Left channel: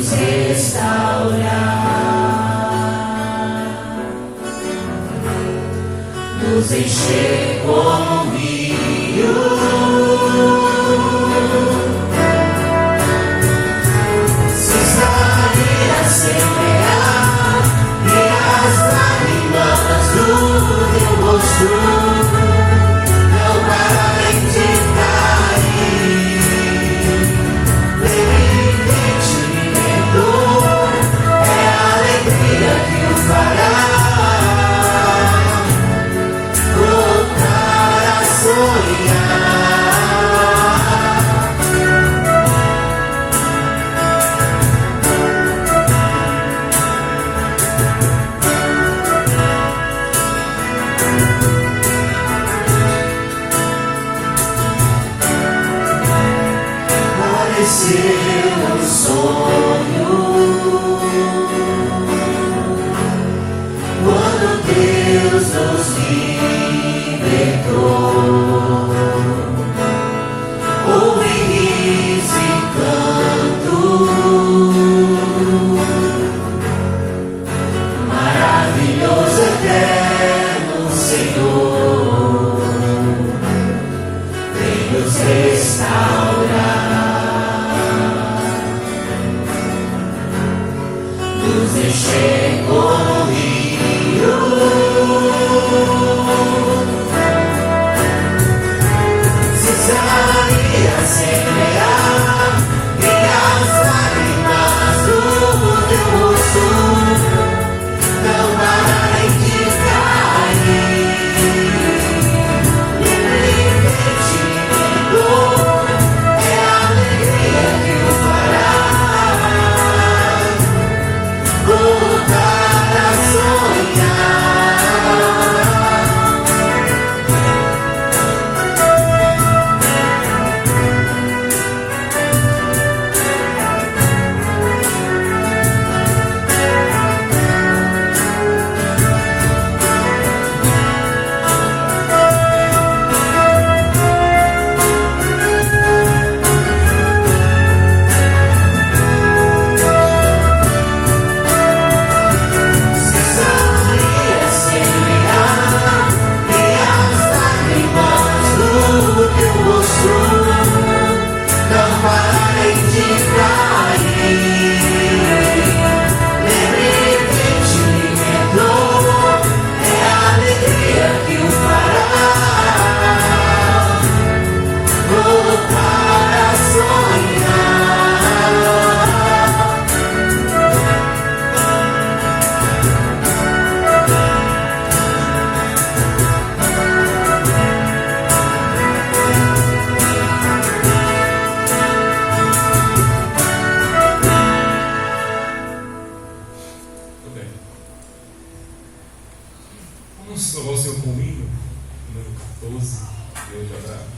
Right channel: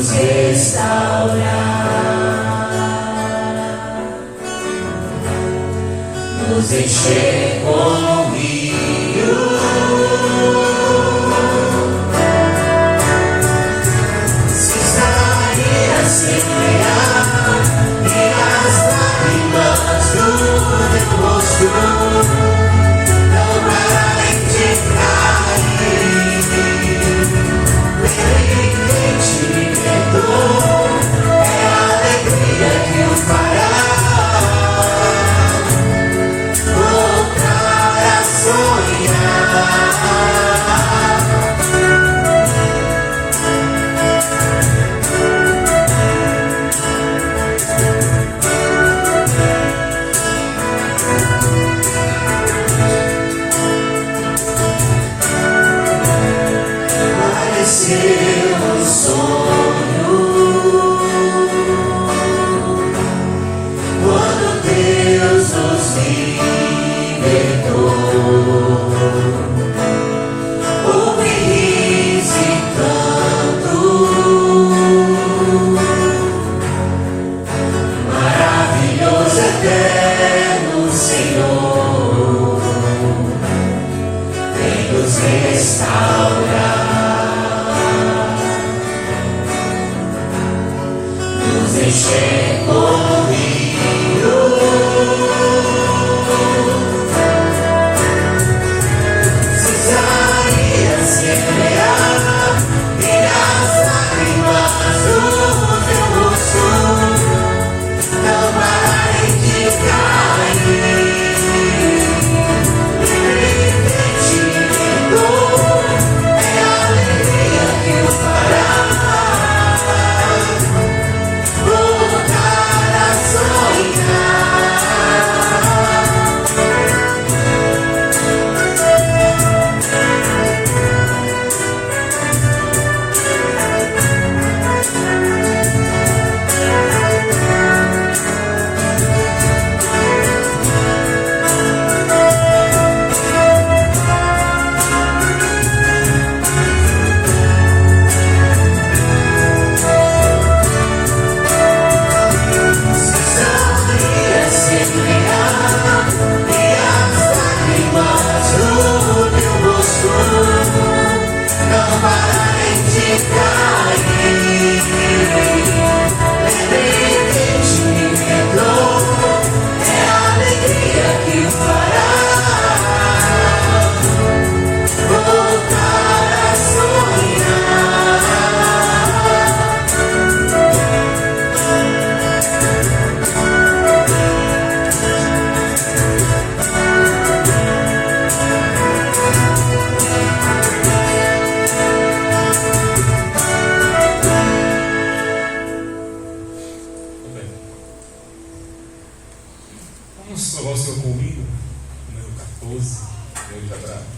nos restaurar, nos encher como um rio. Se sair a semear e as lágrimas do teu rosto não pararem de cair, é a alegria que o fará voltar a sonhar. Pareceu um sonho quando Deus nos libertou. Houve riso e canto, maravilhoso, eterno Senhor, vem nos restaurar, nos encher como um rio. Se sair a semear e as lágrimas do teu rosto não pararem de cair, livremente dor, é a alegria que o fará voltar a sonhar. Vamos louvar o Senhor comigo, número 14, eu já gravo.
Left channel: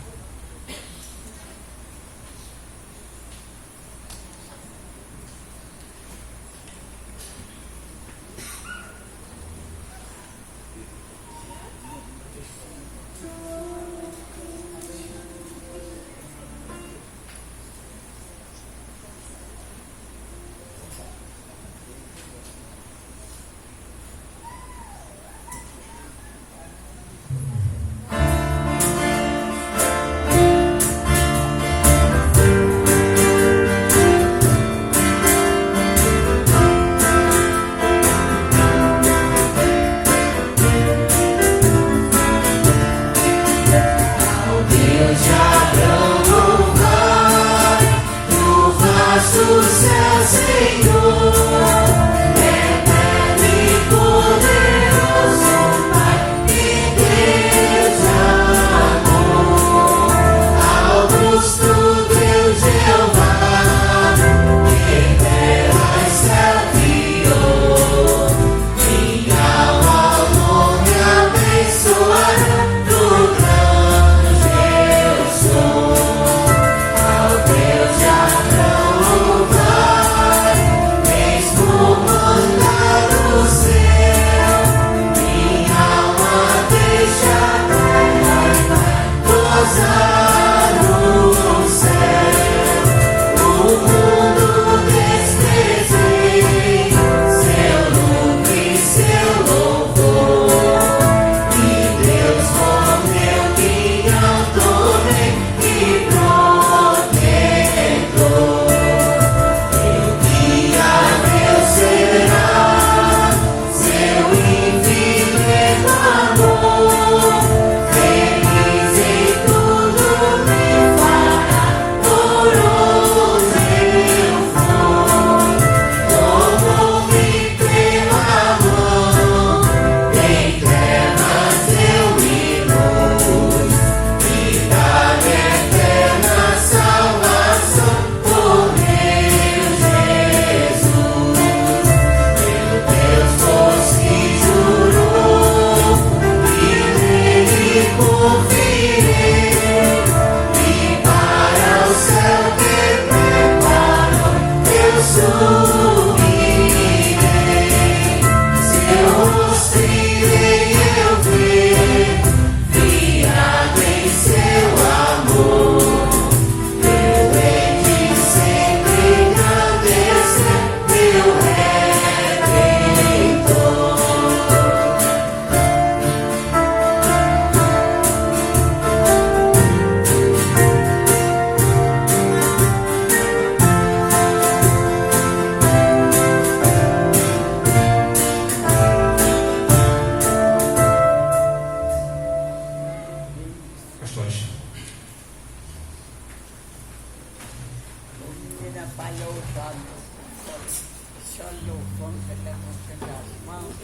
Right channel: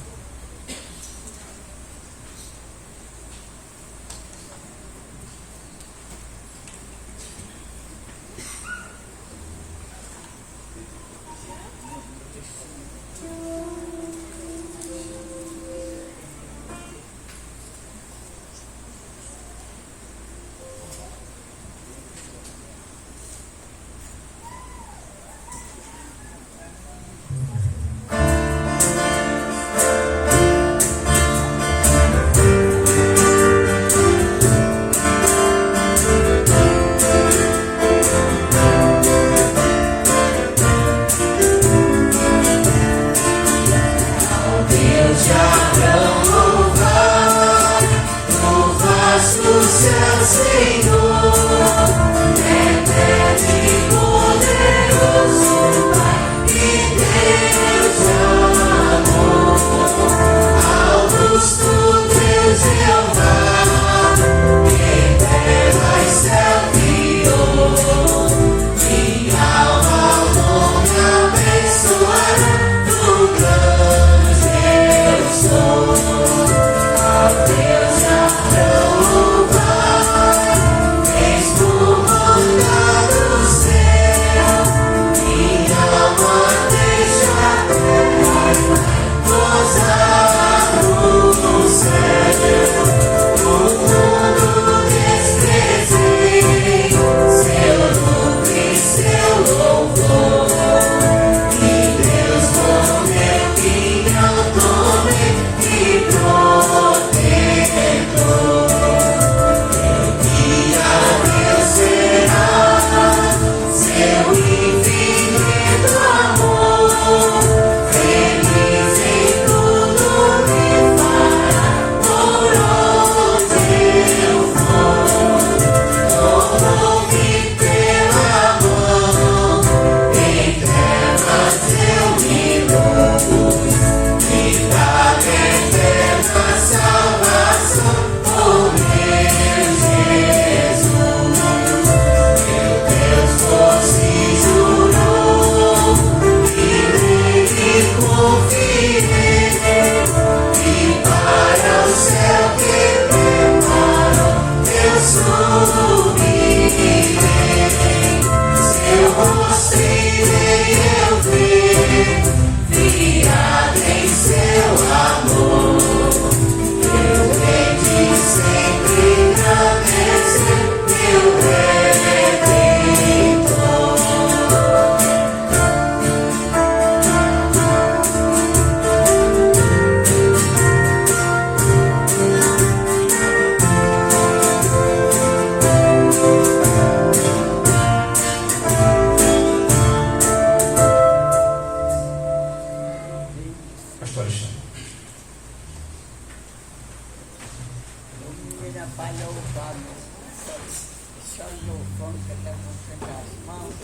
Só louvando, levantando as mãos.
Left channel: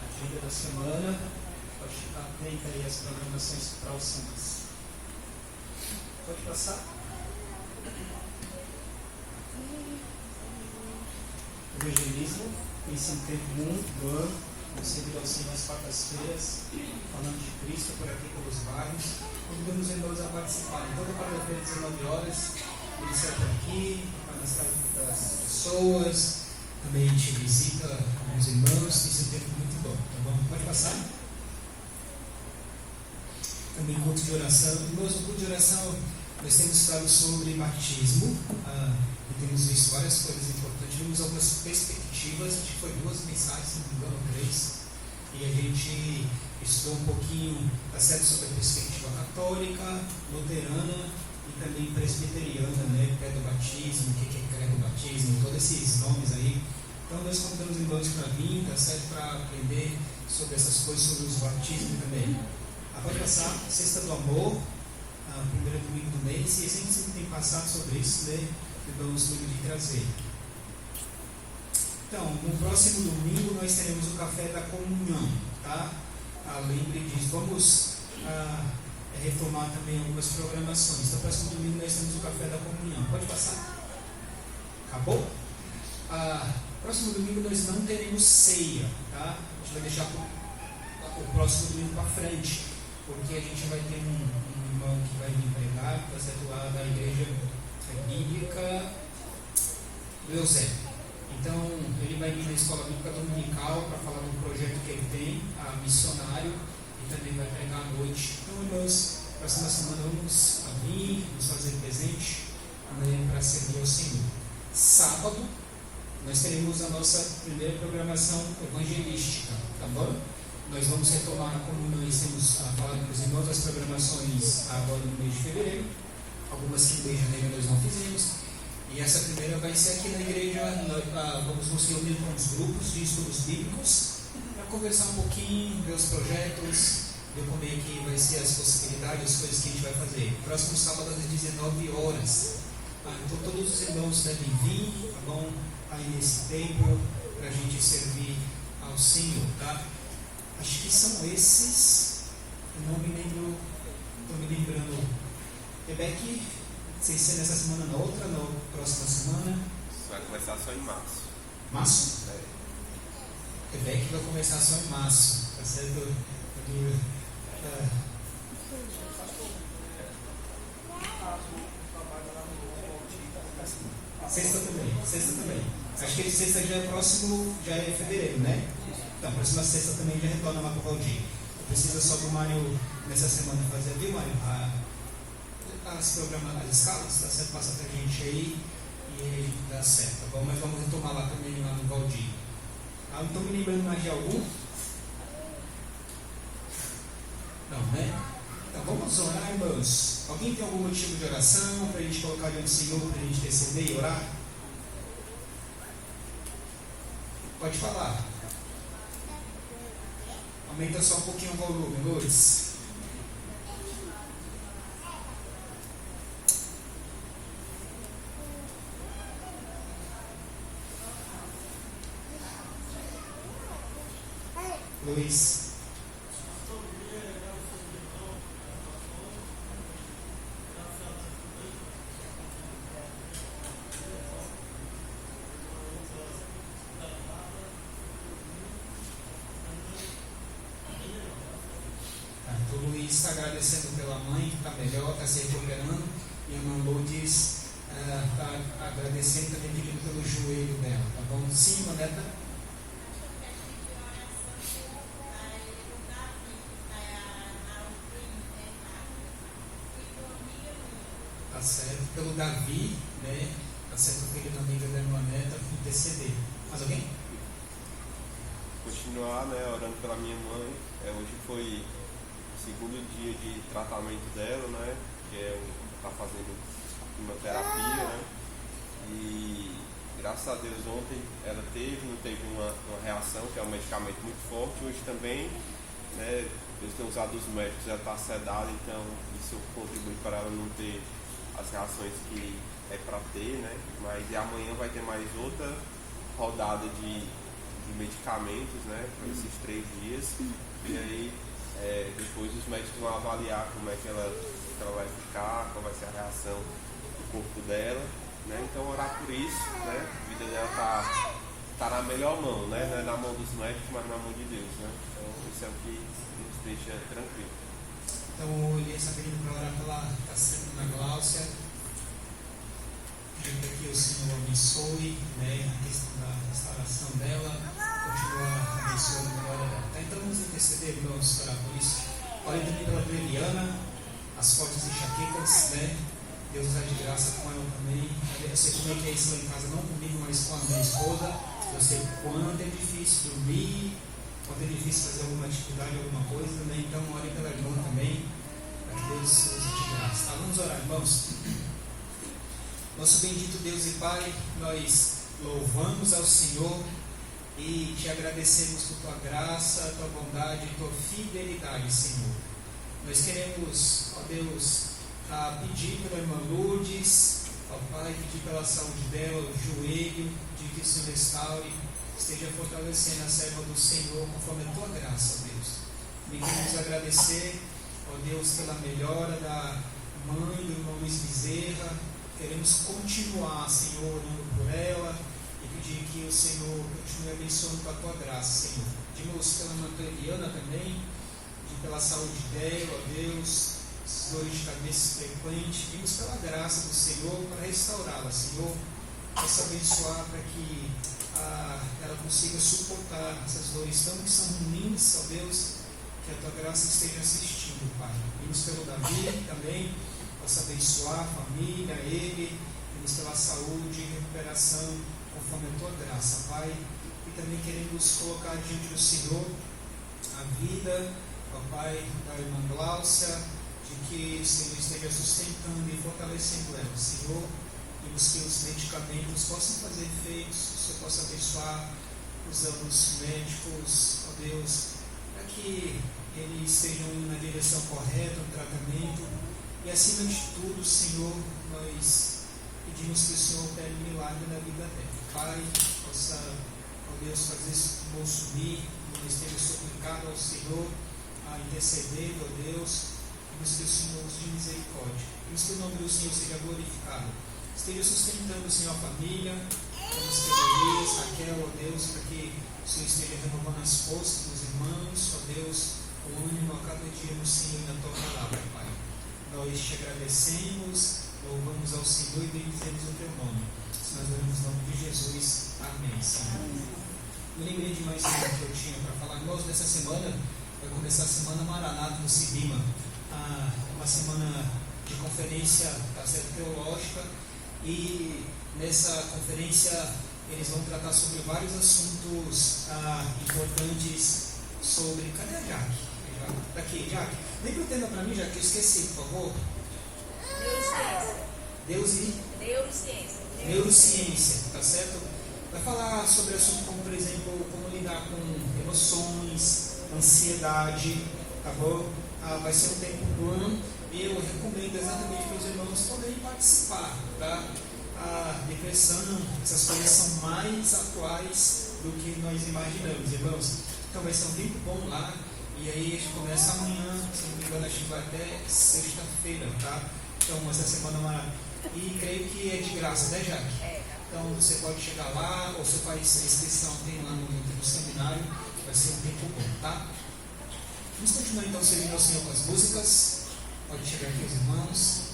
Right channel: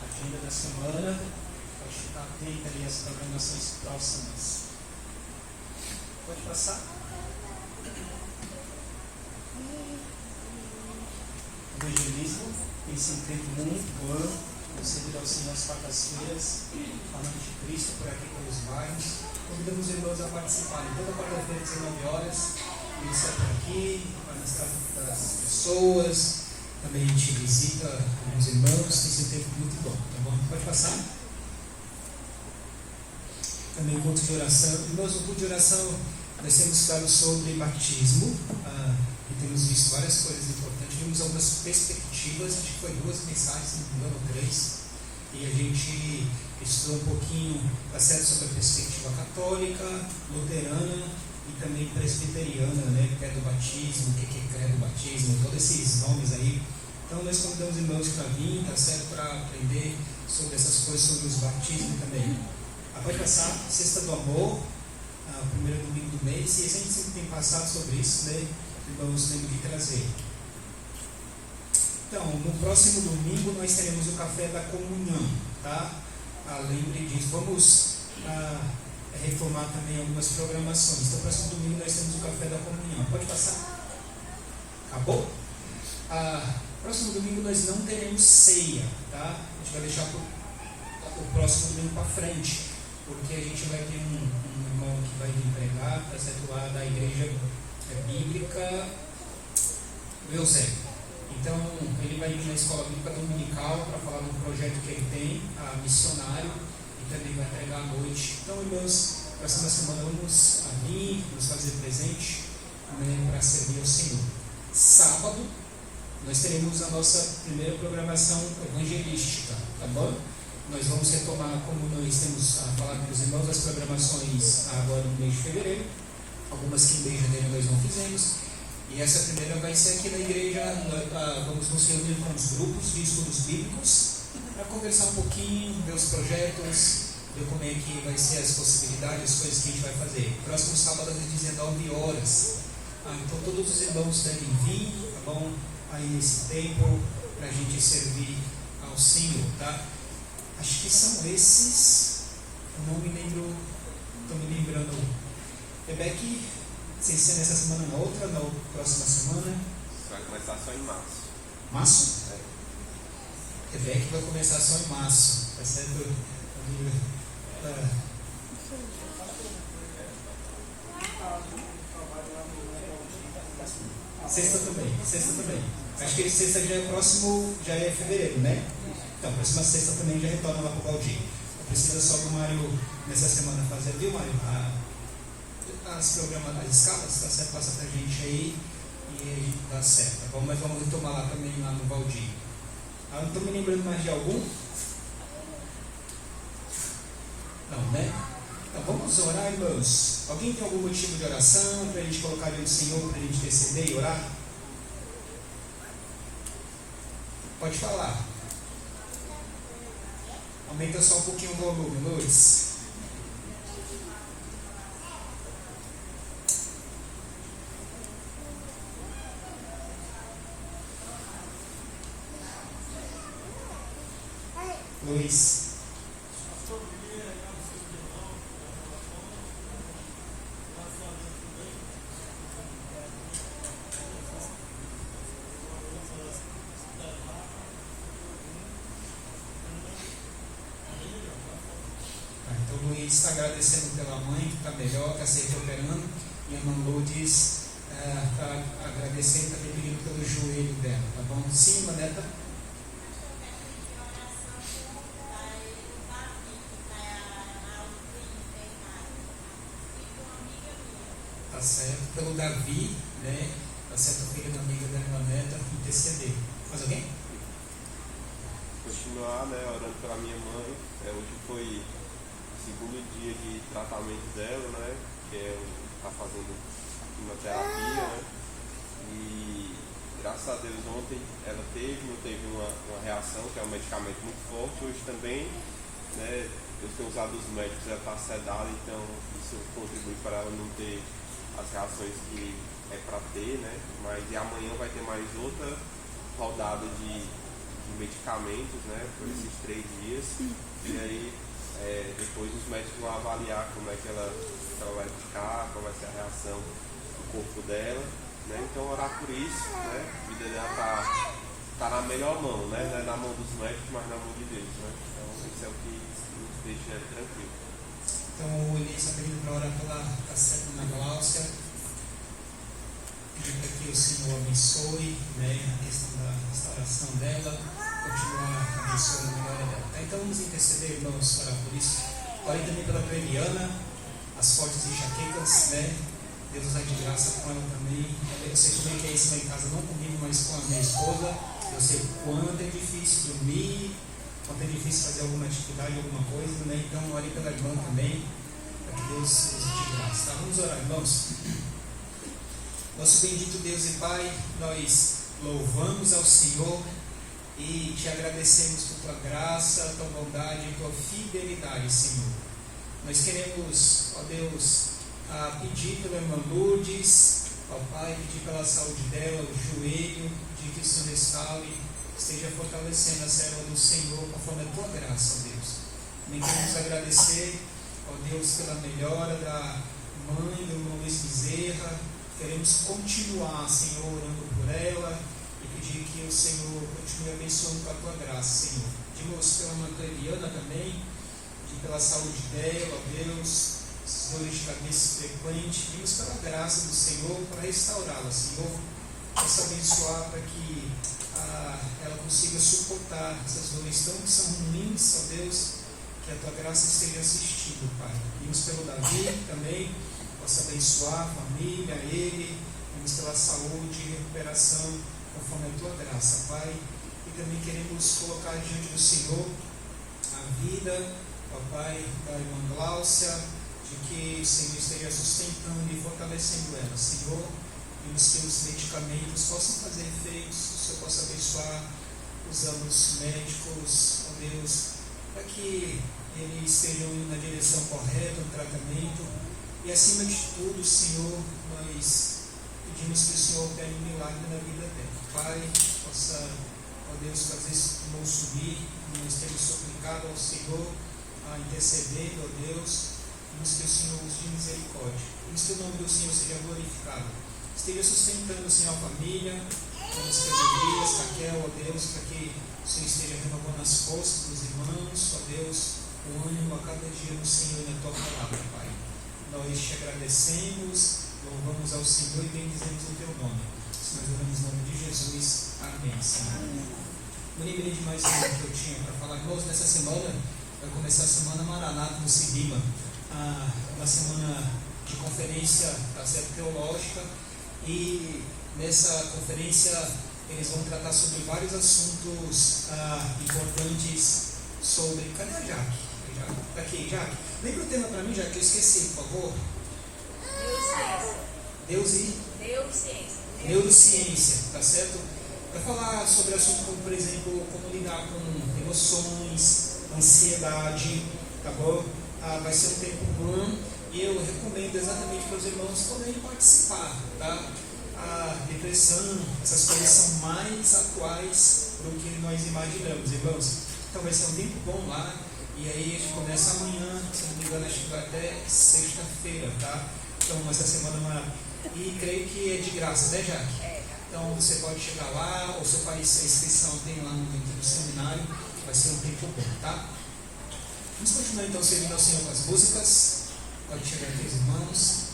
Agenda da semana, pode ficar atenta aí às programações próximas. Pode passar? Evangelismo tem sido um tempo muito bom, concedido ao Senhor às quartas-feiras, falando de Cristo por aqui pelos bairros. Convidamos os irmãos a participarem toda quarta-feira, 19 horas. Eles saem por aqui, para mostrar das pessoas. Também a gente visita alguns irmãos, tem sido um tempo muito bom, tá bom? Pode passar? Também culto de oração. Irmãos, no culto de oração nós temos falado sobre batismo, e temos visto várias coisas importantes. Vimos algumas perspectivas, acho que foi 2 mensagens, se não me engano, 3. E a gente estudou um pouquinho, tá certo, sobre a perspectiva católica, luterana e também presbiteriana, né? Pé do batismo, o que é pé do batismo, todos esses nomes aí. Então nós convidamos irmãos para vir, tá certo, para aprender sobre essas coisas, sobre os batismos também. Pode passar, Sexta do Amor, primeiro domingo do mês, e a gente sempre tem passado sobre isso, né? Irmãos temos que trazer. Então, no próximo domingo nós teremos o café da comunhão, tá? Lembre disso, vamos reformar também algumas programações. Então, no próximo domingo nós temos o café da comunhão. Pode passar? Acabou? Próximo domingo nós não teremos ceia, tá? A gente vai deixar o próximo domingo para frente, porque a gente vai ter um irmão que vai vir pregar, tá certo? Lá da igreja bíblica do Eusébio. Então, ele vai vir na escola bíblica dominical para falar do projeto que ele tem, missionário, e também vai pregar à noite. Então, irmãos, próxima semana vamos vir, nos fazer presente, para servir ao Senhor. Sábado, nós teremos a nossa primeira programação evangelística, tá bom? Nós vamos retomar, como nós temos falado com os irmãos, as programações agora no mês de fevereiro, algumas que no mês de janeiro nós não fizemos. E essa primeira vai ser aqui na igreja. Vamos nos reunir com os grupos de estudos bíblicos para conversar um pouquinho, ver os projetos, ver como é que vai ser as possibilidades, as coisas que a gente vai fazer. Próximo sábado às 19 horas. Então todos os irmãos devem vir, tá bom? Aí nesse tempo, para a gente servir ao Senhor, tá? Acho que são esses. Eu não me lembro, estou me lembrando. Rebeca, sem ser nessa semana, na outra, na próxima semana. Vai começar só em março. Março? É. Rebeca vai começar só em março. Tá certo? Sexta também. Acho que sexta já é próximo, já é fevereiro, né? Então, próxima sexta também já retorna lá para o Claudinho. Precisa só do Mário nessa semana fazer, viu, Mário? As programas, as escalas, tá certo? Passa pra gente aí e aí dá certo, tá bom? Mas vamos retomar lá também, lá no Valdir. Não estou me lembrando mais de algum? Não, né? Então vamos orar, irmãos. Alguém tem algum motivo de oração para a gente colocar diante do Senhor, para a gente receber e orar? Pode falar. Aumenta só um pouquinho o volume, Lourdes. Luiz. Então o Luiz está agradecendo pela mãe que está melhor, está se recuperando, e a irmã Lourdes está agradecendo, está pedindo pelo joelho dela, tá bom? Sim, Maneta? Tá certo, pelo Davi, né? Tá certo, filho da amiga da irmã Neta, interceder. Mais alguém? Continuar, né, orando pela minha mãe. Hoje foi segundo dia de tratamento dela, né? Que é tá fazendo quimioterapia, né? E graças a Deus ontem ela não teve uma reação, que é um medicamento muito forte. Hoje também, né? Deus tem usado os médicos, ela está sedada, então isso contribui para ela não ter as reações que é para ter, né? Mas e amanhã vai ter mais outra rodada de medicamentos, né? Por esses 3 dias. E aí depois os médicos vão avaliar como é que ela vai ficar, qual vai ser a reação do corpo dela, né? Então orar por isso, né? A vida dela tá na melhor mão, né? Não é na mão dos médicos, mas na mão de Deus, né? Então isso é o que nos deixa tranquilo. Então o Elias está pedindo para orar pela Ana Gláucia, pedindo para que o Senhor abençoe, né, a questão da restauração dela, continuar abençoando a melhora dela. Então vamos interceder, irmãos, orar por isso. Ore também pela Eliana, as fortes enxaquecas, né? Deus está de graça com ela também. Eu sei também que isso lá em casa não comigo, mas com a minha esposa. Eu sei quanto é difícil dormir, quanto é difícil fazer alguma atividade, alguma coisa, né? Então ore pela irmã também, para que Deus use de graça. Tá? Vamos orar, irmãos. Nosso bendito Deus e Pai, nós louvamos ao Senhor e te agradecemos por tua graça, tua bondade e tua fidelidade, Senhor. Nós queremos, ó Deus, pedir pela irmã Lourdes, ó Pai, pedir pela saúde dela, o joelho, pedir que o Senhor restaure, esteja fortalecendo a serva do Senhor conforme a tua graça, ó Deus. Nem queremos agradecer, ó Deus, pela melhora da mãe do irmão Luiz Bezerra. Queremos continuar, Senhor, orando por ela e pedir que o Senhor continue abençoando com a tua graça, Senhor. Pedimos pela irmã Eliana também, pedir pela saúde dela, ó Deus, essas dores de cabeça frequentes. Pedimos pela graça do Senhor para restaurá-la, Senhor. Possa abençoar para que ela consiga suportar essas dores tão que são ruins, ó Deus, que a tua graça esteja assistindo, Pai. Pedimos pelo Davi também, possa abençoar a família, ele, pedimos pela saúde e recuperação conforme a tua graça, Pai. E também queremos colocar diante do Senhor a vida, ó Pai, da irmã Gláucia, de que o Senhor esteja sustentando e fortalecendo ela, Senhor, e os teus medicamentos possam fazer efeitos, o Senhor possa abençoar os anos médicos, ó Deus, para que eles estejam indo na direção correta, no tratamento. E acima de tudo, Senhor, nós pedimos que o Senhor opere um milagre na vida dela. Pai, possa, ó Deus, fazer esse pulmão subir, nós temos suplicado ao Senhor, a interceder, ó Deus, pedimos que o Senhor use de misericórdia. Pedimos que o nome do Senhor seja glorificado. Esteja sustentando, Senhor, a família, pedimos que Elias, Raquel, ó Deus, para que o Senhor esteja renovando as forças dos irmãos, ó Deus, o ânimo a cada dia no Senhor e na tua palavra, Pai. Nós te agradecemos, louvamos ao Senhor e bendizemos o teu nome. Se nós oramos no nome de Jesus, amém, Senhor. Eu lembrei de mais uma que eu tinha para falar, irmãos, nessa semana, vai começar a semana Maranata no Cibima, uma semana de conferência teológica, e nessa conferência eles vão tratar sobre vários assuntos importantes sobre... Cadê a Jaque? Está aqui, Jaque. Lembra o tema para mim, Jaque, que eu esqueci, por favor? Neurociência, tá certo? Vai falar sobre assuntos como, por exemplo, como lidar com emoções, ansiedade, tá bom? Vai ser um tempo bom e eu recomendo exatamente para os irmãos poderem participar, tá? A depressão, essas coisas são mais atuais do que nós imaginamos, irmãos. Então vai ser um tempo bom lá. E aí a gente começa amanhã, se não me engano, acho que vai até sexta-feira, tá? Então essa semana e creio que é de graça, né, Jaque? Então você pode chegar lá, ou você faz a inscrição, tem lá no link do seminário, vai ser um tempo bom, tá? Vamos continuar então servindo ao Senhor com as músicas. Pode chegar aqui os irmãos.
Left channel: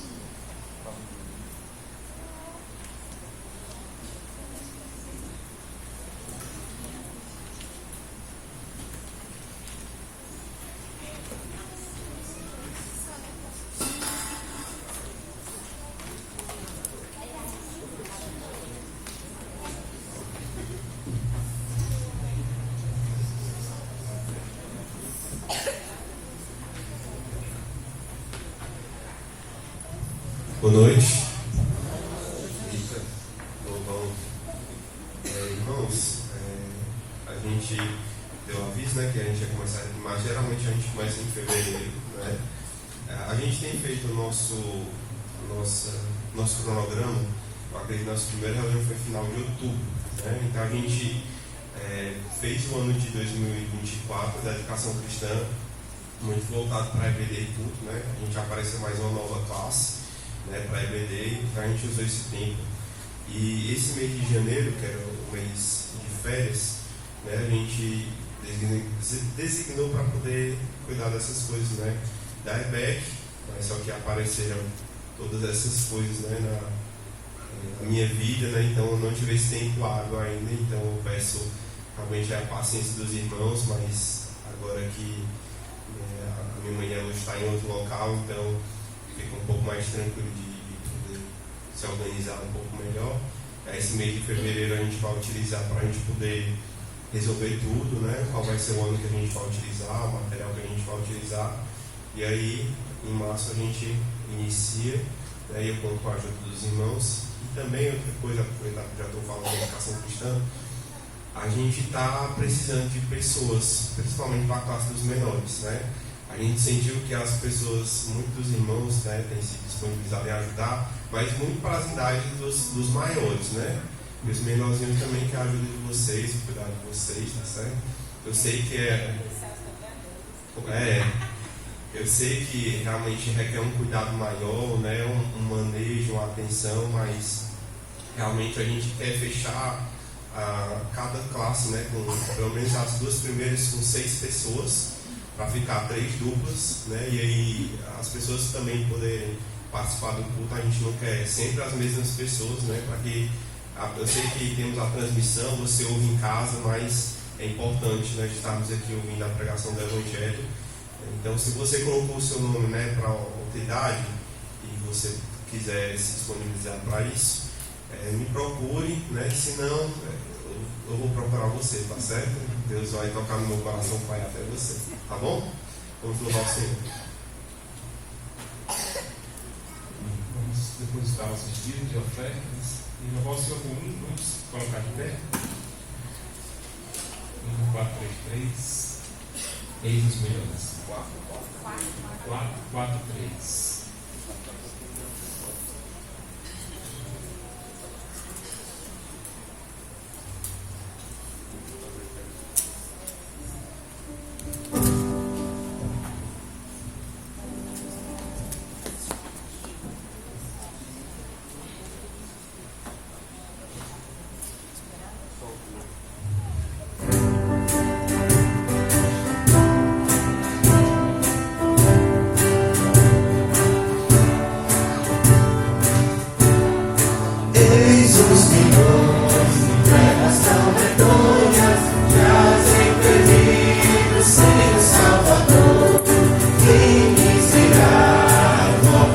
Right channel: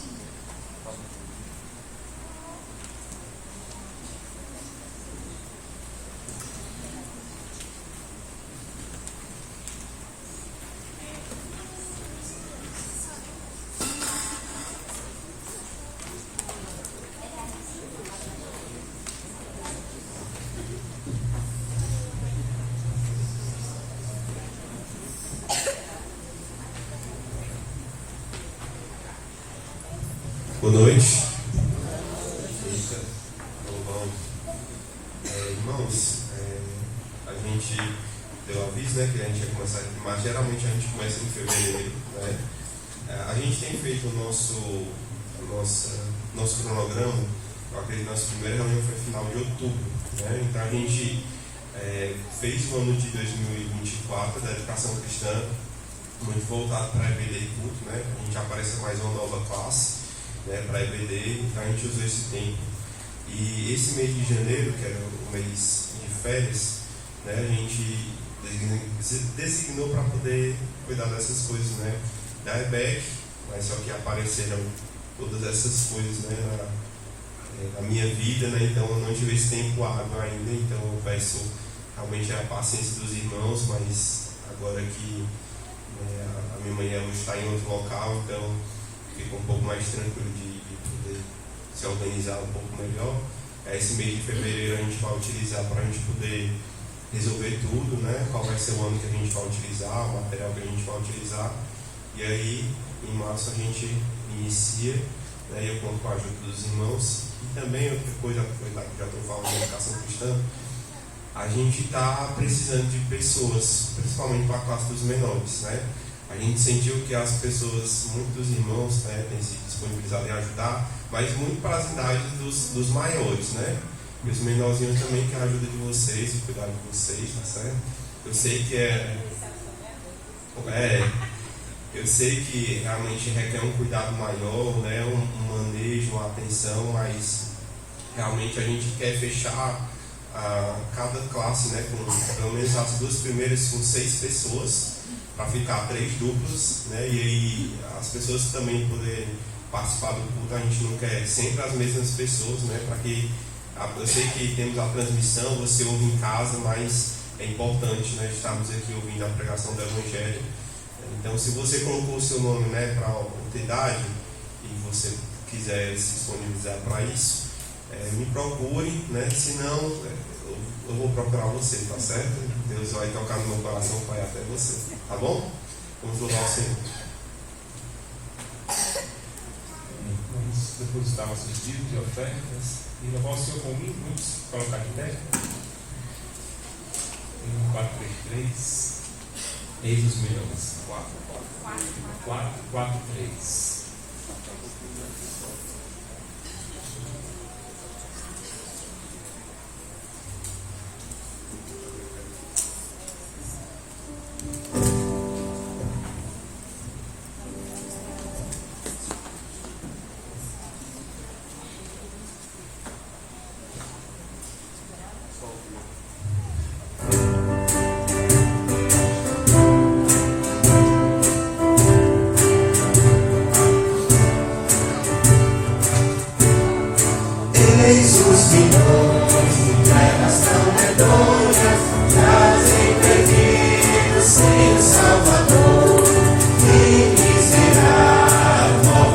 Boa noite. Eita, bom. Irmãos, a gente deu aviso, né, que a gente ia começar aqui, mas geralmente a gente começa em fevereiro, né? A gente tem feito o nosso cronograma, eu acredito que nossa primeira reunião foi final de outubro, né? Então a gente fez o ano de 2024 da educação cristã muito voltado para EBD e culto, né? A gente apareceu mais uma nova classe, né, para EBD, então a gente usou esse tempo. E esse mês de janeiro, que era o mês de férias, né, a gente designou para poder cuidar dessas coisas, né, da EBEC, mas só que apareceram todas essas coisas, né, na minha vida, né, então eu não tive esse tempo hábil ainda, então eu peço realmente a paciência dos irmãos, mas agora que a minha manhã hoje está em outro local, então fica um pouco mais tranquilo de poder se organizar um pouco melhor. Esse mês de fevereiro a gente vai utilizar para a gente poder resolver tudo, né? Qual vai ser o ano que a gente vai utilizar, o material que a gente vai utilizar. E aí, em março, a gente inicia, né? Eu conto com a ajuda dos irmãos. E também, outra coisa, já estou falando de educação cristã, a gente está precisando de pessoas, principalmente para a classe dos menores, né? A gente sentiu que as pessoas, muitos irmãos, né, têm se disponibilizado em ajudar, mas muito para as idades dos maiores, né? E os menorzinhos também querem a ajuda de vocês, o cuidado de vocês, tá certo? Eu sei que eu sei que realmente requer um cuidado maior, né? Um manejo, uma atenção, mas realmente a gente quer fechar cada classe, né, com pelo menos as duas primeiras com 6 pessoas, para ficar 3 duplas, né, e aí as pessoas também poderem participar do culto. A gente não quer sempre as mesmas pessoas, né, para que eu sei que temos a transmissão, você ouve em casa, mas é importante, né, estarmos aqui ouvindo a pregação do Evangelho. Então, se você colocou o seu nome, né, para outra idade e você quiser se disponibilizar para isso, me procure, né, senão eu vou procurar você, tá certo? Deus vai tocar no meu coração, Pai, até você, tá bom? Vamos louvar o Senhor. Vamos depositar nossos dízimos de ofertas. E louvar o Senhor comigo, vamos colocar de pé. 1, 4, 3, 3. Eis os melhores. 4, 3. Anunciar o Evangelho.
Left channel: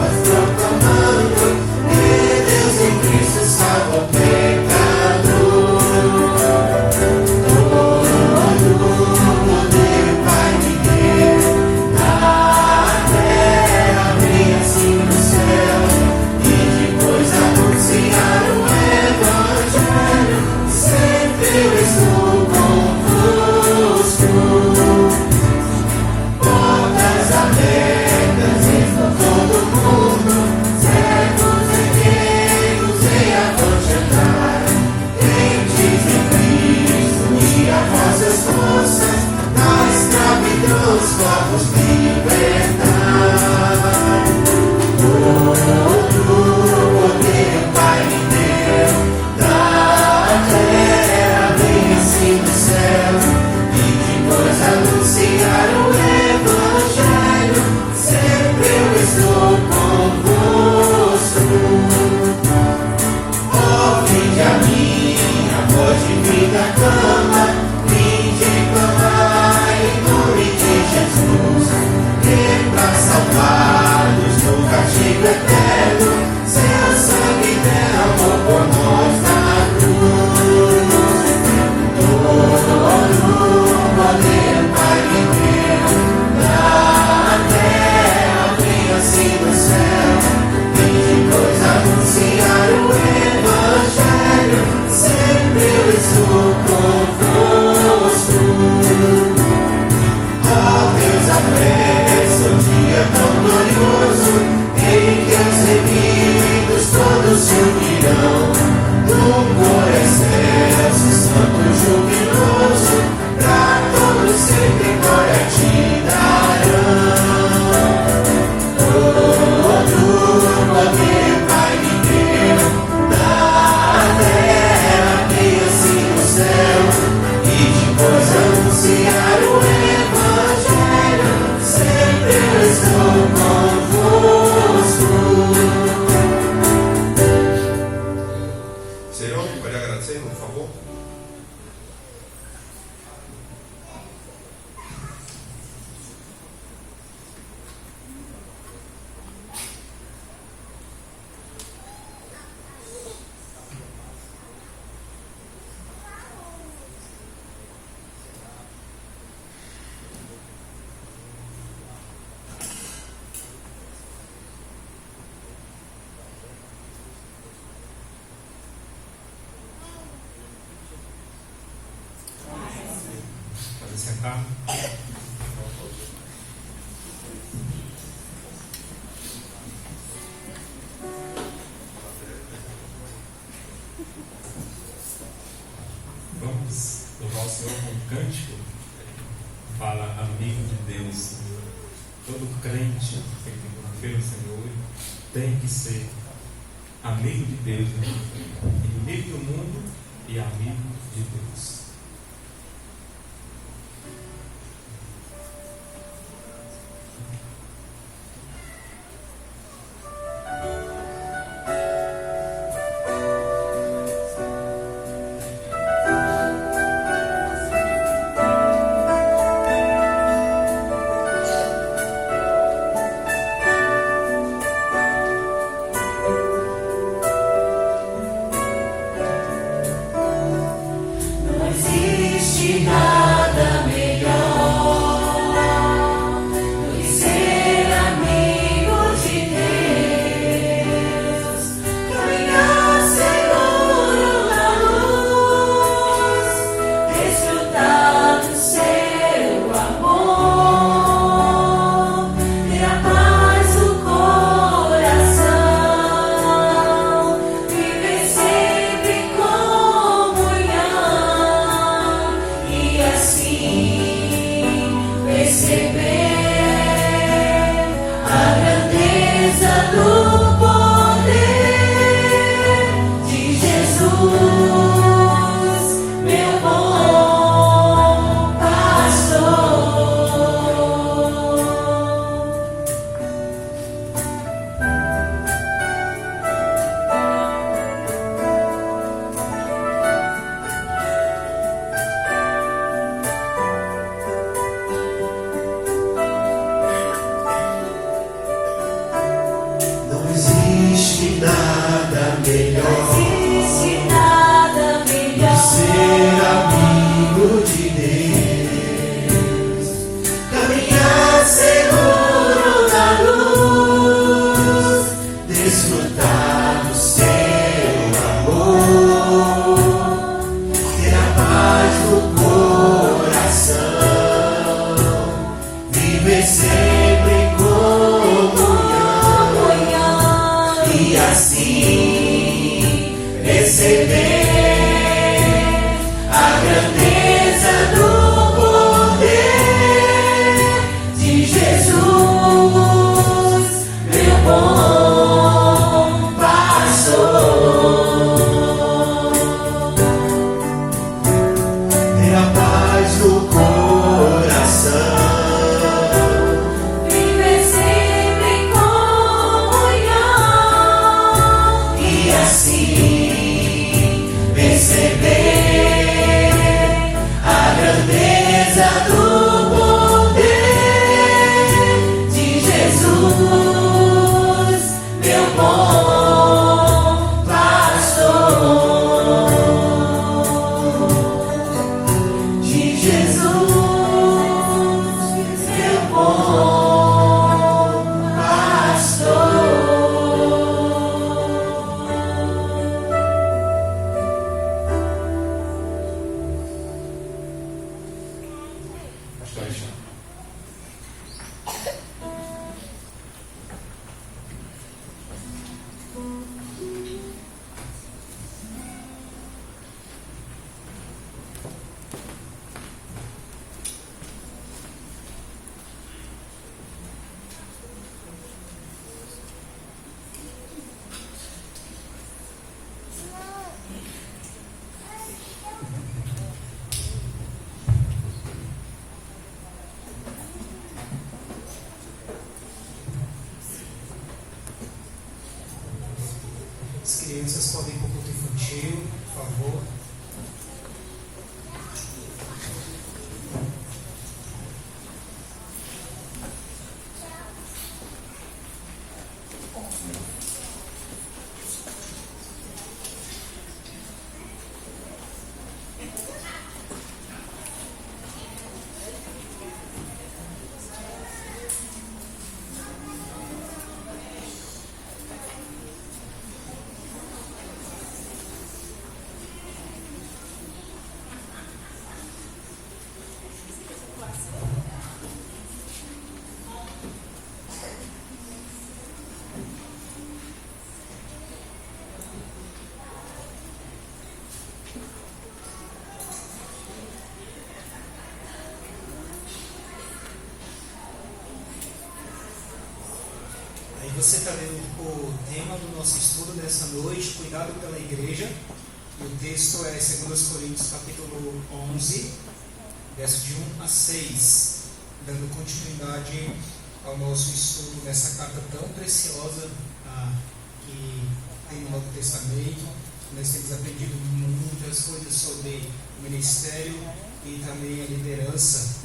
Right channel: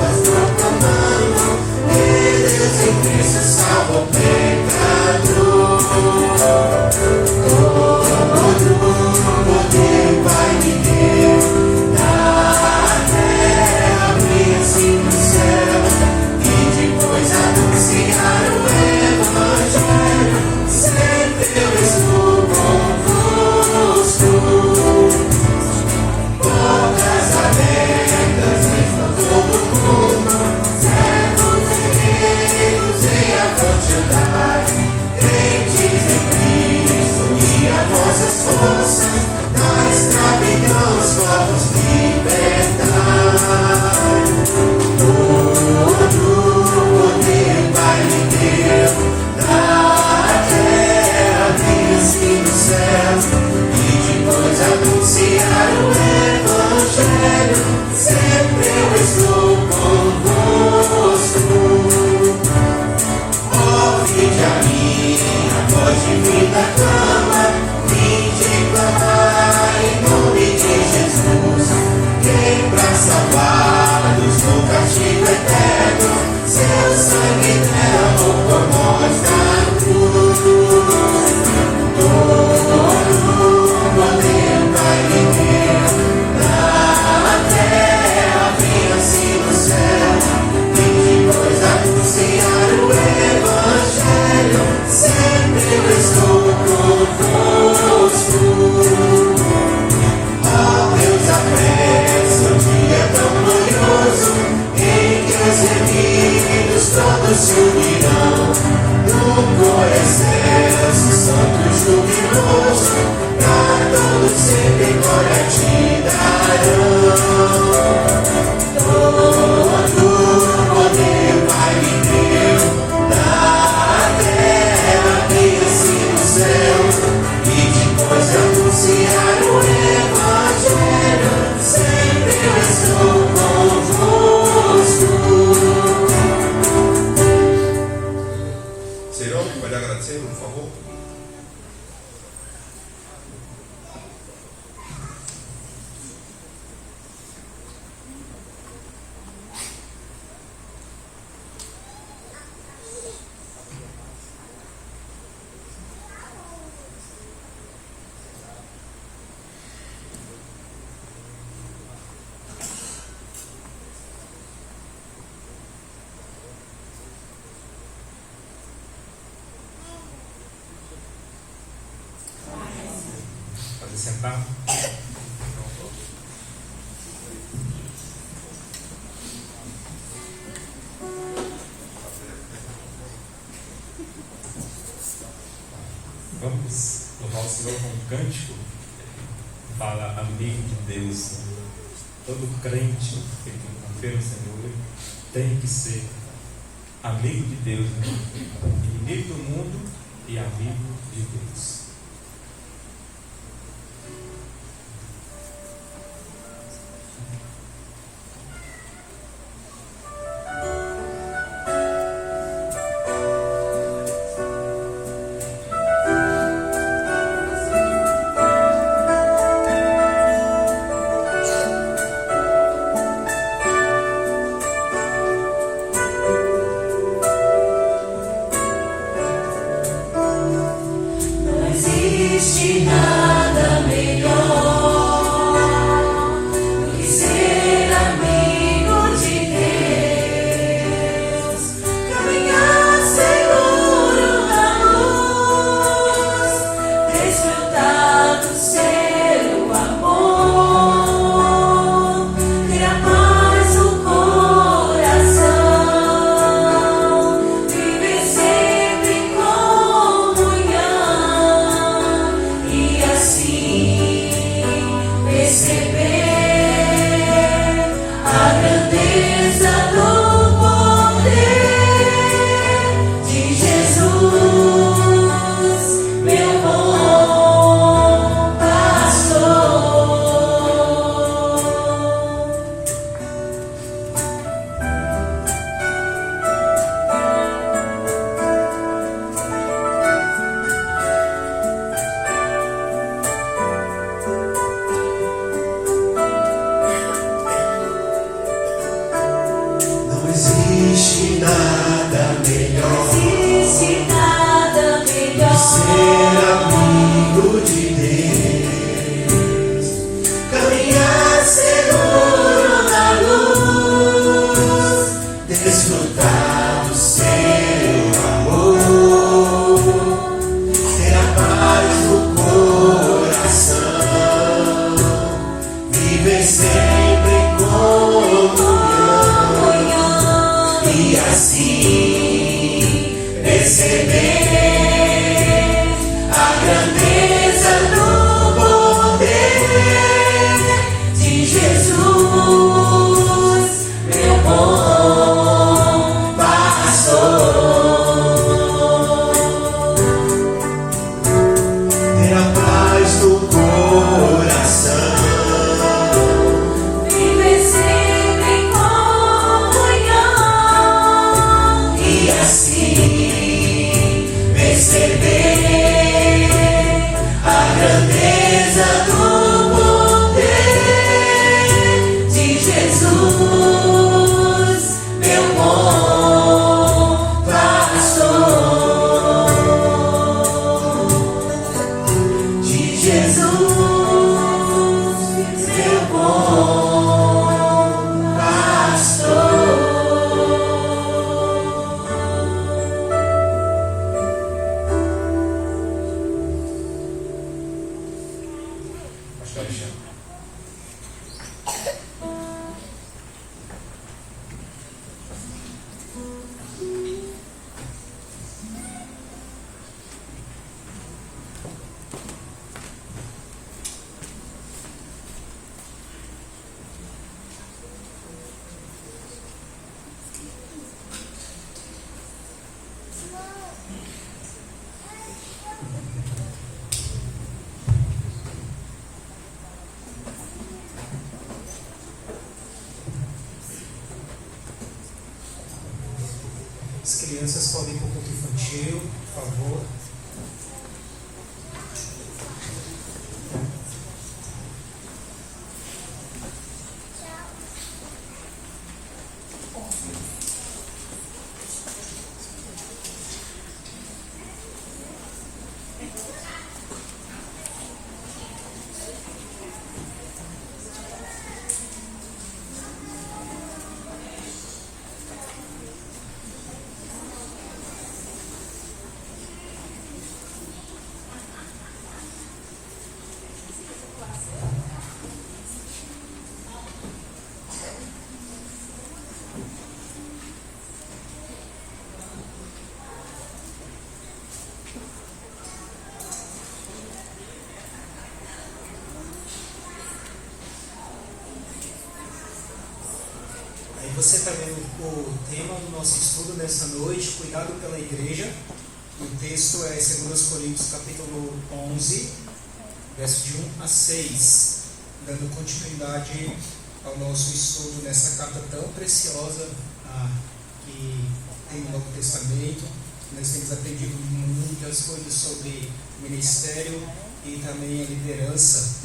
tá? Vamos louvar o Senhor com um cântico que fala amigo de Deus. Todo crente que tem confia no Senhor tem que ser amigo de Deus, né? Inimigo do mundo e amigo de Deus. Não existe nada melhor do que ser amigo de Deus, caminhar seguro na luz, desfrutar do seu amor, ter a paz no coração, viver sempre em comunhão e assim perceber a grandeza do poder de Jesus, meu bom pastor. Não existe nada melhor Existe nada melhor ser amigo de Deus, caminhar seguro na luz, desfrutar do seu amor, ter a paz no coração, viver sempre em comunhão e assim perceber a grandeza do poder de Jesus, meu bom pastor. Ter a paz no coração, viver sempre em comunhão e assim perceber a grandeza do poder de Jesus, meu bom pastor, de Jesus, meu bom pastor. Pastor Alexandre. As crianças podem ir para o culto infantil, por favor. Você está vendo o tema do nosso estudo dessa noite, cuidado pela igreja. O texto é 2 Coríntios capítulo 11, verso de 1 a 6, dando continuidade ao nosso estudo nessa carta tão preciosa que tem no Novo Testamento. Nós temos aprendido muitas coisas sobre ministério e também a liderança,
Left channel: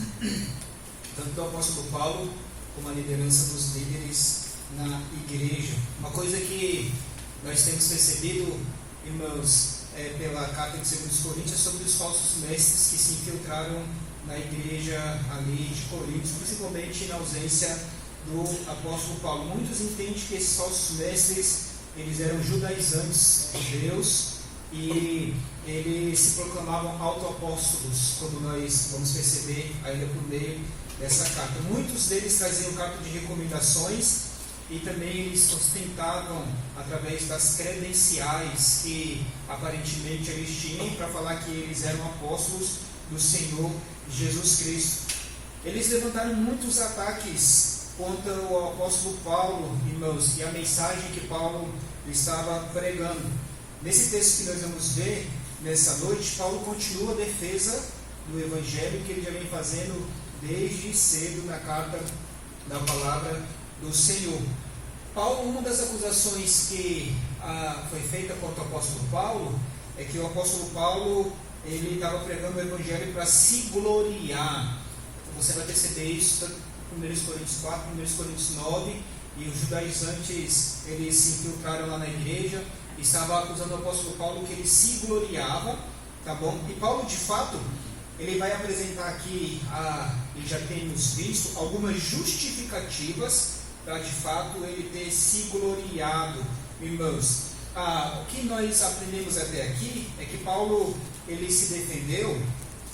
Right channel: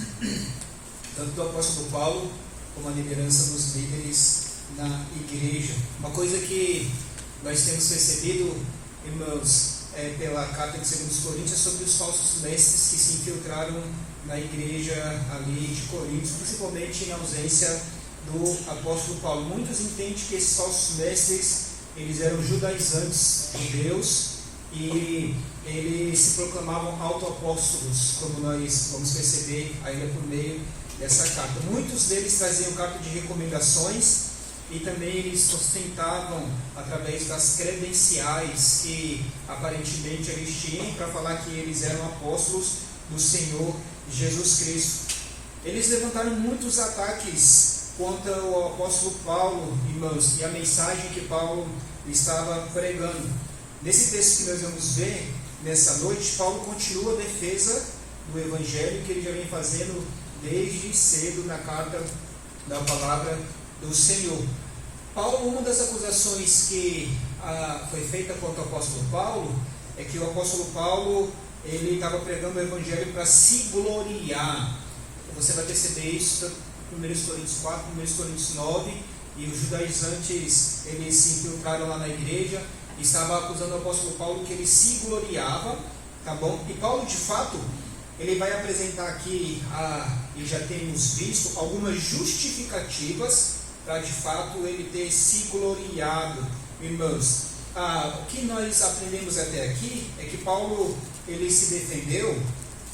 tanto do apóstolo Paulo como a liderança dos líderes na igreja. Uma coisa que nós temos percebido, irmãos, pela carta de 2 Coríntios, é sobre os falsos mestres que se infiltraram na igreja ali de Coríntios, principalmente na ausência do apóstolo Paulo. Muitos entendem que esses falsos mestres, eles eram judaizantes de Deus e eles se proclamavam autoapóstolos, como nós vamos perceber ainda por meio dessa carta. Muitos deles traziam carta de recomendações e também eles ostentavam através das credenciais que aparentemente eles tinham para falar que eles eram apóstolos do Senhor Jesus Cristo. Eles levantaram muitos ataques contra o apóstolo Paulo, irmãos, e a mensagem que Paulo estava pregando. Nesse texto que nós vamos ver nessa noite, Paulo continua a defesa do evangelho que ele já vem fazendo desde cedo na carta da palavra do Senhor. Paulo, uma das acusações que foi feita contra o apóstolo Paulo é que o apóstolo Paulo ele estava pregando o evangelho para se gloriar. Você vai perceber isso em 1 Coríntios 4, 1 Coríntios 9, e os judaizantes eles se infiltraram lá na igreja e estavam acusando o apóstolo Paulo que ele se gloriava, tá bom? E Paulo, de fato, ele vai apresentar aqui, e já temos visto, algumas justificativas para de fato ele ter se gloriado, irmãos. O que nós aprendemos até aqui é que Paulo ele se defendeu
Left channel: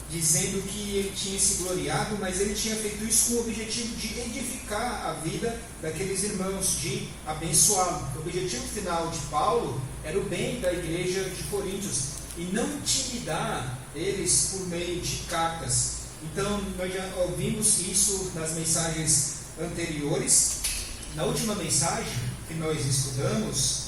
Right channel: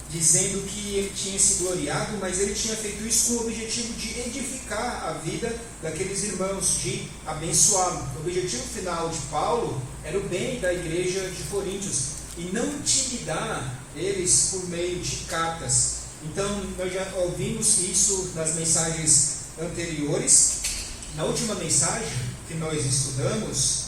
dizendo que ele tinha se gloriado, mas ele tinha feito isso com o objetivo de edificar a vida daqueles irmãos, de abençoá-los. O objetivo final de Paulo era o bem da igreja de Coríntios e não intimidar eles por meio de cartas. Então, nós já ouvimos isso nas mensagens anteriores. Na última mensagem que nós estudamos,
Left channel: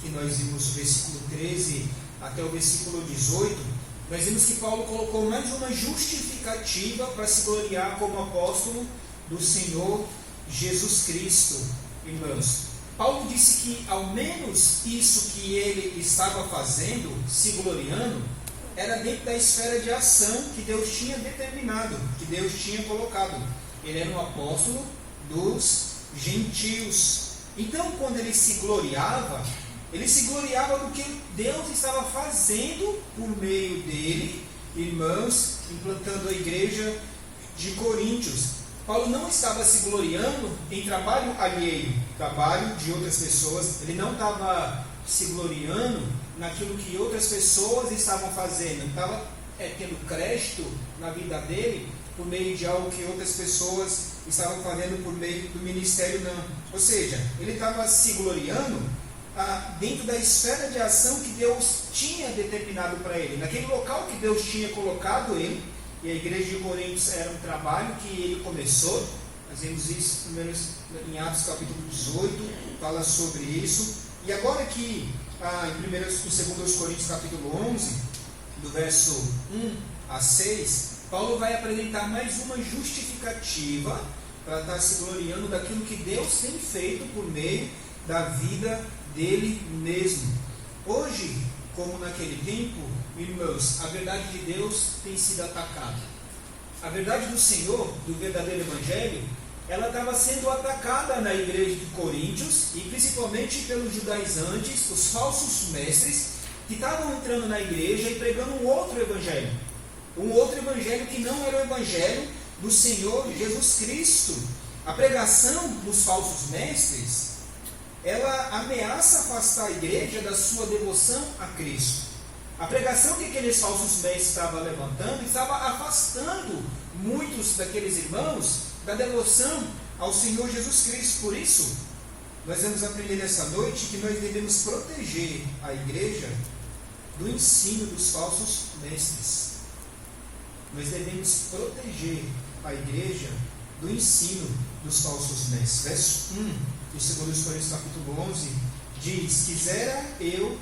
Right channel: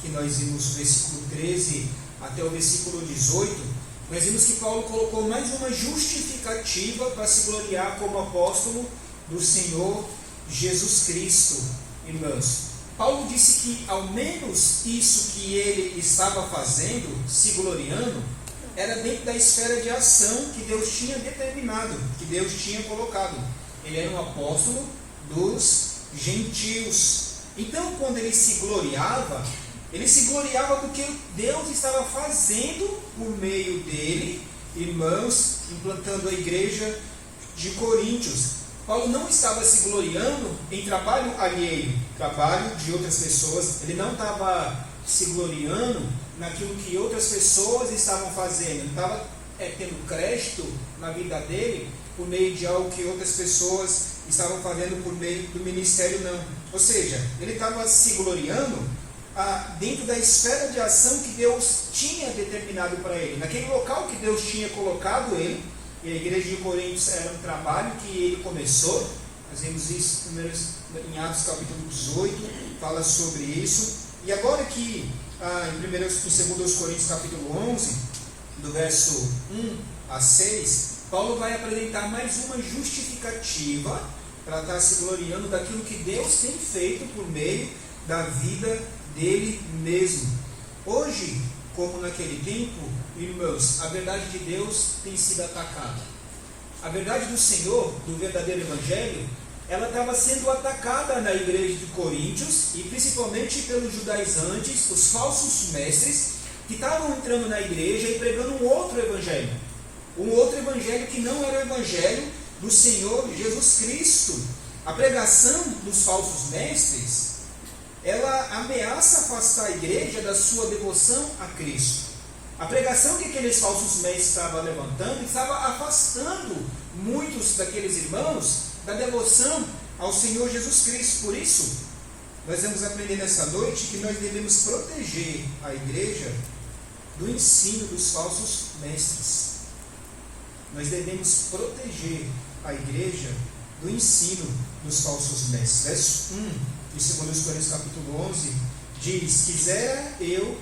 que nós vimos o versículo 13 até o versículo 18, nós vimos que Paulo colocou mais uma justificativa para se gloriar como apóstolo do Senhor Jesus Cristo, irmãos. Paulo disse que ao menos isso que ele estava fazendo, se gloriando, era dentro da esfera de ação que Deus tinha determinado, que Deus tinha colocado. Ele era um apóstolo dos gentios. Então, quando ele se gloriava do que Deus estava fazendo por meio dele, irmãos, implantando a igreja de Coríntios. Paulo não estava se gloriando em trabalho alheio, trabalho de outras pessoas. Ele não estava se gloriando naquilo que outras pessoas estavam fazendo. Ele estava tendo crédito na vida dele por meio de algo que outras pessoas estavam fazendo por meio do ministério, não. Ou seja, ele estava se gloriando dentro da esfera de ação que Deus tinha determinado para ele, naquele local que Deus tinha colocado ele. E a igreja de Coríntios era um trabalho que ele começou. Nós vemos isso em Atos capítulo 18, fala sobre isso. E agora que em 2 Coríntios capítulo 11, do verso 1 a 6, Paulo vai apresentar mais uma justificativa para estar se gloriando daquilo que Deus tem feito por meio da vida dele mesmo. Hoje, como naquele tempo, irmãos, a verdade de Deus tem sido atacada. A verdade do Senhor, do verdadeiro Evangelho, ela estava sendo atacada na igreja de Coríntios, e principalmente pelos judaizantes, os falsos mestres, que estavam entrando na igreja e pregando um outro evangelho que não era o evangelho do Senhor Jesus Cristo. A pregação dos falsos mestres, ela ameaça afastar a igreja da sua devoção a Cristo. A pregação que aqueles falsos mestres estavam levantando estava afastando muitos daqueles irmãos da devoção ao Senhor Jesus Cristo. Por isso, nós vamos aprender nessa noite que nós devemos proteger a igreja do ensino dos falsos mestres. Nós devemos proteger a igreja do ensino dos falsos mestres. Verso 1 de 2 Coríntios capítulo 11 diz: quisera eu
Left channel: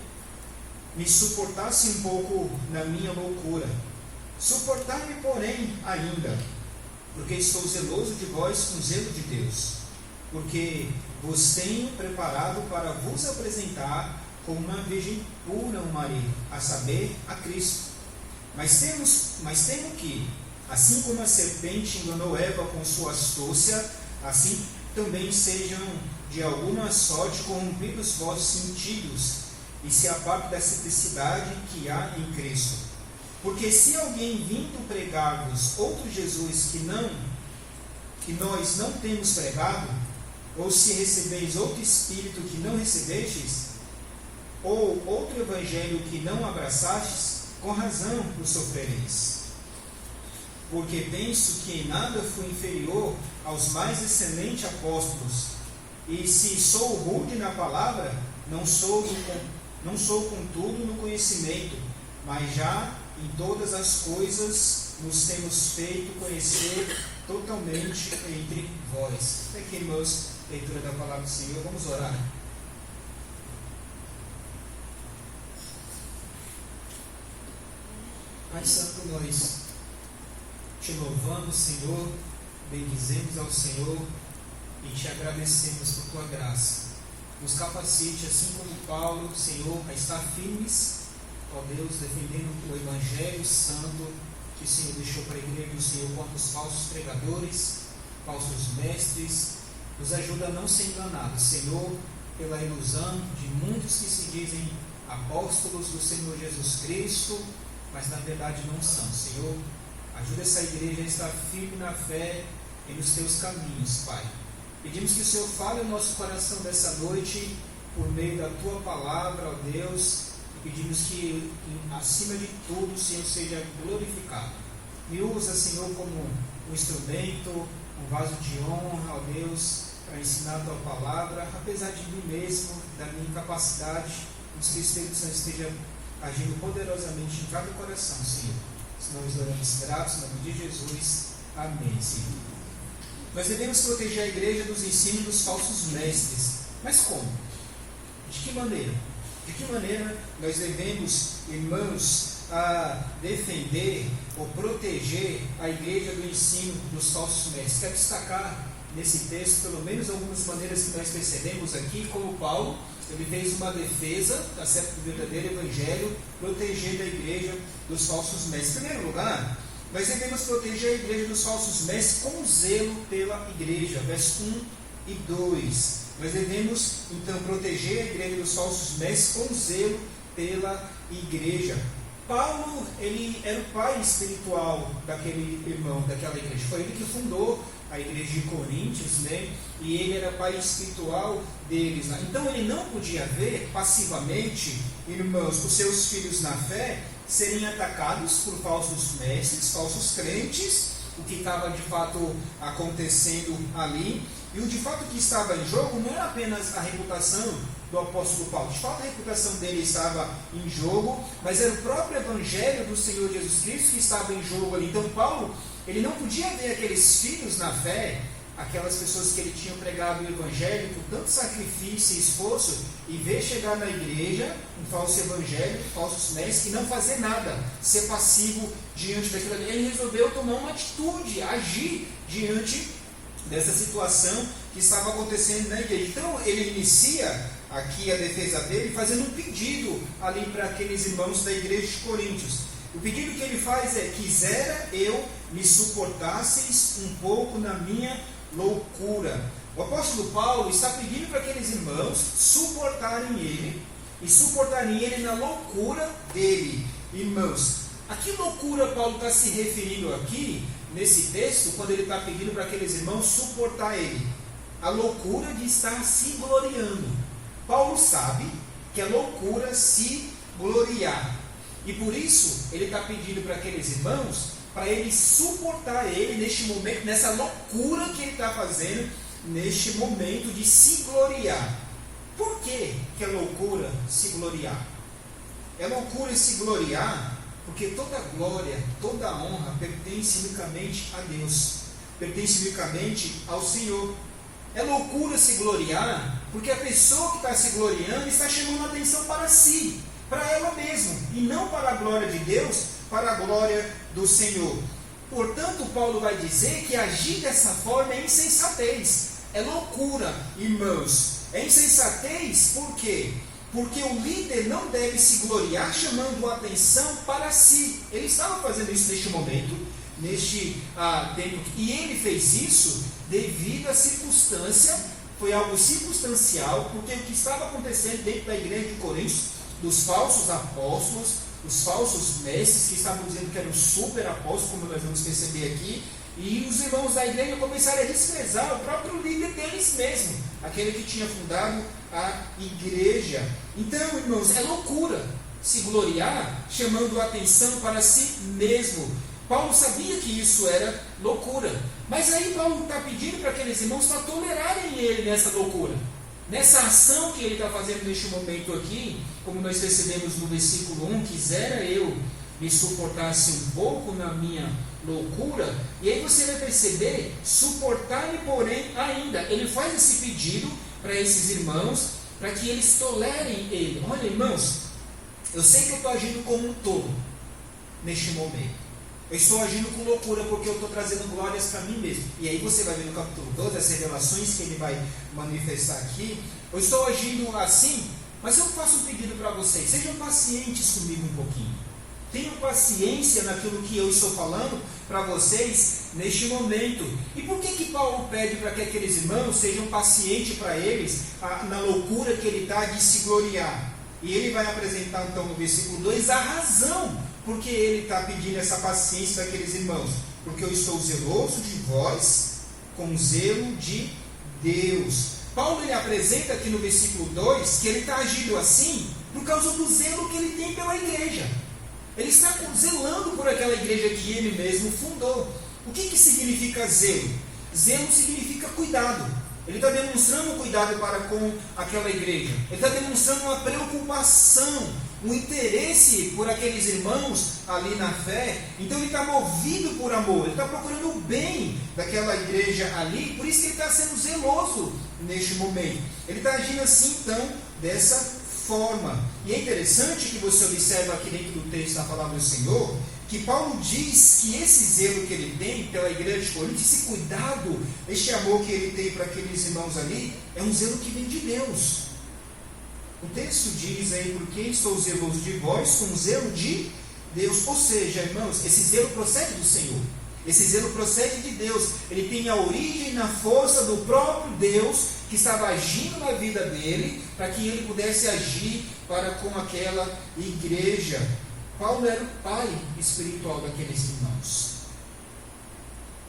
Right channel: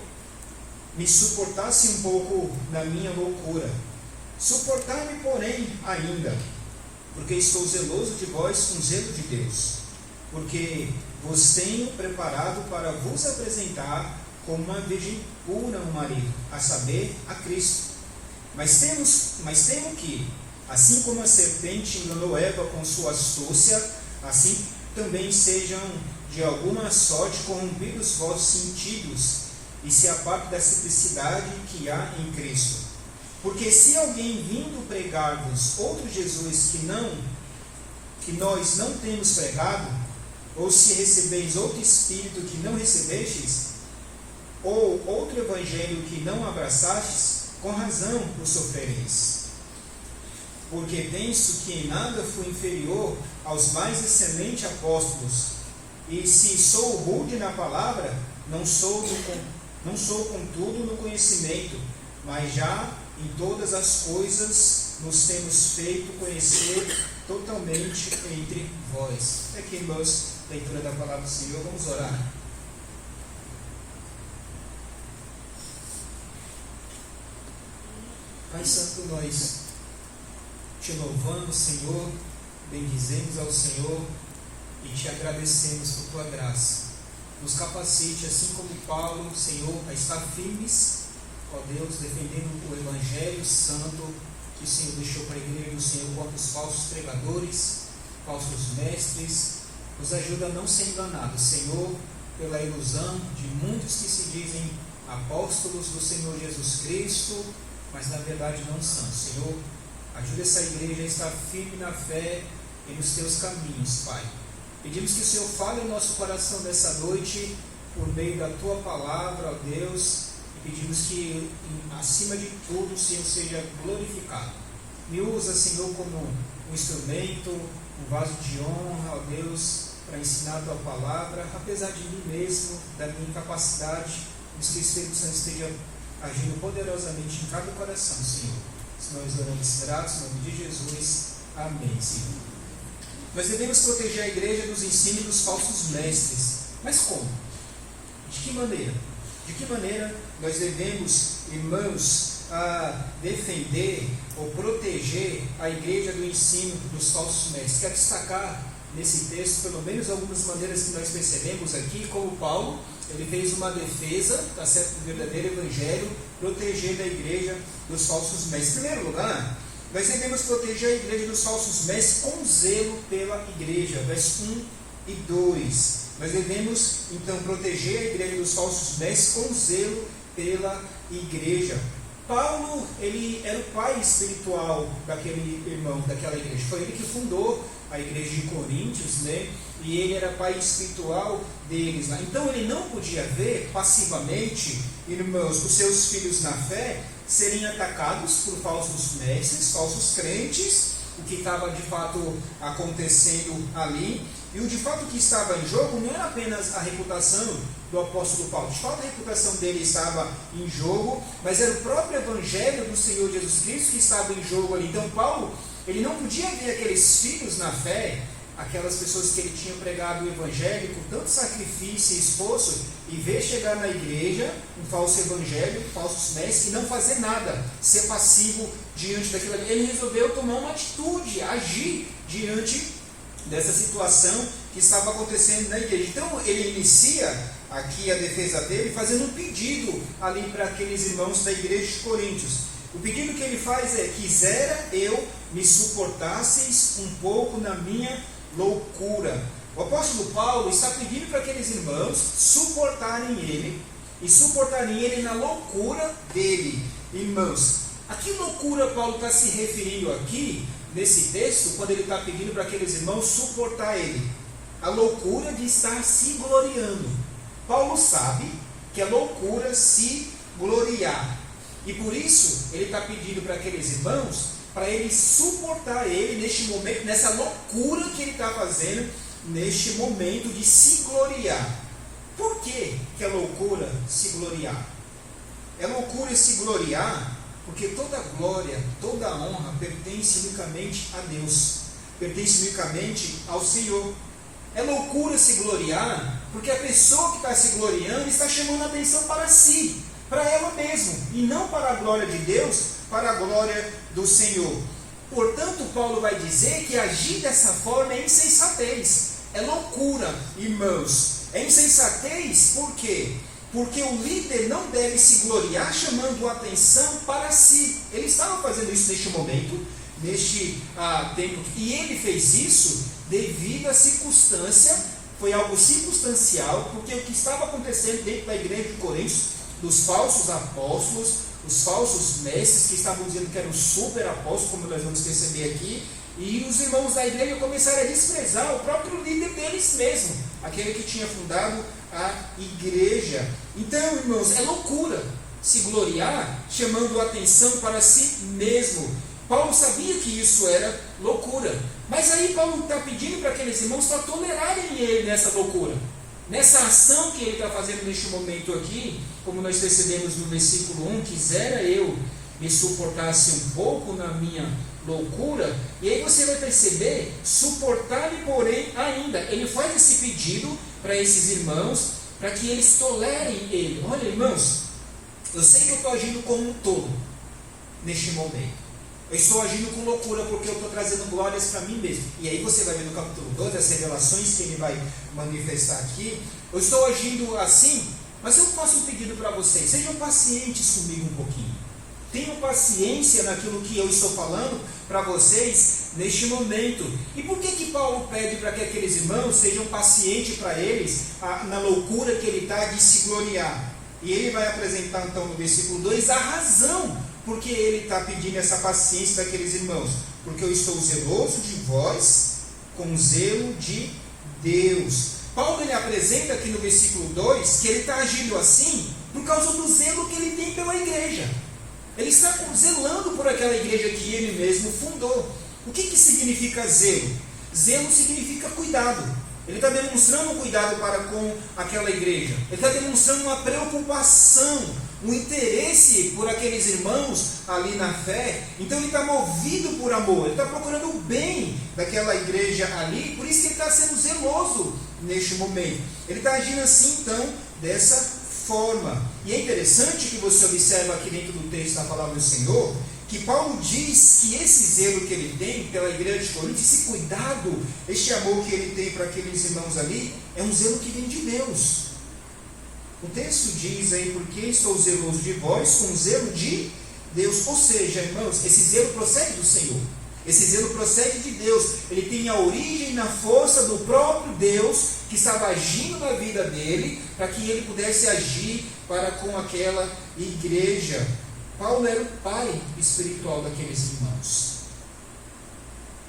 me suportasse um pouco na minha loucura. Suportar-me, porém, ainda, porque estou zeloso de vós com zelo de Deus, porque vos tenho preparado para vos apresentar como uma virgem pura um marido, a saber, a Cristo. Mas temo que, assim como a serpente enganou Eva com sua astúcia, assim também sejam de alguma sorte corrompidos vossos sentidos, e se apartem da simplicidade que há em Cristo. Porque se alguém vindo pregar-vos outro Jesus que nós não temos pregado, ou se recebeis outro Espírito que não recebestes, ou outro Evangelho que não abraçastes, com razão o sofrereis. Porque penso que em nada fui inferior aos mais excelentes apóstolos, e se sou rude na palavra, não sou contudo no conhecimento, mas já em todas as coisas nos temos feito conhecer totalmente entre vós. Aqui, irmãos, leitura da palavra do Senhor. Vamos orar. Pai Santo, nós te louvamos, Senhor, bendizemos ao Senhor e te agradecemos por tua graça. Nos capacite, assim como Paulo, Senhor, a estar firmes, ó Deus, defendendo o Evangelho Santo que o Senhor deixou para a igreja do Senhor contra os falsos pregadores, falsos mestres. Nos ajuda a não ser enganados, Senhor, pela ilusão de muitos que se dizem apóstolos do Senhor Jesus Cristo, mas na verdade não são. Senhor, ajuda essa igreja a estar firme na fé e nos teus caminhos, Pai. Pedimos que o Senhor fale no nosso coração dessa noite, por meio da tua palavra, ó Deus. Pedimos que, acima de tudo, o Senhor seja glorificado. Me usa, Senhor, como um instrumento, um vaso de honra, ó Deus, para ensinar a tua palavra, apesar de mim mesmo, da minha incapacidade. Que o Espírito Santo esteja agindo poderosamente em cada coração, Senhor. Nós oramos gratos, em nome de Jesus. Amém, Senhor. Nós devemos proteger a igreja dos ensinos dos falsos mestres. Mas como? De que maneira? De que maneira nós devemos, irmãos, defender ou proteger a igreja do ensino dos falsos mestres? Quero destacar nesse texto, pelo menos algumas maneiras que nós percebemos aqui, como Paulo, ele fez uma defesa, tá certo, do verdadeiro evangelho, protegendo a igreja dos falsos mestres. Em primeiro lugar, nós devemos proteger a igreja dos falsos mestres com zelo pela igreja, versos 1 e 2. Nós devemos, então, proteger a igreja dos falsos mestres com zelo pela igreja. Paulo, ele era o pai espiritual daquele irmão, daquela igreja. Foi ele que fundou a igreja de Coríntios, né? E ele era pai espiritual deles. Né? Então, ele não podia ver passivamente, irmãos, os seus filhos na fé serem atacados por falsos mestres, falsos crentes, o que estava de fato acontecendo ali. E o de fato que estava em jogo não era apenas a reputação do apóstolo Paulo. De fato, a reputação dele estava em jogo, mas era o próprio evangelho do Senhor Jesus Cristo que estava em jogo ali. Então, Paulo, ele não podia ver aqueles filhos na fé, aquelas pessoas que ele tinha pregado o evangelho com tanto sacrifício e esforço, e ver chegar na igreja um falso evangelho, falsos mestres, e não fazer nada, ser passivo diante daquilo ali. Ele resolveu tomar uma atitude, agir diante dessa situação que estava acontecendo na igreja. Então, ele inicia aqui a defesa dele fazendo um pedido ali para aqueles irmãos da igreja de Coríntios. O pedido que ele faz é: quisera eu me suportasseis um pouco na minha loucura. O apóstolo Paulo está pedindo para aqueles irmãos suportarem ele, e suportarem ele na loucura dele. Irmãos, a que loucura Paulo está se referindo aqui nesse texto, quando ele está pedindo para aqueles irmãos suportar ele? A loucura de estar se gloriando. Paulo sabe que é loucura se gloriar, e por isso ele está pedindo para aqueles irmãos para ele suportar ele neste momento, nessa loucura que ele está fazendo neste momento de se gloriar. Por que é loucura se gloriar? É loucura se gloriar porque toda glória, toda honra pertence unicamente a Deus. pertence unicamente ao Senhor. É loucura se gloriar, porque a pessoa que está se gloriando está chamando a atenção para si, para ela mesma, e não para a glória de Deus, para a glória do Senhor. Portanto, Paulo vai dizer que agir dessa forma é insensatez, é loucura, irmãos. É insensatez por quê? Porque o líder não deve se gloriar chamando a atenção para si. Ele estava fazendo isso neste momento, neste tempo, e ele fez isso devido à circunstância, foi algo circunstancial, porque o que estava acontecendo dentro da igreja de Corinto, dos falsos apóstolos, os falsos mestres que estavam dizendo que eram super apóstolos, como nós vamos perceber aqui, e os irmãos da igreja começaram a desprezar o próprio líder deles mesmo, aquele que tinha fundado a igreja. Então, irmãos, é loucura se gloriar chamando a atenção para si mesmo. Paulo sabia que isso era loucura, mas aí Paulo está pedindo para aqueles irmãos para tolerarem ele nessa loucura, nessa ação que ele está fazendo neste momento aqui, como nós percebemos no versículo 1, quisera eu me suportasse um pouco na minha loucura, e aí você vai perceber, suportar-me porém ainda, ele faz esse pedido para esses irmãos, para que eles tolerem ele. Olha, irmãos, eu sei que eu estou agindo como um tolo neste momento, eu estou agindo com loucura porque eu estou trazendo glórias para mim mesmo. E aí você vai ver no capítulo 12 as revelações que ele vai manifestar aqui. Eu estou agindo assim, mas eu faço um pedido para vocês: sejam pacientes comigo um pouquinho. Tenham paciência naquilo que eu estou falando para vocês neste momento. E por que Paulo pede para que aqueles irmãos sejam pacientes para eles na loucura que ele está de se gloriar? E ele vai apresentar então no versículo 2 a razão porque ele está pedindo essa paciência daqueles irmãos. Porque eu estou zeloso de vós com zelo de Deus. Paulo ele apresenta aqui no versículo 2 que ele está agindo assim por causa do zelo que ele tem pela igreja. Ele está zelando por aquela igreja que ele mesmo fundou. O que significa zelo? Zelo significa cuidado. Ele está demonstrando um cuidado para com aquela igreja. Ele está demonstrando uma preocupação, um interesse por aqueles irmãos ali na fé. Então ele está movido por amor. Ele está procurando o bem daquela igreja ali. Por isso que ele está sendo zeloso neste momento. Ele está agindo assim, então, dessa forma. E é interessante que você observa aqui dentro do texto da palavra do Senhor, que Paulo diz que esse zelo que ele tem pela igreja de Corinto, esse cuidado, este amor que ele tem para aqueles irmãos ali, é um zelo que vem de Deus. O texto diz aí: porque estou zeloso de vós com zelo de Deus. Ou seja, irmãos, esse zelo procede do Senhor. Esse zelo procede de Deus. Ele tem a origem na força do próprio Deus que estava agindo na vida dele, para que ele pudesse agir para com aquela igreja. Paulo era o pai espiritual daqueles irmãos.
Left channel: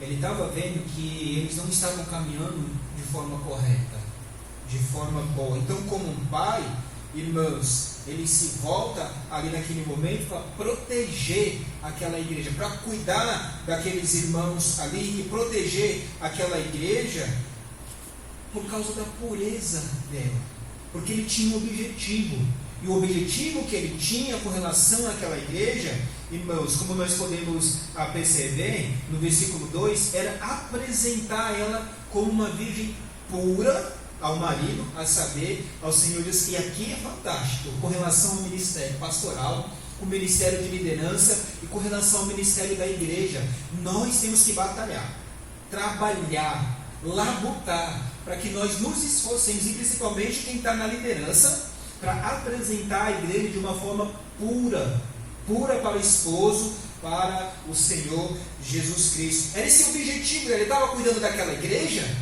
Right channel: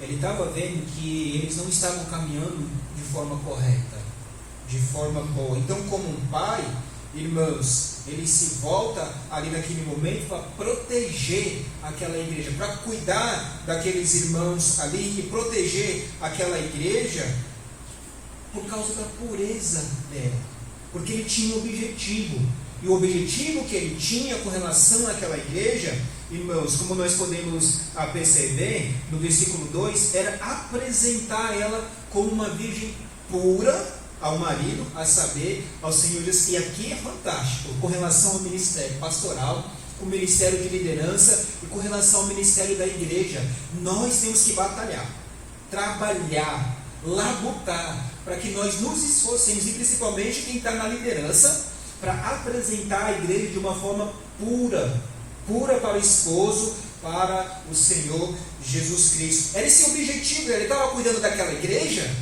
Ele estava vendo que eles não estavam caminhando de forma correta, de forma boa. Então, como um pai, irmãos, ele se volta ali naquele momento para proteger aquela igreja, para cuidar daqueles irmãos ali e proteger aquela igreja por causa da pureza dela, porque ele tinha um objetivo. E o objetivo que ele tinha com relação àquela igreja, irmãos, como nós podemos perceber no versículo 2, era apresentar ela como uma virgem pura ao marido, a saber, ao Senhor Deus. E aqui é fantástico, com relação ao ministério pastoral, com o ministério de liderança e com relação ao ministério da igreja. Nós temos que batalhar, trabalhar, labutar, para que nós nos esforcemos, e principalmente quem está na liderança, para apresentar a igreja de uma forma pura, pura para o esposo, para o Senhor Jesus Cristo. Era esse o objetivo. Ele estava cuidando daquela igreja,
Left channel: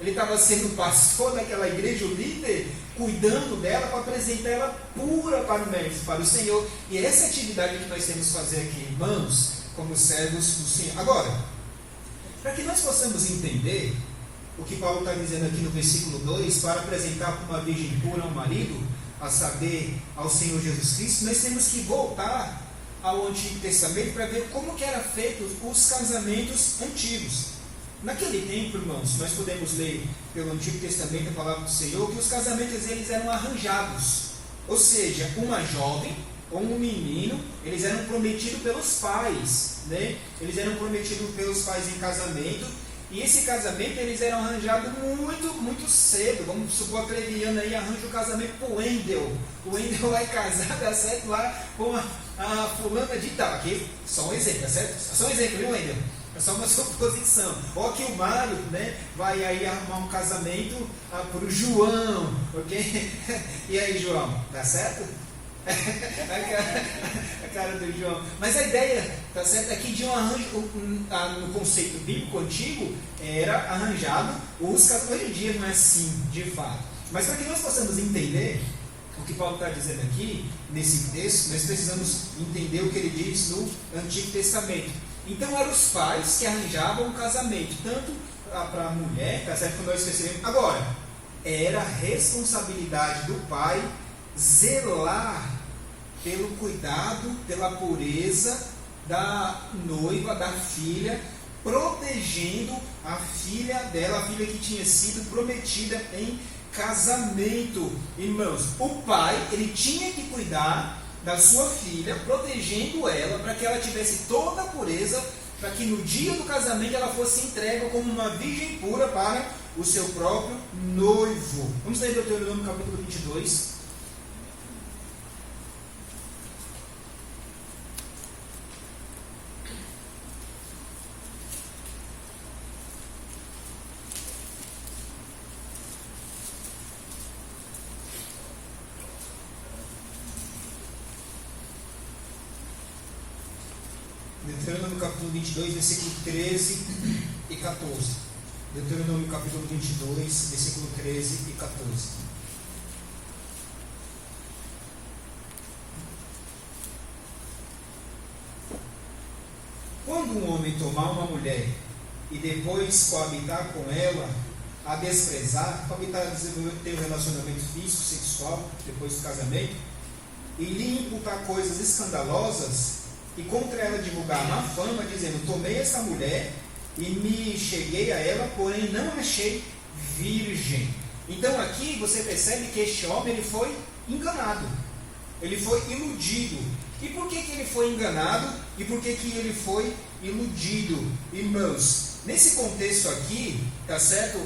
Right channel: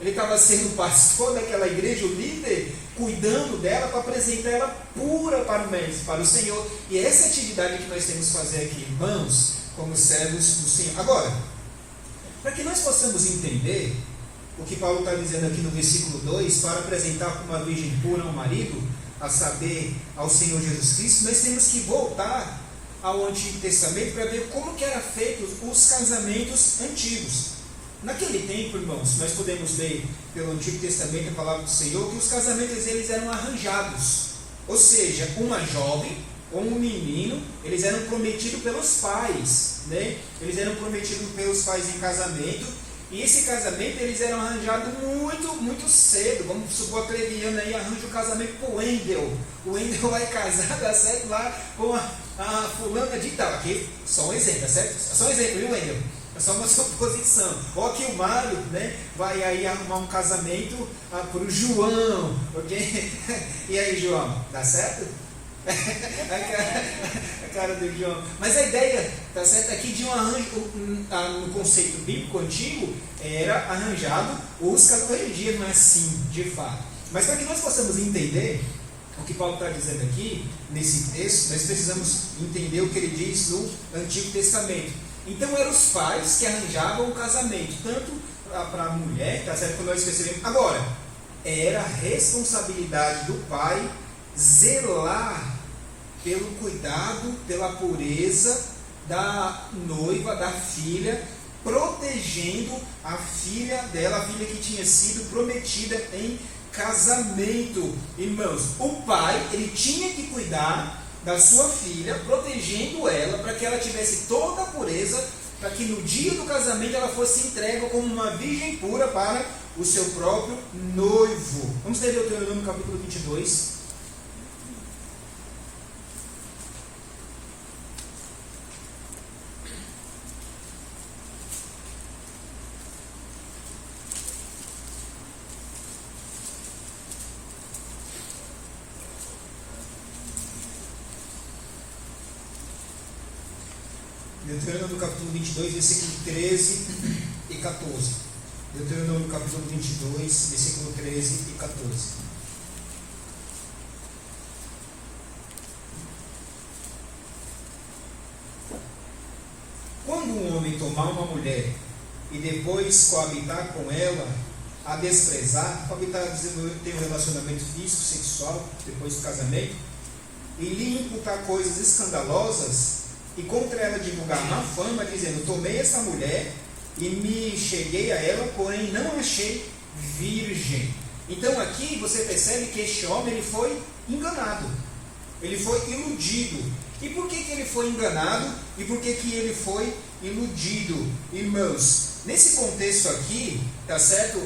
ele estava sendo pastor daquela igreja, o líder, cuidando dela para apresentar ela pura para o Senhor. E é essa atividade que nós temos que fazer aqui, irmãos, como servos do Senhor. Agora, para que nós possamos entender o que Paulo está dizendo aqui no versículo 2, para apresentar como uma virgem pura ao marido, a saber, ao Senhor Jesus Cristo, nós temos que voltar ao Antigo Testamento para ver como que eram feitos os casamentos antigos. Naquele tempo, irmãos, nós podemos ler pelo Antigo Testamento a palavra do Senhor, que os casamentos eles eram arranjados. Ou seja, uma jovem ou um menino, eles eram prometidos pelos pais, né? Eles eram prometidos pelos pais em casamento, E esse casamento eles eram arranjados muito cedo. Vamos supor que a Leviana aí arranja o casamento com o Wendel. O Wendel vai casar, tá certo? Lá com a fulana de tal. Aqui, só um exemplo, tá certo? Só um exemplo, viu, Wendel? É só uma suposição. Ou aqui o Mário, né, vai aí arrumar um casamento para o João, ok? E aí, João, dá certo? A cara do João. Mas a ideia, tá certo, aqui de um arranjo, no conceito bíblico antigo, era arranjado os casamentos. Hoje em dia não é assim, de fato. Mas para que nós possamos entender o que Paulo está dizendo aqui, nesse texto, nós precisamos entender o que ele diz no Antigo Testamento. Então eram os pais que arranjavam o casamento, tanto para a mulher, tá certo, como nós percebemos. Agora, era responsabilidade do pai zelar pelo cuidado, pela pureza da noiva, da filha, protegendo a filha dela, a filha que tinha sido prometida em casamento. Irmãos, o pai, ele tinha que cuidar da sua filha, protegendo ela, para que ela tivesse toda a pureza, para que no dia do casamento ela fosse entregue como uma virgem pura para o seu próprio noivo. Vamos ler Deuteronômio capítulo 22. Deuteronômio capítulo 22, versículo 13 e 14. Deuteronômio capítulo 22, versículo 13 e 14. Quando um homem tomar uma mulher e depois coabitar com ela, a desprezar, coabitar ter um relacionamento físico, sexual, depois do casamento, e lhe imputar coisas escandalosas, e contra ela divulgar má fama, dizendo: tomei essa mulher e me cheguei a ela, porém não achei virgem. Então aqui você percebe que este homem ele foi enganado, ele foi iludido. E por que ele foi enganado? E por que ele foi iludido? Irmãos, nesse contexto aqui, tá certo,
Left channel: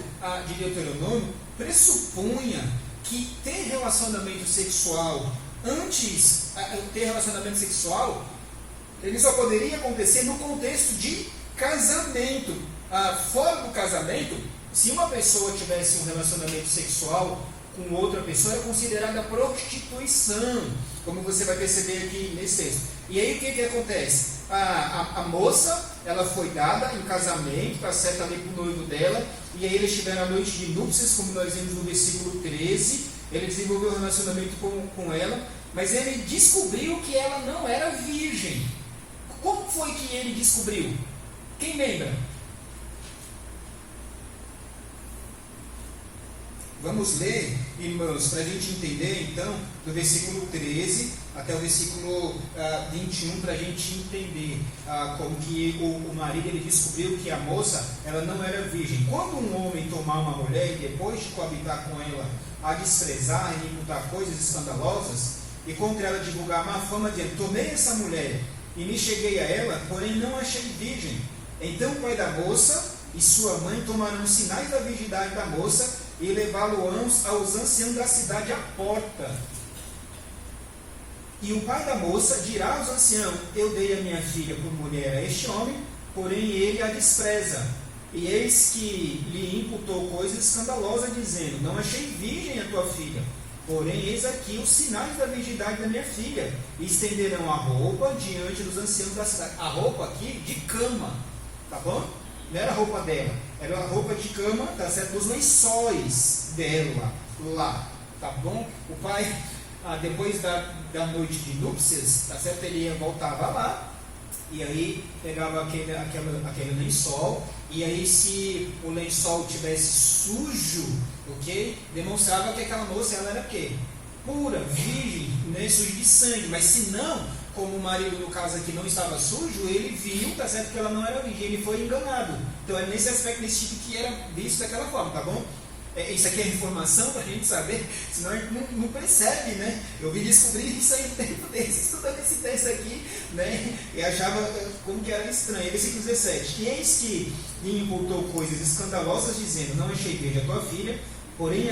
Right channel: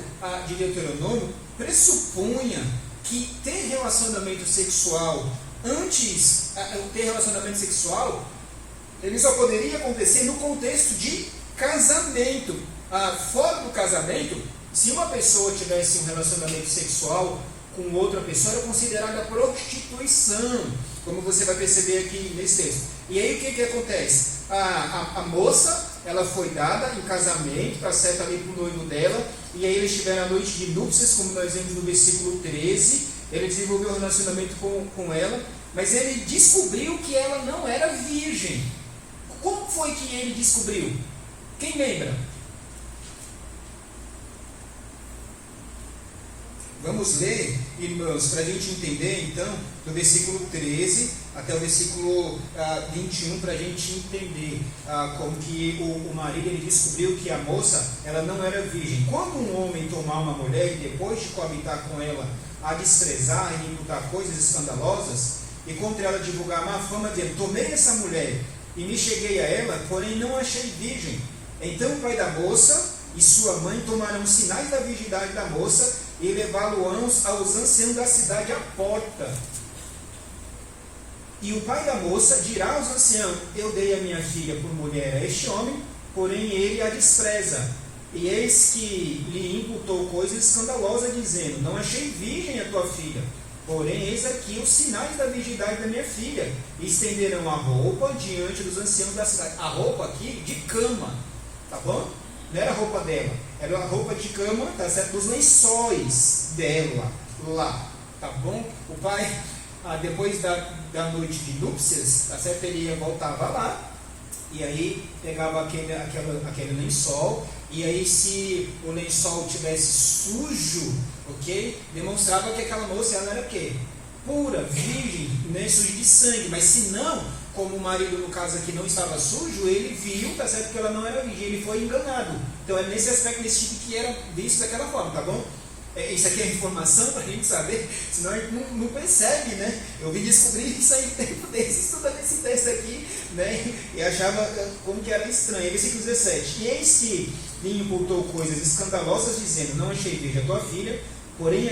de Deuteronômio, pressupunha que ter relacionamento sexual antes, ter relacionamento sexual, ele só poderia acontecer no contexto de casamento. Fora do casamento, se uma pessoa tivesse um relacionamento sexual com outra pessoa, era considerada prostituição, como você vai perceber aqui nesse texto. E aí o que acontece? A moça, ela foi dada em casamento, tá certo, ali para o noivo dela, e aí eles tiveram a noite de núpcias, como nós vimos no versículo 13. Ele desenvolveu um relacionamento com ela, mas ele descobriu que ela não era virgem. Como foi que ele descobriu? Quem lembra? Vamos ler, irmãos, para a gente entender, então, do versículo 13 até o versículo 21, para a gente entender como que o marido ele descobriu que a moça ela não era virgem. Quando um homem tomar uma mulher e depois de coabitar com ela, a desprezar e imputar coisas escandalosas, e contra ela divulgar má fama, dizendo: tomei essa mulher e me cheguei a ela, porém não achei virgem. Então o pai da moça e sua mãe tomarão sinais da virgindade da moça e levá-lo aos anciãos da cidade à porta. E o pai da moça dirá aos anciãos: eu dei a minha filha por mulher a este homem, porém ele a despreza. E eis que lhe imputou coisas escandalosas, dizendo: não achei virgem a tua filha. Porém, eis aqui os sinais da virgindade da minha filha. E estenderão a roupa diante dos anciãos da cidade. A roupa aqui de cama, tá bom? Não era a roupa dela, era a roupa de cama, tá certo? Dos lençóis dela, lá, tá bom? O pai, depois da noite de núpcias, tá certo? Ele voltava lá, e aí pegava aquele lençol, e aí se o lençol tivesse sujo, ok? Demonstrava que aquela moça ela era o quê? Pura, virgem, né? Suja de sangue. Mas se não, como o marido no caso aqui não estava sujo, ele viu, tá certo, que ela não era virgem, ele foi enganado. Então é nesse aspecto, nesse tipo que era visto daquela forma, tá bom? Isso aqui é informação para a gente saber, senão a gente não percebe, né? Eu vim descobrir isso aí um tempo desse, estudando esse texto aqui, né? E achava como que era estranho. Versículo 17: E eis que lhe imputou coisas escandalosas, dizendo: Não achei virgem a tua filha, porém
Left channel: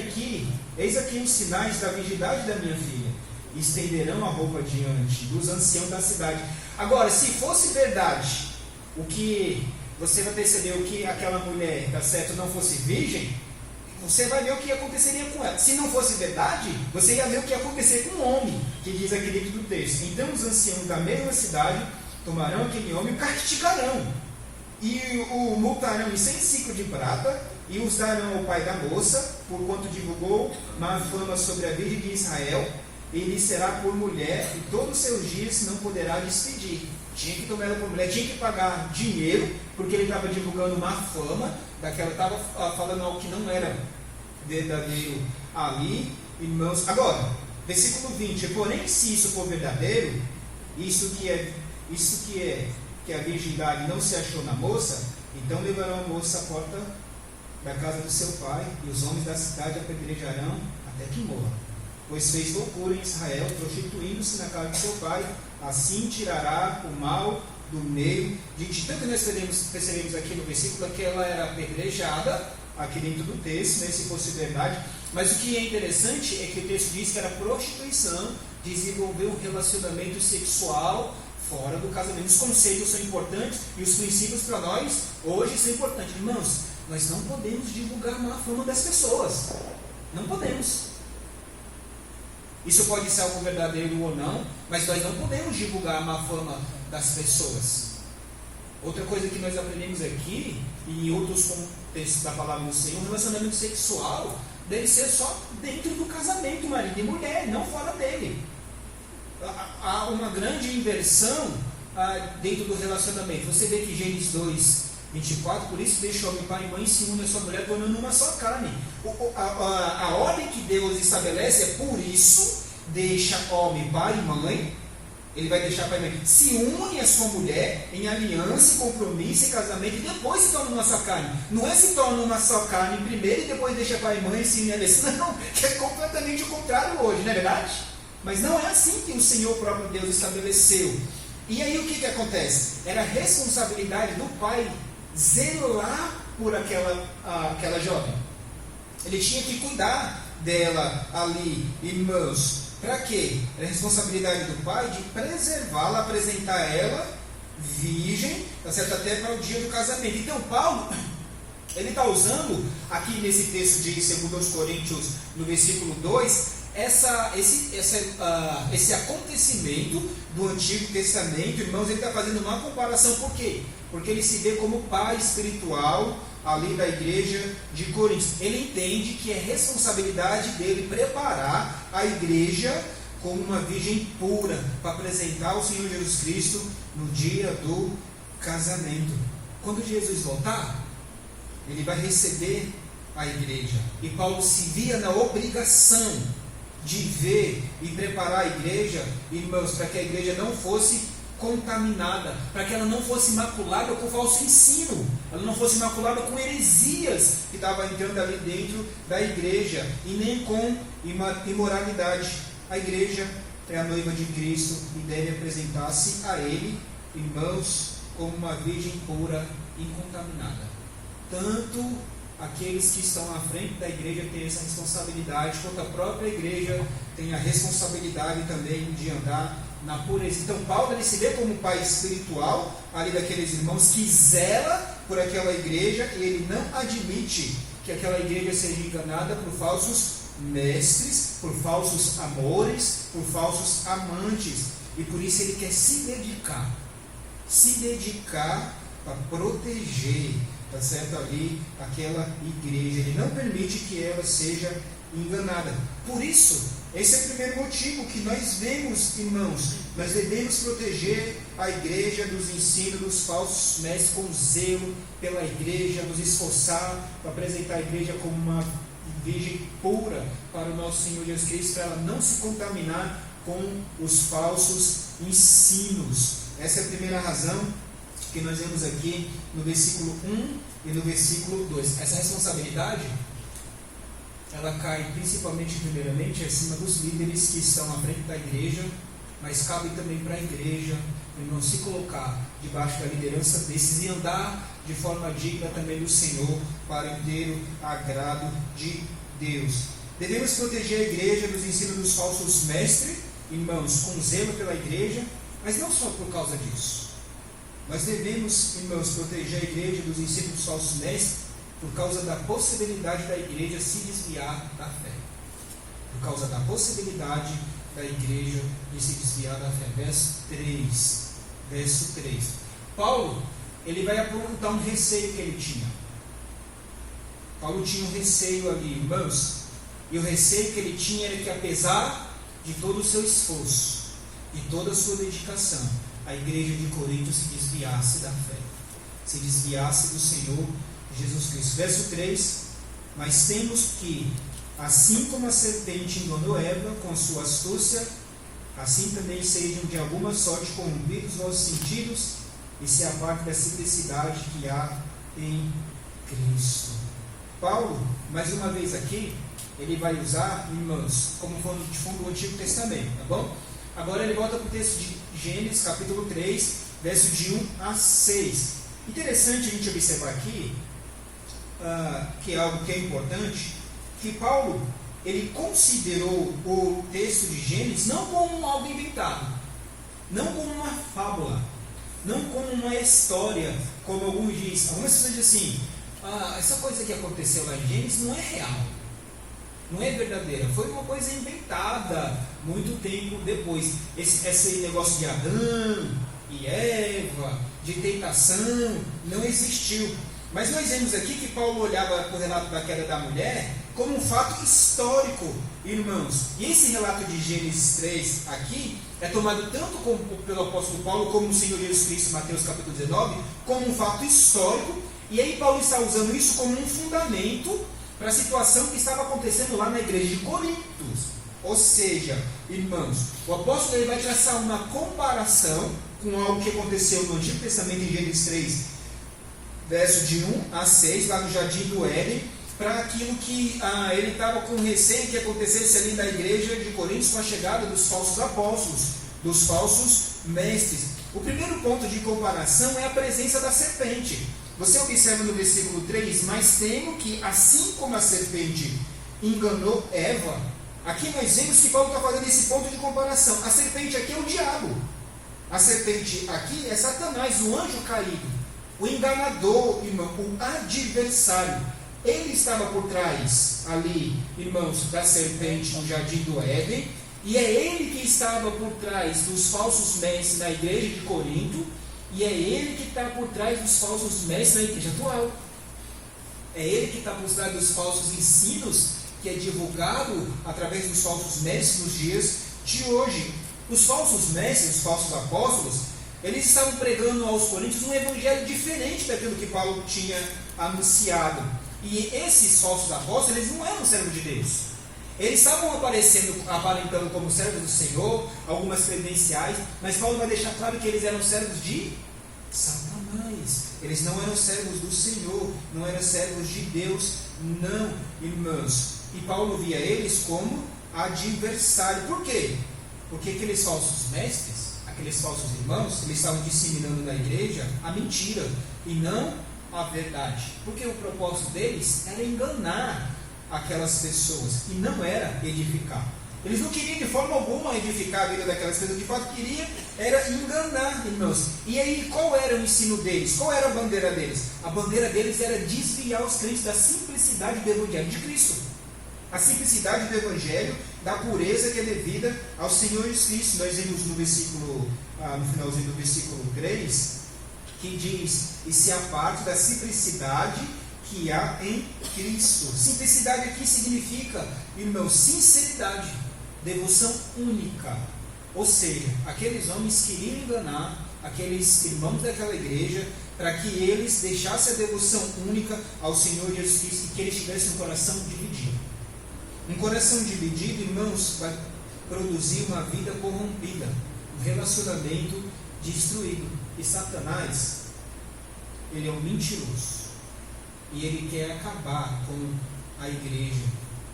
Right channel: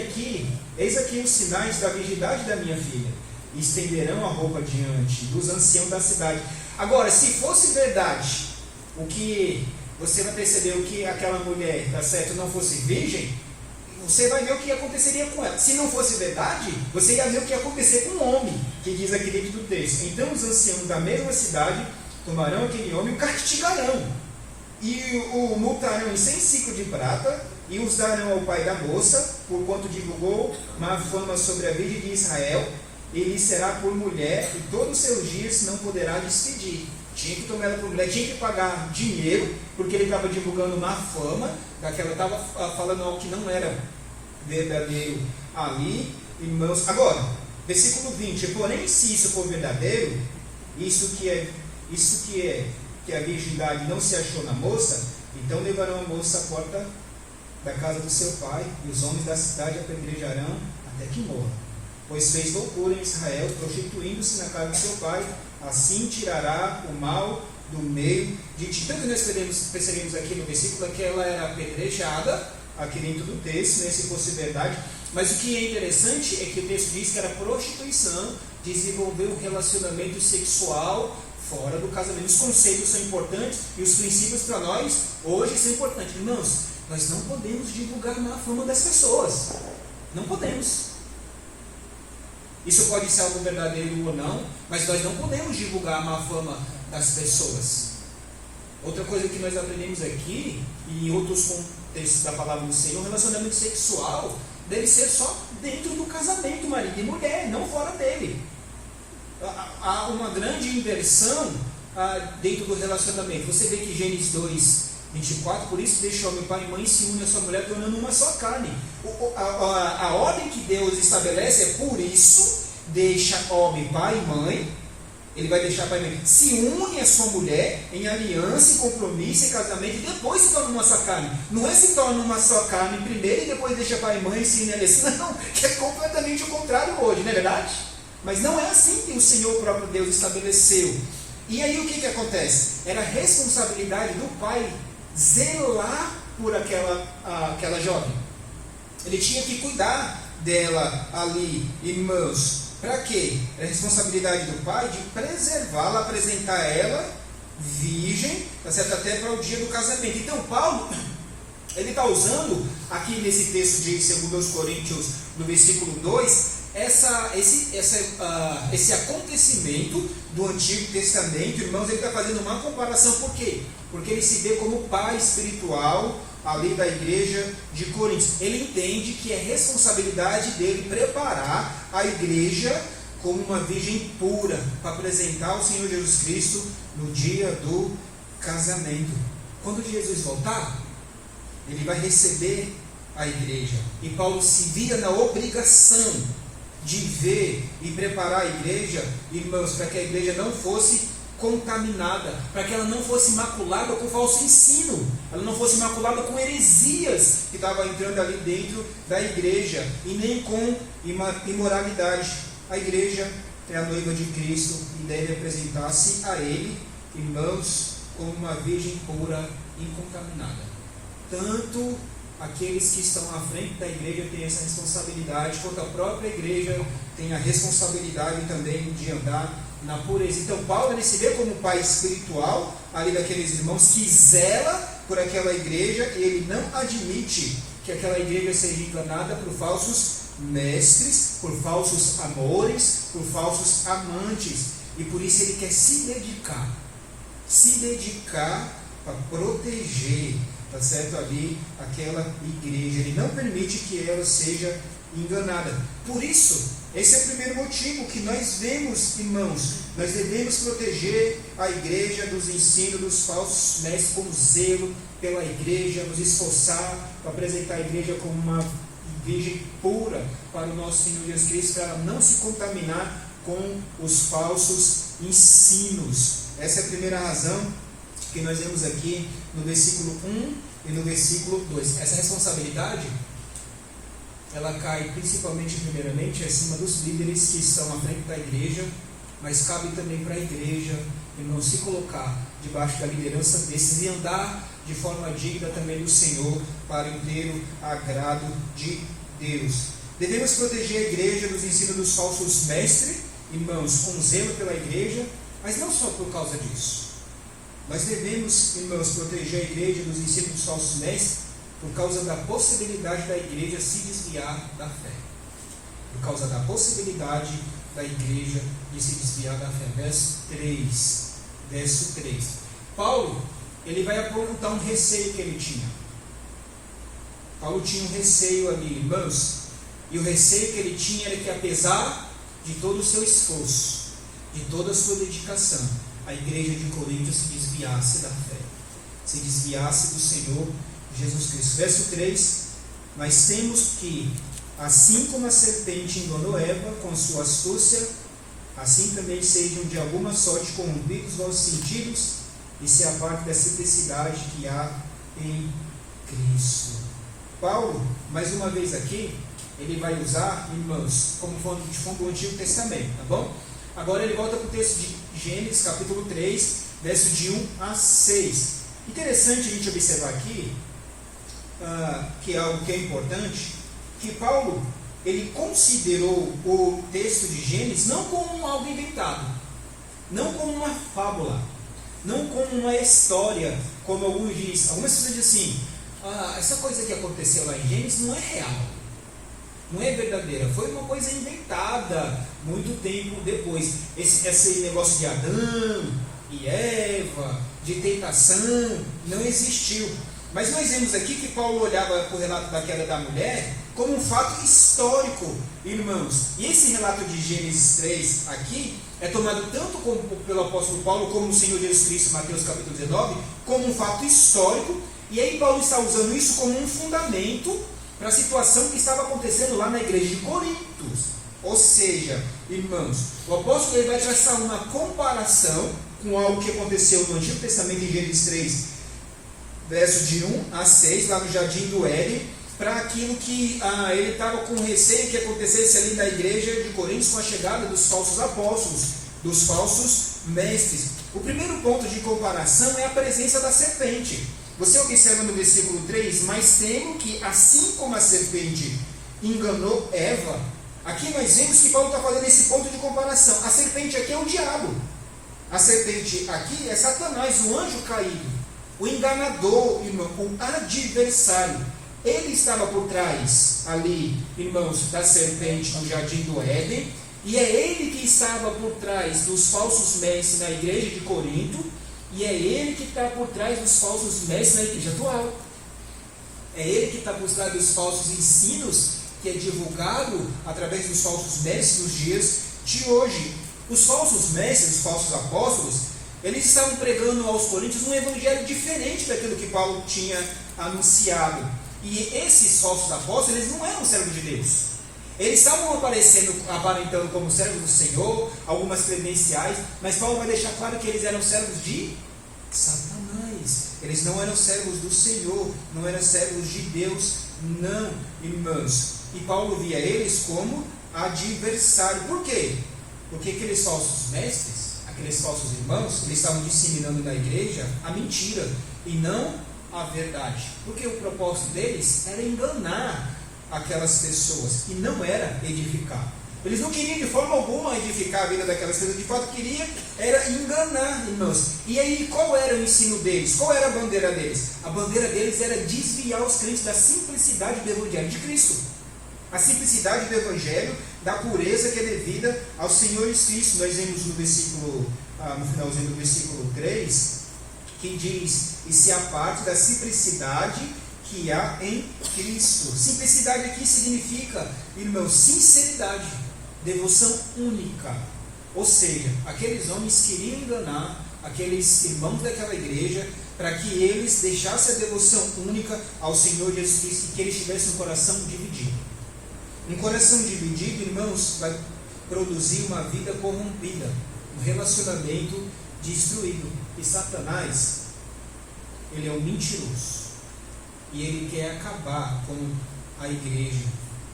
eis aqui os sinais da virgindade da minha filha, e estenderão a roupa diante dos anciãos da cidade. Agora, se fosse verdade, o que você vai perceber, o que aquela mulher, tá certo, não fosse virgem, você vai ver o que aconteceria com ela. Se não fosse verdade, você ia ver o que ia acontecer com o homem, que diz aqui dentro do texto. Então os anciãos da mesma cidade tomarão aquele homem e o castigarão, e o multarão em 100 ciclos de prata, e os darão ao pai da moça, porquanto divulgou má fama sobre a Virgem de Israel. Ele será por mulher, e todos os seus dias não poderá despedir. Tinha que tomar ela por mulher, tinha que pagar dinheiro, porque ele estava divulgando má fama, estava falando algo que não era verdadeiro ali, irmãos. Agora, versículo 20: Porém, se isso for verdadeiro, isso que a virgindade não se achou na moça, então levarão a moça à porta da casa do seu pai, e os homens da cidade apedrejarão até que morra. Pois fez loucura em Israel, prostituindo-se na casa do seu pai, assim tirará o mal do meio de ti. Tanto nós percebemos aqui no versículo que ela era apedrejada, aqui dentro do texto, né, se fosse verdade. Mas o que é interessante é que o texto diz que era prostituição, desenvolver um relacionamento sexual fora do casamento. Os conceitos são importantes e os princípios para nós hoje são importantes. Irmãos, nós não podemos divulgar má fama das pessoas. Não podemos. Isso pode ser algo verdadeiro ou não, mas nós não podemos divulgar a má fama das pessoas. Outra coisa que nós aprendemos aqui, e em outros contextos da palavra do Senhor, o relacionamento sexual deve ser só dentro do casamento, marido e mulher, não fora dele. Há uma grande inversão dentro do relacionamento. Você vê que Gênesis 2:24, por isso deixa homem, pai e mãe, se une a sua mulher, tornando uma só carne. A ordem que Deus estabelece é: por isso deixa homem, pai e mãe. Ele vai deixar pai e mãe, se une a sua mulher em aliança, em compromisso, em casamento, e depois se torna uma só carne. Não é se torna uma só carne primeiro e depois deixa pai e mãe e se une a aliança. Não, que é completamente o contrário hoje, não é verdade? Mas não é assim que o Senhor próprio Deus estabeleceu. E aí o que acontece? Era responsabilidade do pai zelar por aquela jovem. Ele tinha que cuidar dela ali, irmãos. Para quê? Era a responsabilidade do pai de preservá-la, apresentar ela virgem, tá certo? Até para o dia do casamento. Então Paulo, ele está usando aqui nesse texto de 2 Coríntios, no versículo 2, esse acontecimento do Antigo Testamento, irmãos. Ele está fazendo uma comparação. Por quê? Porque ele se vê como pai espiritual ali da igreja de Corinto. Ele entende que é responsabilidade dele preparar a igreja como uma virgem pura para apresentar o Senhor Jesus Cristo no dia do casamento. Quando Jesus voltar, ele vai receber a igreja. E Paulo se via na obrigação de ver e preparar a igreja, irmãos, para que a igreja não fosse contaminada, para que ela não fosse maculada com falso ensino, ela não fosse maculada com heresias que estavam entrando ali dentro da igreja, e nem com imoralidade. A igreja é a noiva de Cristo e deve apresentar-se a Ele, irmãos, como uma virgem pura, incontaminada. Tanto aqueles que estão à frente da igreja têm essa responsabilidade, quanto a própria igreja tem a responsabilidade também de andar na pureza. Então Paulo, ele se vê como pai espiritual ali daqueles irmãos que zela por aquela igreja, e ele não admite que aquela igreja seja enganada por falsos mestres, por falsos amores, por falsos amantes, e por isso ele quer se dedicar para proteger, tá certo, ali aquela igreja. Ele não permite que ela seja enganada. Por isso, esse é o primeiro motivo que nós vemos, irmãos. Nós devemos proteger a igreja dos ensinos dos falsos mestres com zelo pela igreja, nos esforçar para apresentar a igreja como uma virgem pura para o nosso Senhor Jesus Cristo, para ela não se contaminar com os falsos ensinos. Essa é a primeira razão que nós vemos aqui no versículo 1 e no versículo 2. Essa responsabilidade ela cai principalmente, primeiramente, acima dos líderes que estão à frente da igreja, mas cabe também para a igreja, irmão, se colocar debaixo da liderança desses e andar de forma digna também do Senhor, para o inteiro agrado de Deus. Devemos proteger a igreja dos ensinos dos falsos mestres, irmãos, com zelo pela igreja, mas não só por causa disso. Mas devemos, irmãos, proteger a igreja dos ensinos dos falsos mestres por causa da possibilidade da igreja se desviar da fé. Por causa da possibilidade da igreja de se desviar da fé. Verso 3. Paulo, ele vai apontar um receio que ele tinha. Paulo tinha um receio ali, irmãos, e o receio que ele tinha era que, apesar de todo o seu esforço, de toda a sua dedicação, a igreja de Corinto se desviasse da fé, se desviasse do Senhor Jesus Cristo. Verso 3: mas temos que, assim como a serpente enganou Eva com sua astúcia, assim também sejam de alguma sorte corrompidos vossos sentidos e se apartem da simplicidade que há em Cristo. Paulo, mais uma vez aqui, ele vai usar, irmãos, como fonte do Antigo Testamento, tá bom? Agora ele volta para o texto de Gênesis, capítulo 3, verso de 1 a 6. Interessante a gente observar aqui, que é algo que é importante, que Paulo, ele considerou o texto de Gênesis não como algo inventado, não como uma fábula, não como uma história, como alguns dizem. Algumas pessoas dizem assim, essa coisa que aconteceu lá em Gênesis não é real, não é verdadeira, foi uma coisa inventada muito tempo depois. Esse negócio de Adão e Eva, de tentação, não existiu. Mas nós vemos aqui que Paulo olhava para o relato da queda da mulher como um fato histórico, irmãos. E esse relato de Gênesis 3 aqui é tomado tanto pelo apóstolo Paulo como o Senhor Jesus Cristo, em Mateus capítulo 19, como um fato histórico. E aí Paulo está usando isso como um fundamento para a situação que estava acontecendo lá na igreja de Corinto. Ou seja, irmãos, o apóstolo ele vai traçar uma comparação com algo que aconteceu no Antigo Testamento em Gênesis 3, verso de 1 a 6, lá no Jardim do Éden, para aquilo que ele estava com receio que acontecesse ali na igreja de Corinto com a chegada dos falsos apóstolos, dos falsos mestres. O primeiro ponto de comparação é a presença da serpente. Você observa no versículo 3, mas temo que, assim como a serpente enganou Eva, aqui nós vemos que Paulo está fazendo esse ponto de comparação. A serpente aqui é o diabo. A serpente aqui é Satanás, o anjo caído, o enganador, irmão, o adversário. Ele estava por trás ali, irmãos, da serpente no Jardim do Éden, e é ele que estava por trás dos falsos mestres na igreja de Corinto, e é ele que está por trás dos falsos mestres na igreja atual. É ele que está por trás dos falsos ensinos que é divulgado através dos falsos mestres nos dias de hoje. Os falsos mestres, os falsos apóstolos, eles estavam pregando aos coríntios um evangelho diferente daquilo que Paulo tinha anunciado. E esses falsos apóstolos, eles não eram servos de Deus. Eles estavam aparentando como servos do Senhor, algumas credenciais, mas Paulo vai deixar claro que eles eram servos de Satanás. Eles não eram servos do Senhor, não eram servos de Deus, não, irmãos. E Paulo via eles como adversário. Por quê? Porque aqueles falsos mestres, aqueles falsos irmãos, eles estavam disseminando na igreja a mentira e não a verdade. Porque o propósito deles era enganar aquelas pessoas e não era edificar. Eles não queriam de forma alguma edificar a vida daquelas pessoas, de fato queria era enganar, irmãos. E aí qual era o ensino deles? Qual era a bandeira deles? A bandeira deles era desviar os crentes da simplicidade do Evangelho de Cristo. A simplicidade do Evangelho, da pureza que é devida ao Senhor Jesus Cristo. Nós vemos no versículo, no finalzinho do versículo 3, que diz, e se aparte da simplicidade que há em Cristo. Simplicidade aqui significa, irmãos, sinceridade, devoção única. Ou seja, aqueles homens queriam enganar aqueles irmãos daquela igreja para que eles deixassem a devoção única ao Senhor Jesus Cristo e que eles tivessem um coração dividido. Um coração dividido, irmãos, vai produzir uma vida corrompida, um relacionamento destruído. E Satanás, ele é um mentiroso. E ele quer acabar com a igreja.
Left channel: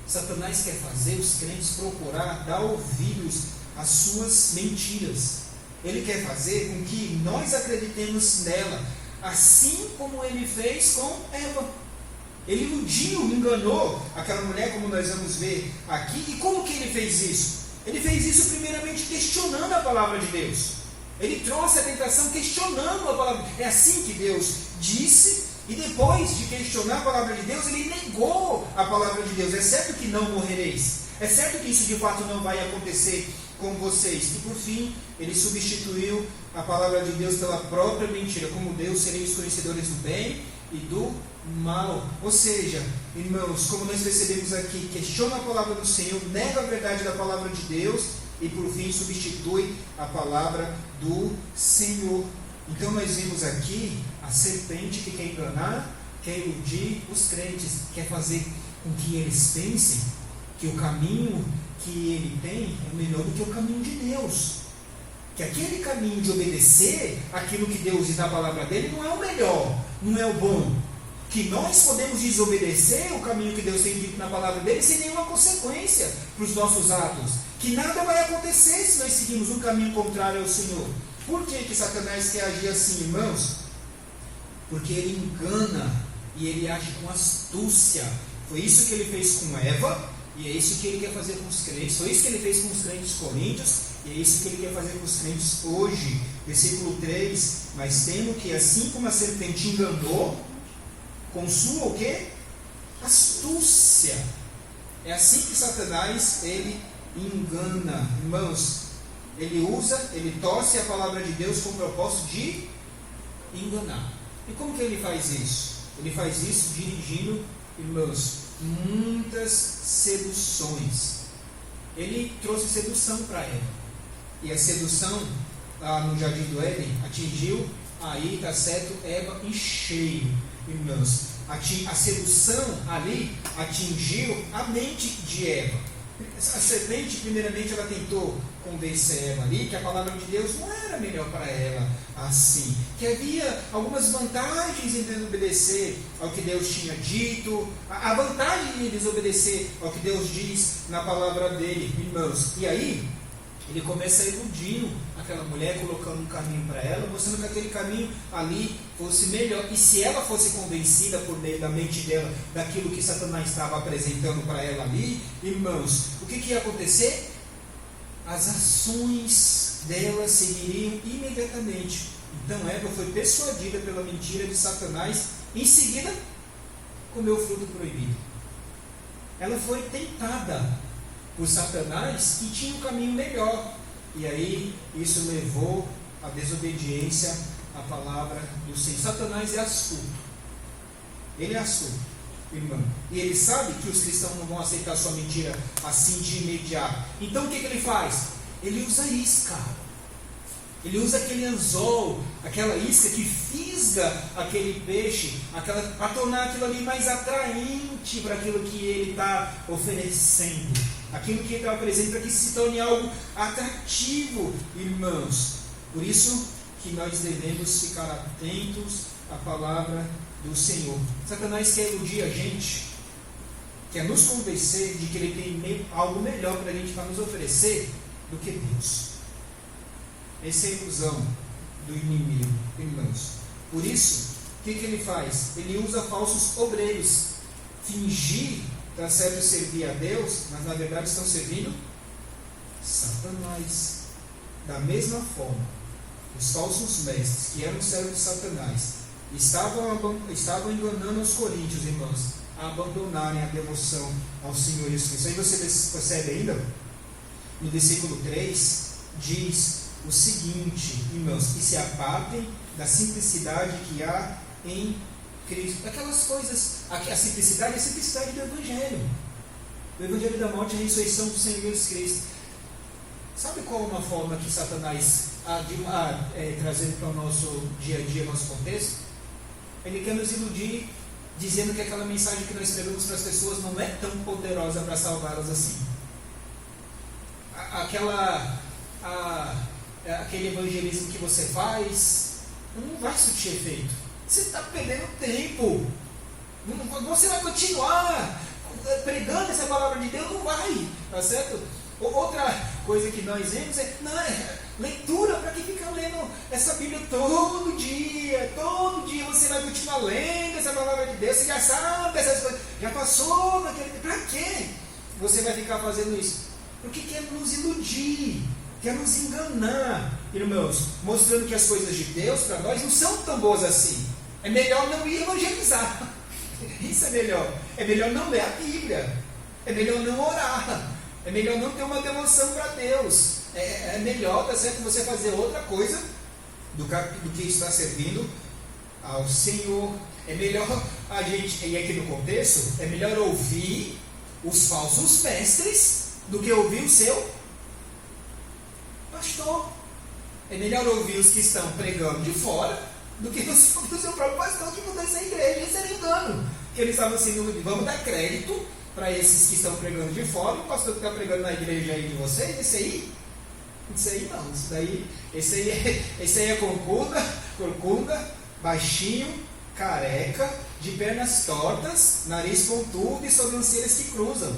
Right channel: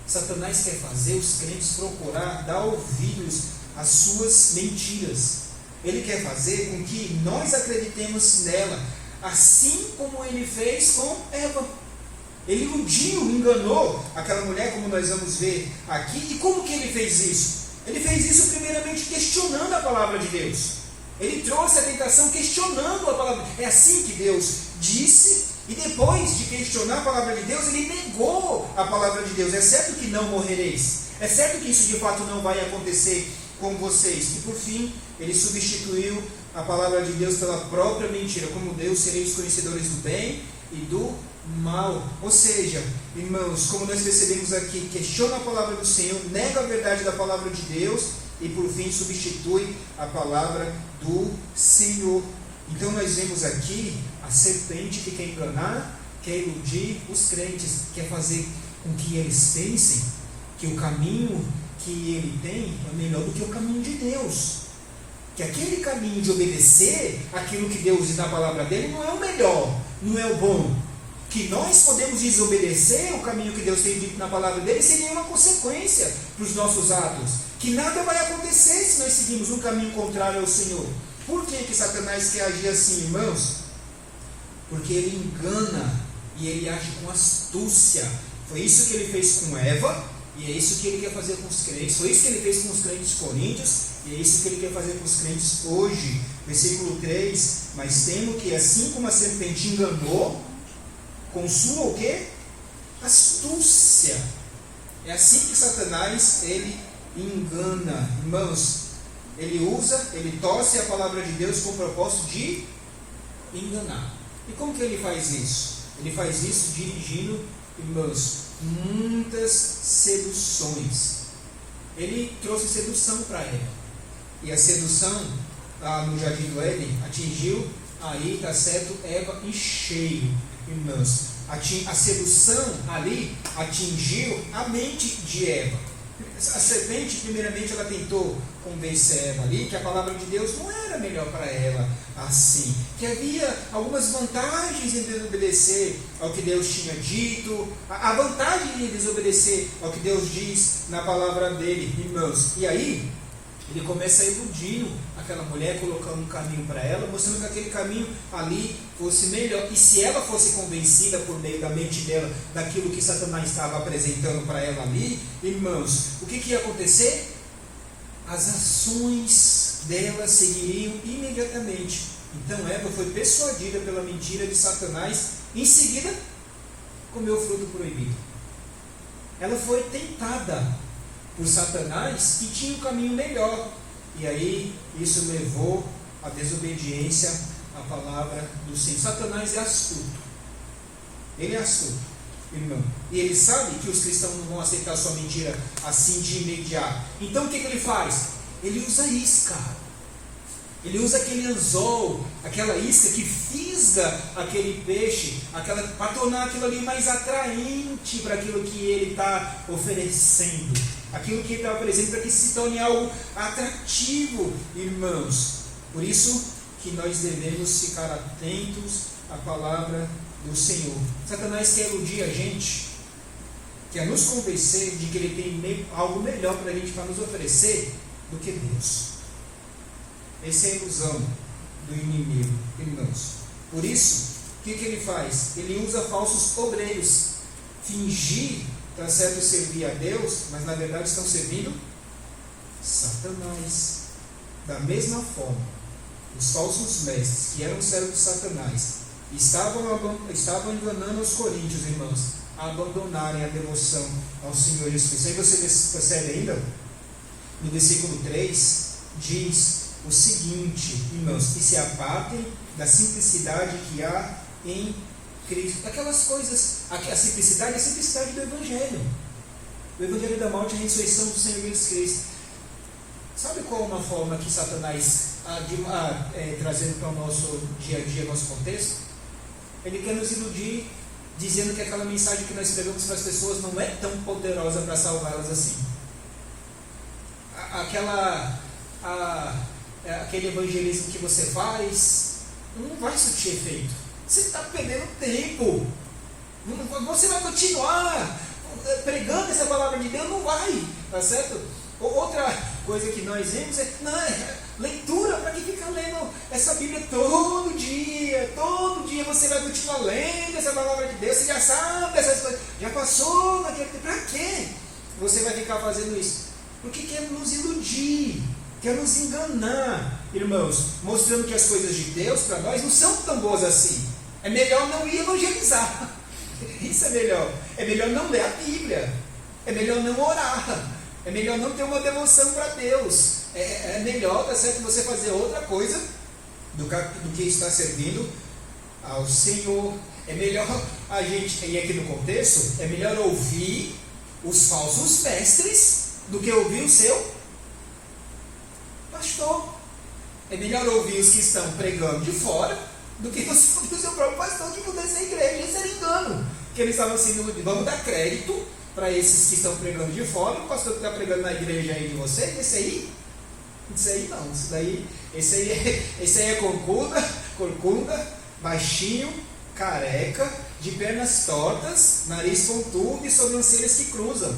Satanás quer fazer os crentes procurar dar ouvidos às suas mentiras. Ele quer fazer com que nós acreditemos nela, assim como ele fez com Eva. Ele iludiu, enganou aquela mulher, como nós vamos ver aqui. E como que ele fez isso? Ele fez isso primeiramente questionando a palavra de Deus. Ele trouxe a tentação questionando a palavra. É assim que Deus disse. E depois de questionar a palavra de Deus, ele negou a palavra de Deus. É certo que não morrereis. É certo que isso de fato não vai acontecer com vocês. E por fim, ele substituiu a palavra de Deus pela própria mentira. Como Deus, sereis conhecedores do bem e do mal. Ou seja, irmãos, como nós percebemos aqui, questiona a palavra do Senhor, nega a verdade da palavra de Deus e por fim substitui a palavra do Senhor. Então nós vemos aqui a serpente que quer enganar, quer iludir os crentes, quer fazer com que eles pensem que o caminho que ele tem é melhor do que o caminho de Deus. Que aquele caminho de obedecer aquilo que Deus diz na palavra dele não é o melhor, não é o bom. Que nós podemos desobedecer o caminho que Deus tem dito na palavra dele sem nenhuma consequência para os nossos atos. Que nada vai acontecer se nós seguirmos um caminho contrário ao Senhor. Por que Satanás quer agir assim, irmãos? Porque ele engana e ele age com astúcia. Foi isso que ele fez com Eva e é isso que ele quer fazer com os crentes. Foi isso que ele fez com os crentes coríntios e é isso que ele quer fazer com os crentes hoje. Versículo 3: mas temo que assim como a serpente enganou com sua o quê? Astúcia. É assim que Satanás ele engana. Irmãos, ele torce a palavra de Deus com o propósito de enganar. E como que ele faz isso? Ele faz isso dirigindo, irmãos, muitas seduções. Ele trouxe sedução para Eva. E a sedução no Jardim do Éden atingiu, aí está certo, Eva em cheio, irmãos. A sedução ali atingiu a mente de Eva. A serpente, primeiramente, ela tentou convencer Eva ali que a palavra de Deus não era melhor para ela assim, que havia algumas vantagens em desobedecer ao que Deus tinha dito, a vantagem em desobedecer ao que Deus diz na palavra dele, irmãos. E aí ele começa a iludir aquela mulher, colocando um caminho para ela, mostrando que aquele caminho ali fosse melhor. E se ela fosse convencida por meio da mente dela daquilo que Satanás estava apresentando para ela ali, irmãos, o que ia acontecer? As ações dela seguiriam imediatamente. Então Eva foi persuadida pela mentira de Satanás, em seguida comeu o fruto proibido. Ela foi tentada por Satanás, que tinha um caminho melhor. E aí, isso levou à desobediência à palavra do Senhor. Satanás é astuto. Ele é astuto, irmão. E ele sabe que os cristãos não vão aceitar sua mentira assim de imediato. Então, o que ele faz? Ele usa isca. Ele usa aquele anzol, aquela isca que fisga aquele peixe, para tornar aquilo ali mais atraente para aquilo que ele está oferecendo. Aquilo que ele está apresentando para que se torne algo atrativo, irmãos. Por isso que nós devemos ficar atentos à palavra do Senhor. Satanás quer iludir a gente, quer nos convencer de que ele tem algo melhor para a gente, para nos oferecer, do que Deus. Essa é a ilusão do inimigo, irmãos. Por isso, o que ele faz? Ele usa falsos obreiros. Fingir, está certo, servir a Deus, mas na verdade estão servindo Satanás. Da mesma forma, os falsos mestres, que eram servos de Satanás, estavam enganando os coríntios, irmãos, a abandonarem a devoção ao Senhor Jesus Cristo. Aí você percebe ainda, no versículo 3, diz o seguinte, irmãos, que se apartem da simplicidade que há em Cristo. Aquelas coisas, a simplicidade é a simplicidade do Evangelho. O Evangelho da morte e a ressurreição do Senhor Jesus Cristo. Sabe qual é uma forma que Satanás trazendo para o nosso dia a dia, nosso contexto? Ele quer nos iludir, dizendo que aquela mensagem que nós pregamos para as pessoas não é tão poderosa para salvá-las assim. Aquele evangelismo que você faz não vai surtir efeito. Você está perdendo tempo. Você vai continuar pregando essa palavra de Deus, não vai, tá certo? Outra coisa que nós vemos é leitura, para que fica lendo essa Bíblia todo dia você vai continuar lendo essa palavra de Deus, você já sabe essas coisas, já passou naquele tempo, para quê você vai ficar fazendo isso? Porque quer nos iludir, quer nos enganar, irmãos, mostrando que as coisas de Deus para nós não são tão boas assim. É melhor não ir evangelizar, isso é melhor não ler a Bíblia, é melhor não orar, é melhor não ter uma devoção para Deus. É melhor, tá certo, você fazer outra coisa do que estar servindo ao Senhor. É melhor a gente, e aqui no contexto, é melhor ouvir os falsos mestres do que ouvir o seu pastor. É melhor ouvir os que estão pregando de fora do que o seu próprio pastor que mudou essa igreja. Isso era engano. Que eles estavam assim, vamos dar crédito para esses que estão pregando de fora, o pastor que está pregando na igreja aí de vocês, esse aí não, esse aí é corcunda, baixinho, careca, de pernas tortas, nariz pontudo e sobrancelhas que cruzam.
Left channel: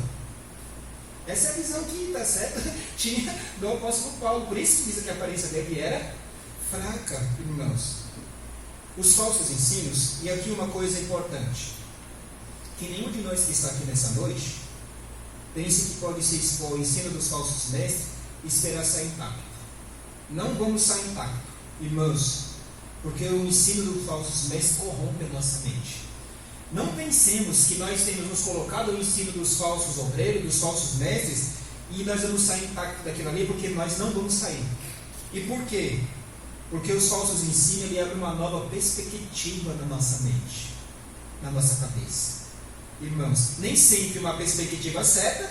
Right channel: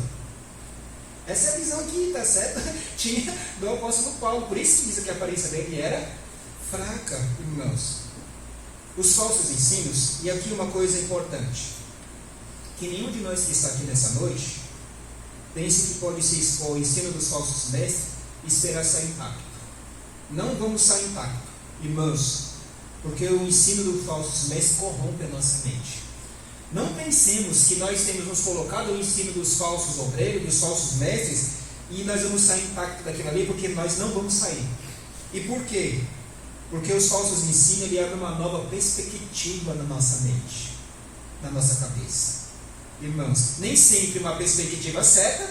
Essa é a visão que, está certo, tinha do apóstolo Paulo, por isso que diz que a aparência dele era fraca, irmãos. Os falsos ensinos, e aqui uma coisa importante, que nenhum de nós que está aqui nessa noite pense que pode se expor ao ensino dos falsos mestres e esperar sair intacto. Não vamos sair intacto, irmãos, porque o ensino dos falsos mestres corrompe a nossa mente. Não pensemos que nós temos nos colocado no ensino dos falsos obreiros, dos falsos mestres, e nós vamos sair intacto daquilo ali, porque nós não vamos sair. E por quê? Porque os falsos ensinos, ele abre uma nova perspectiva na nossa mente, na nossa cabeça. Irmãos, nem sempre uma perspectiva certa,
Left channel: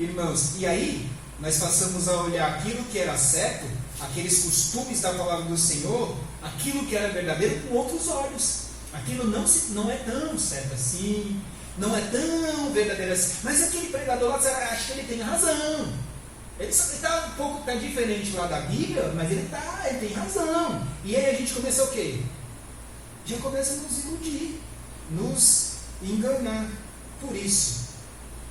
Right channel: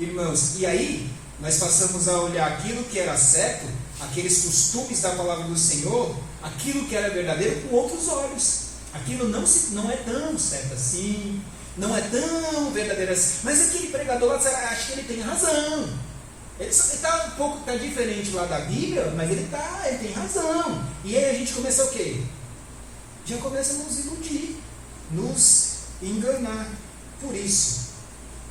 irmãos, e aí nós passamos a olhar aquilo que era certo, aqueles costumes da palavra do Senhor, aquilo que era verdadeiro com outros olhos. Aquilo não é tão certo assim, não é tão verdadeiro assim, mas aquele pregador lá, acho que ele tem razão. Ele está um pouco diferente lá da Bíblia, mas ele tem razão. E aí a gente começa o quê? Já começa a nos iludir, nos enganar. Por isso,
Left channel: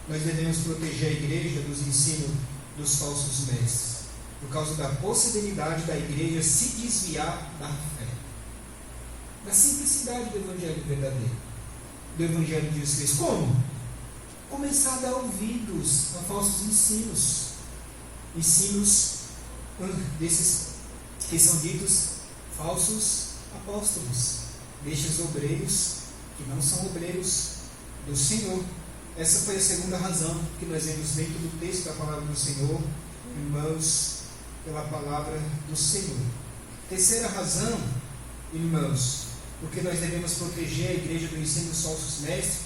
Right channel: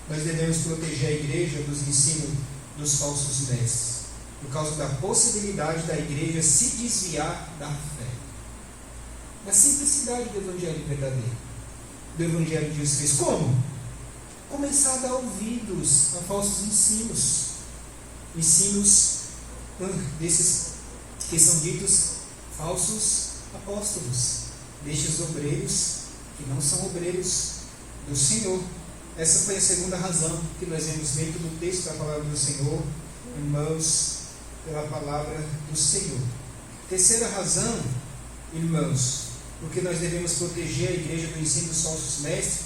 nós devemos proteger a igreja dos ensinos dos falsos mestres, por causa da possibilidade da igreja se desviar da fé, da simplicidade do evangelho verdadeiro, do evangelho de Jesus Cristo. Como? Começar a dar ouvidos a falsos ensinos desses que são ditos falsos apóstolos, destes obreiros que não são obreiros do Senhor. Essa foi a segunda razão que nós vemos dentro do texto da palavra do Senhor, irmãos, pela palavra do Senhor. Terceira razão, irmãos, porque nós devemos proteger a igreja do ensino dos falsos mestres,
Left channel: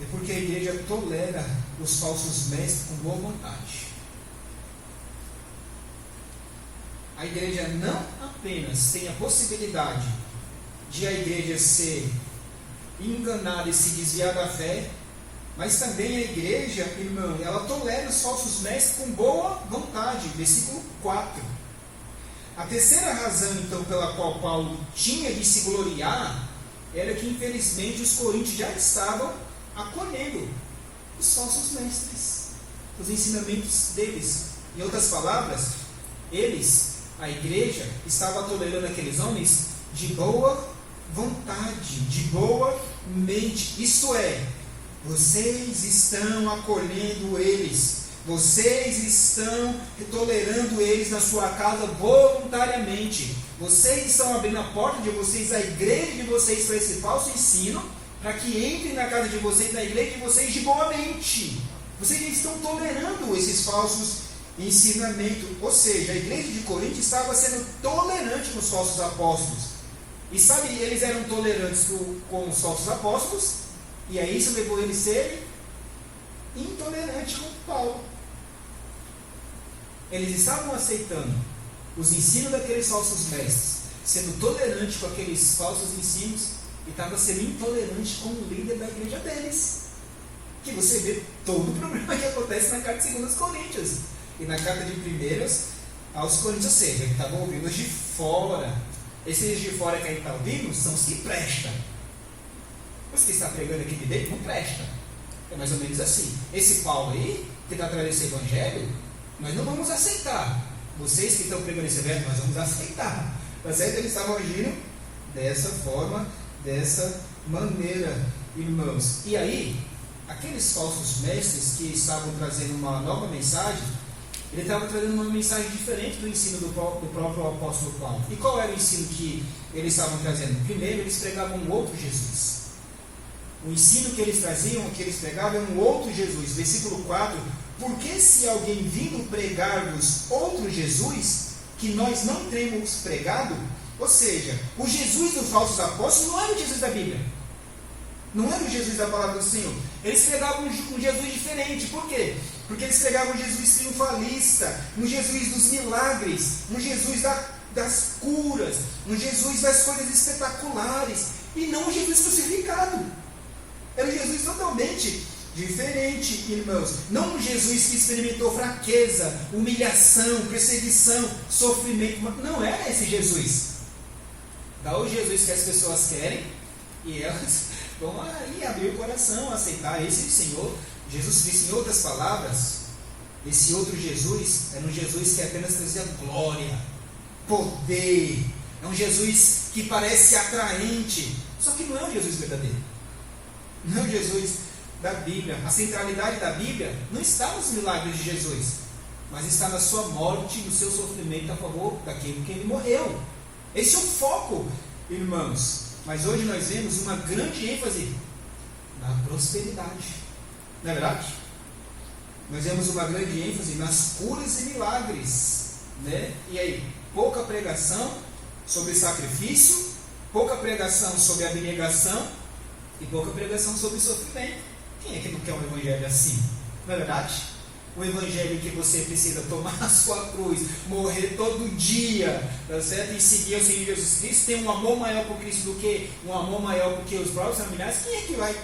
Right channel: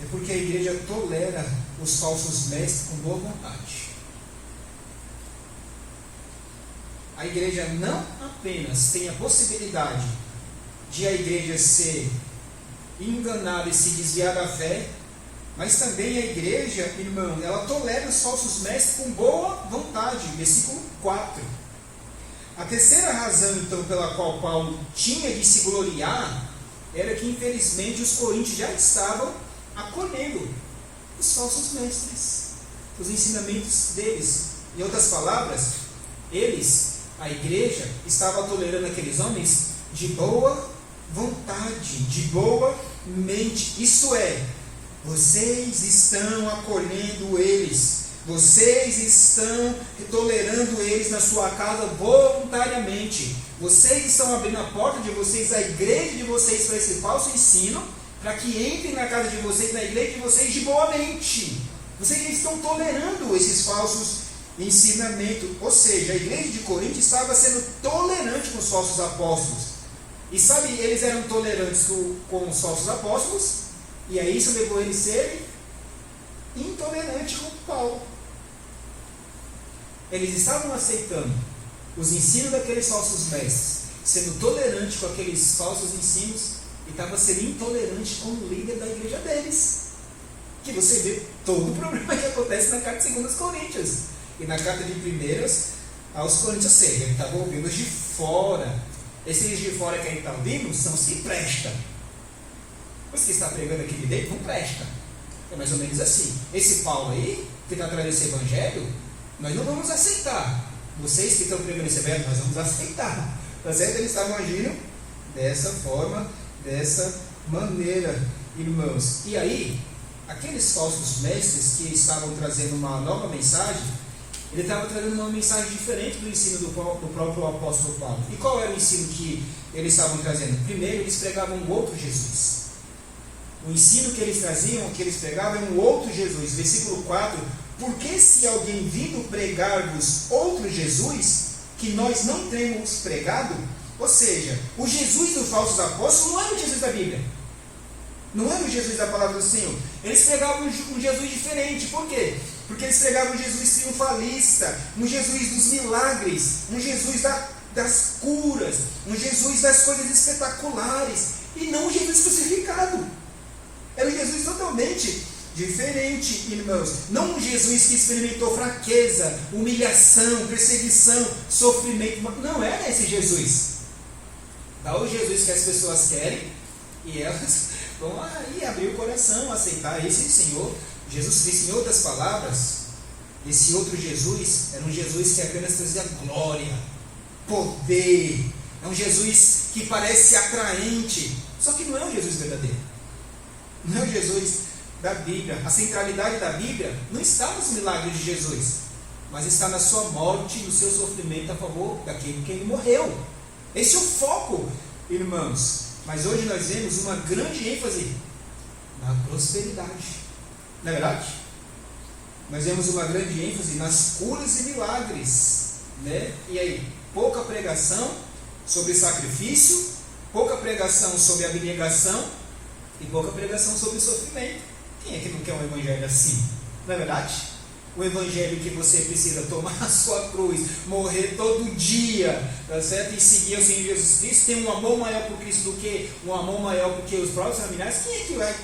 é porque a igreja tolera os falsos mestres com boa vontade. A igreja não apenas tem a possibilidade de a igreja ser enganada e se desviar da fé, mas também a igreja, irmão, ela tolera os falsos mestres com boa vontade. Versículo 4. A terceira razão, então, pela qual Paulo tinha de se gloriar, era que, infelizmente, os coríntios já estavam acolhendo os falsos mestres, os ensinamentos deles. Em outras palavras, a igreja, estava tolerando aqueles homens de boa vontade, de boa mente. Isto é, vocês estão acolhendo eles, vocês estão tolerando eles na sua casa voluntariamente, vocês estão abrindo a porta de vocês, a igreja de vocês, para esse falso ensino, para que entrem na casa de vocês, na igreja de vocês de boa mente. Vocês estão tolerando esses falsos ensinamentos. Ou seja, a igreja de Corinto estava sendo tolerante com os falsos apóstolos. E sabe, eles eram tolerantes com os falsos apóstolos, e aí isso levou eles a serem intolerantes com Paulo. Eles estavam aceitando os ensinos daqueles falsos mestres, sendo tolerantes com aqueles falsos ensinos, e estavam sendo intolerantes com o líder da igreja deles. Que você vê todo o problema que acontece na carta de 2 Coríntios e na carta de 1 aos Coríntios. Ou seja, ele estava ouvindo os de fora. Esses de fora que a gente está ouvindo são os que prestam. Os que está pregando aqui de dentro não presta. É mais ou menos assim. Esse Paulo aí, que está trazendo esse evangelho, nós não vamos aceitar. Vocês que estão pregando esse evangelho, nós vamos aceitar. Tá certo? Eles estavam agindo dessa forma, dessa maneira, irmãos. E aí, aqueles falsos mestres que estavam trazendo uma nova mensagem, ele estava trazendo uma mensagem diferente do ensino do próprio apóstolo Paulo. E qual era o ensino que eles estavam trazendo? Primeiro, eles pregavam um outro Jesus. O ensino que eles traziam, que eles pregavam, é um outro Jesus. Versículo 4: porque se alguém vindo pregar-vos outro Jesus, que nós não temos pregado, ou seja, o Jesus dos falsos apóstolos não era o Jesus da Bíblia. Não era o Jesus da palavra do Senhor. Eles pregavam um Jesus diferente. Por quê? Porque eles pregavam um Jesus triunfalista, um Jesus dos milagres, um Jesus das curas, um Jesus das coisas espetaculares, e não um Jesus crucificado. Era um Jesus totalmente diferente, irmãos. Não um Jesus que experimentou fraqueza, humilhação, perseguição, sofrimento. Não era esse Jesus. Dá o Jesus que as pessoas querem e elas vão aí abrir o coração, aceitar esse Senhor Jesus Cristo. Em outras palavras, esse outro Jesus era um Jesus que apenas trazia glória, poder. É um Jesus que parece atraente, só que não é o Jesus verdadeiro. Não é o Jesus da Bíblia. A centralidade da Bíblia não está nos milagres de Jesus, mas está na sua morte, no seu sofrimento a favor daquele que ele morreu. Esse é o foco, irmãos. Mas hoje nós vemos uma grande ênfase na prosperidade. Não é verdade? Nós vemos uma grande ênfase nas curas e milagres, né? E aí, pouca pregação sobre sacrifício, pouca pregação sobre abnegação e pouca pregação sobre sofrimento. Quem é que não quer um evangelho assim? Não é verdade? Um evangelho que você precisa tomar a sua cruz, morrer todo dia, tá certo? E seguir o Senhor Jesus Cristo, tem um amor maior por Cristo do que um amor maior por que os próprios familiares. Quem é que vai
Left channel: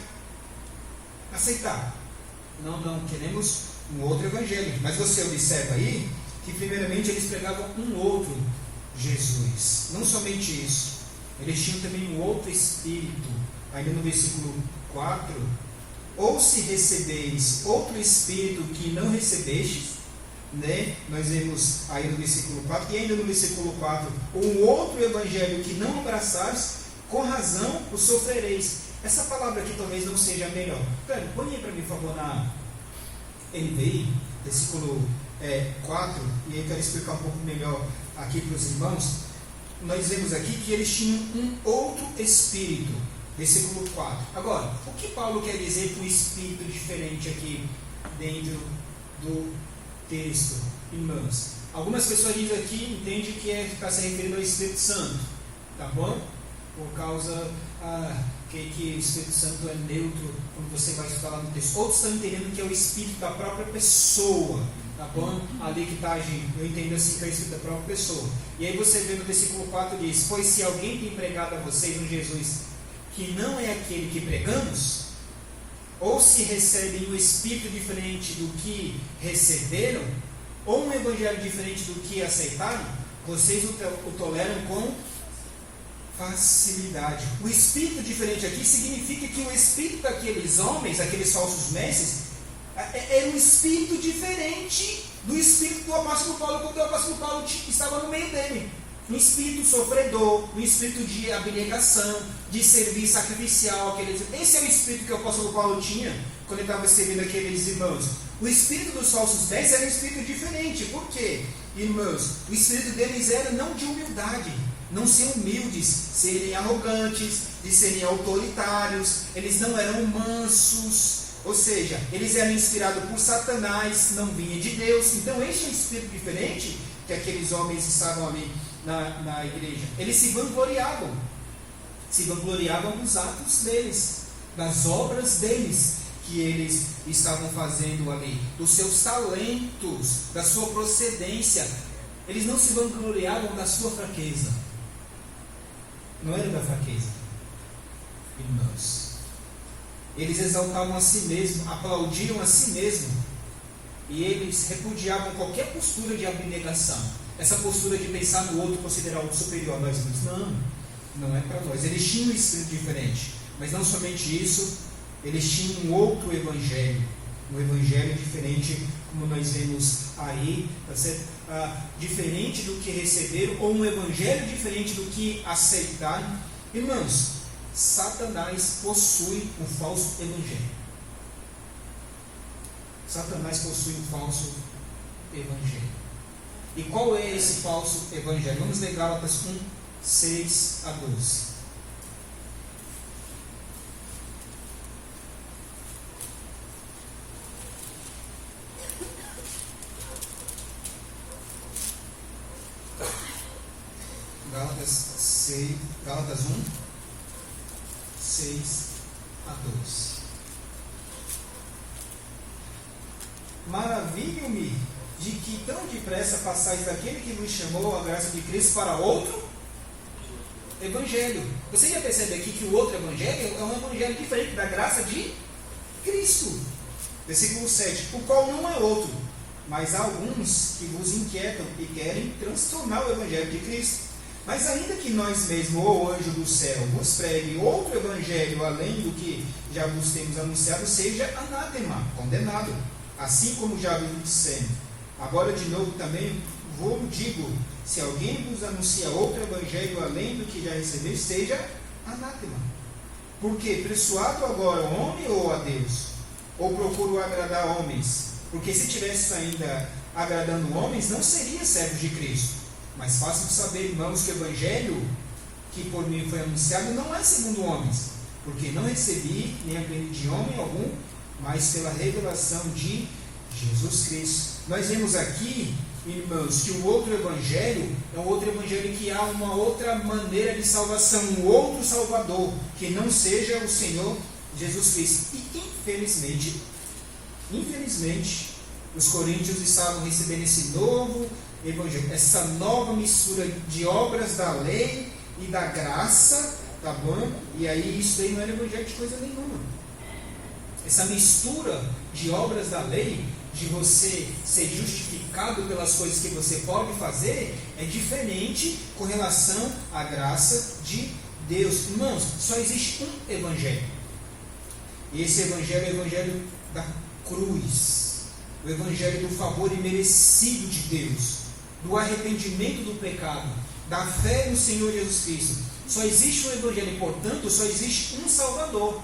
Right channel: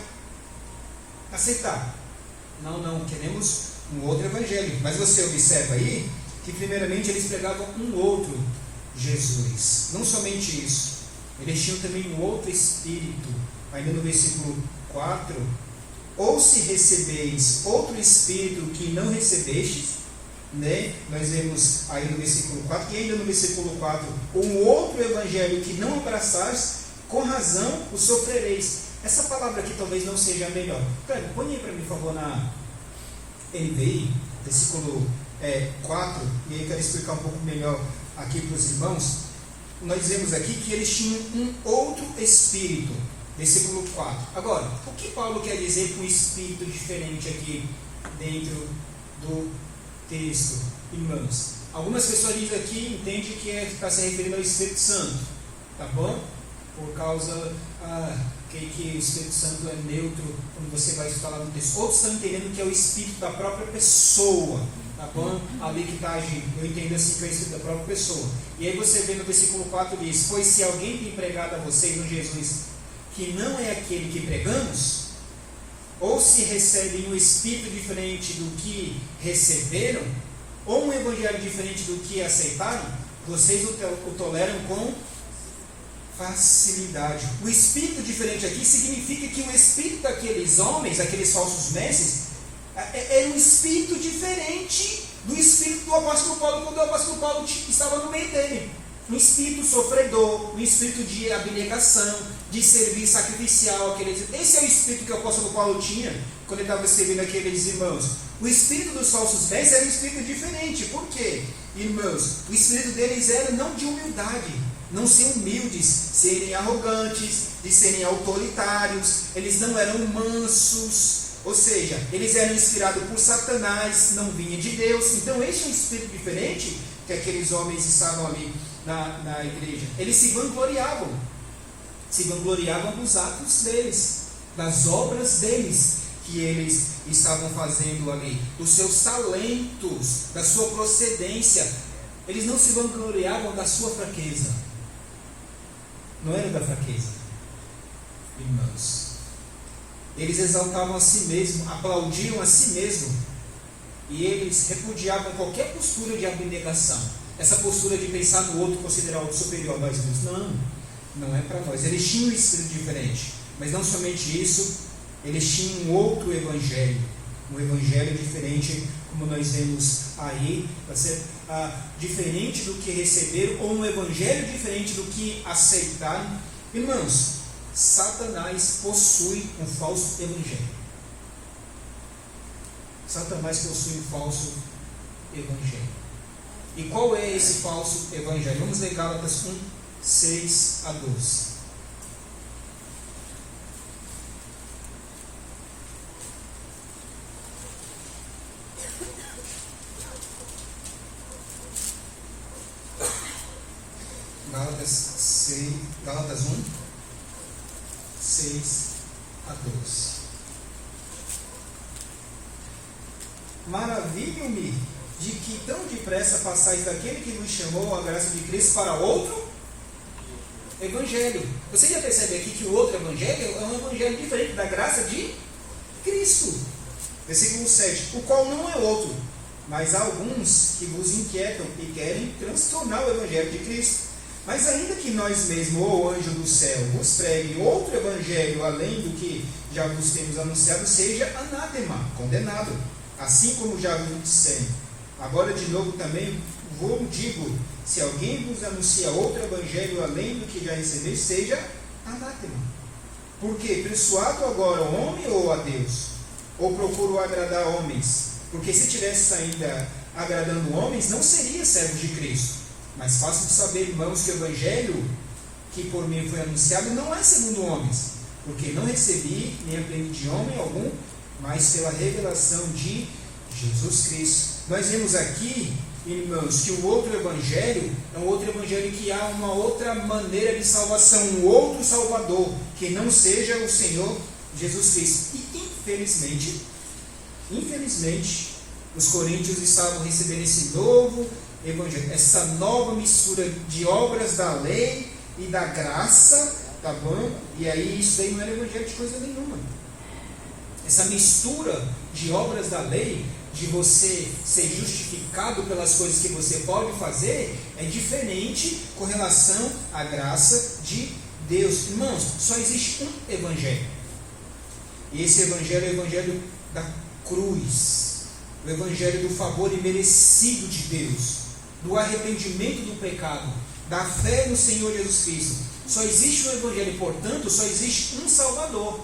aceitar? Não, queremos um outro evangelho. Mas você observa aí que primeiramente eles pregavam um outro Jesus. Não somente isso, eles tinham também um outro Espírito. Ainda no versículo 4: ou se recebeis outro Espírito que não recebestes, né? Nós vemos aí no versículo 4, e ainda no versículo 4, um outro evangelho que não abraçares, com razão o sofrereis. Essa palavra aqui talvez não seja a melhor. Põe aí para mim, por favor, na NVI, versículo 4, e eu quero explicar um pouco melhor aqui para os irmãos. Nós vemos aqui que eles tinham um outro Espírito. Versículo 4. Agora, o que Paulo quer dizer com espírito diferente aqui dentro do texto, irmãos? Algumas pessoas dizem aqui, entendem que está se referindo ao Espírito Santo, tá bom? Por causa que o Espírito Santo é neutro quando você vai falar no texto. Outros estão entendendo que é o Espírito da própria pessoa, tá bom? Ali que está agindo. Eu entendo assim que é o Espírito da própria pessoa. E aí você vê no versículo 4 diz: pois se alguém tem pregado a vocês um Jesus que não é aquele que pregamos, ou se recebem um espírito diferente do que receberam, ou um evangelho diferente do que aceitaram, vocês o toleram com facilidade. O espírito diferente aqui significa que o espírito daqueles homens, aqueles falsos mestres, era um espírito diferente do espírito do apóstolo Paulo, quando o apóstolo Paulo estava no meio dele. Um espírito sofredor, um espírito de abnegação, de serviço sacrificial. Esse é o espírito que o apóstolo Paulo tinha quando ele estava servindo aqueles irmãos. O espírito dos falsos mestres era um espírito diferente. Por quê, irmãos? O espírito deles era não de humildade, não ser humildes, serem arrogantes, de serem autoritários. Eles não eram mansos, ou seja, eles eram inspirados por Satanás, não vinha de Deus. Então esse é um espírito diferente que aqueles homens estavam ali na igreja. Eles se vangloriavam dos atos deles, das obras deles que eles estavam fazendo ali, dos seus talentos, da sua procedência. Eles não se vangloriavam da sua fraqueza. Não era da fraqueza, irmãos. Eles exaltavam a si mesmos, aplaudiam a si mesmos, e eles repudiavam qualquer postura de abnegação. Essa postura de pensar no outro, considerar o outro superior a nós mesmos. Não é para nós. Eles tinham um espírito diferente. Mas não somente isso, Eles tinham um outro evangelho, um evangelho diferente, como nós vemos aí, tá certo? Diferente do que receberam, ou um evangelho diferente do que aceitaram. Irmãos, Satanás possui um falso evangelho. Satanás possui um falso evangelho. E qual é esse falso evangelho? Vamos ler Gálatas 1, 6 a 12. Gálatas 1, 6 a 12. Maravilho-me de que tão depressa passais daquele que nos chamou a graça de Cristo para outro evangelho. Você já percebe aqui que o outro evangelho é um evangelho diferente da graça de Cristo. Versículo 7. O qual não é outro, mas há alguns que vos inquietam e querem transtornar o evangelho de Cristo. Mas ainda que nós mesmos, ou o anjo do céu, vos pregue outro evangelho além do que já vos temos anunciado, seja anátema, condenado, assim como já vos dissemos. Agora de novo também vos digo, se alguém vos anuncia outro evangelho além do que já recebeu, seja anátema. Porque persuado agora o homem ou a Deus? Ou procuro agradar homens? Porque se tivesse ainda agradando homens, não seria servo de Cristo. Mas faço saber, irmãos, que o evangelho que por mim foi anunciado não é segundo homens, porque não recebi nem aprendi de homem algum, mas pela revelação de Jesus Cristo. Nós vemos aqui, irmãos, que o outro evangelho é um outro evangelho que há uma outra maneira de salvação, um outro Salvador, que não seja o Senhor Jesus Cristo. E infelizmente, os coríntios estavam recebendo esse novo evangelho, essa nova mistura de obras da lei e da graça, tá bom? E aí isso daí não era evangelho de coisa nenhuma. Essa mistura de obras da lei, de você ser justificado pelas coisas que você pode fazer, é diferente com relação à graça de Deus. Irmãos, só existe um evangelho. E esse evangelho é o evangelho da cruz, o evangelho do favor imerecido de Deus, do arrependimento do pecado, da fé no Senhor Jesus Cristo. Só existe um evangelho, portanto, só existe um Salvador,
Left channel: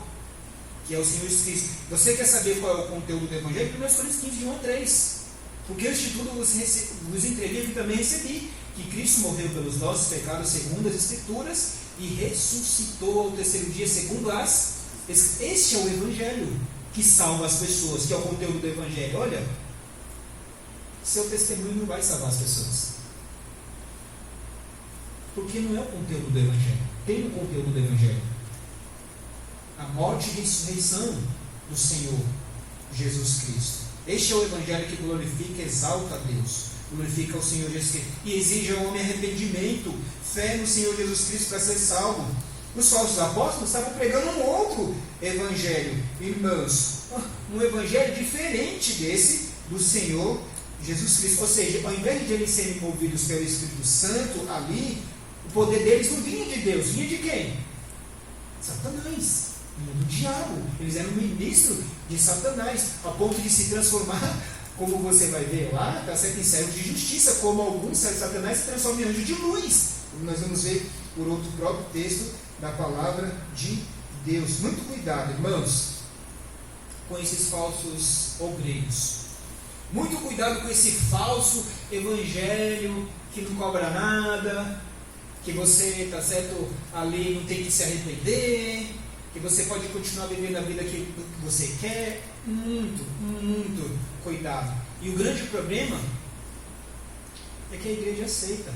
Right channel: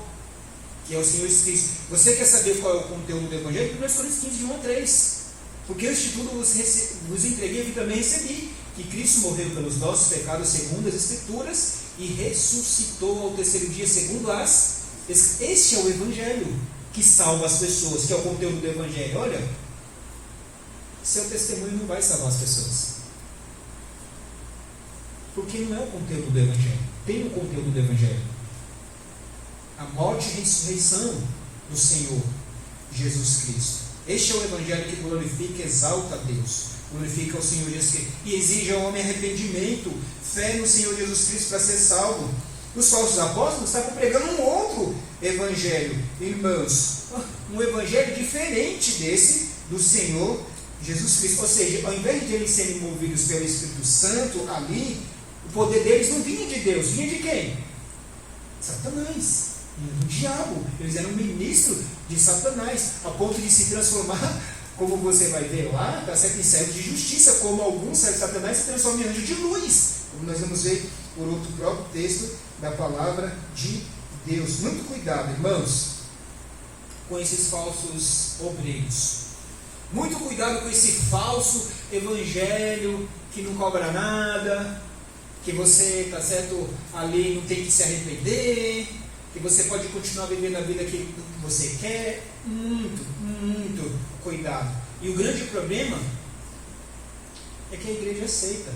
que é o Senhor Jesus Cristo. Você quer saber qual é o conteúdo do evangelho? 1 Coríntios 15, de 1 a 3. Porque este tudo vos entreguei e também recebi, que Cristo morreu pelos nossos pecados segundo as Escrituras e ressuscitou ao terceiro dia segundo as... Este é o evangelho que salva as pessoas, que é o conteúdo do evangelho. Olha, seu testemunho não vai salvar as pessoas, porque não é o conteúdo do evangelho. Tem o conteúdo do evangelho: a morte e ressurreição do Senhor Jesus Cristo. Este é o evangelho que glorifica e exalta a Deus, glorifica o Senhor Jesus Cristo e exige ao homem arrependimento, fé no Senhor Jesus Cristo para ser salvo. Os falsos apóstolos estavam pregando um outro evangelho, irmãos, um evangelho diferente desse do Senhor Jesus Cristo. Ou seja, ao invés de eles serem movidos pelo Espírito Santo ali, o poder deles não vinha de Deus, vinha de quem? Satanás, vinha do diabo. Eles eram ministros de Satanás, a ponto de se transformar, como você vai ver lá, está certo, em servos de justiça, como alguns servos de Satanás se transformam em anjos de luz, como nós vamos ver por outro próprio texto da palavra de Deus. Muito cuidado, irmãos, com esses falsos obreiros. Muito cuidado com esse falso evangelho que não cobra nada, que você, está certo, ali não tem que se arrepender, que você pode continuar vivendo a vida que você quer. Muito cuidado. E o grande problema é que a igreja aceita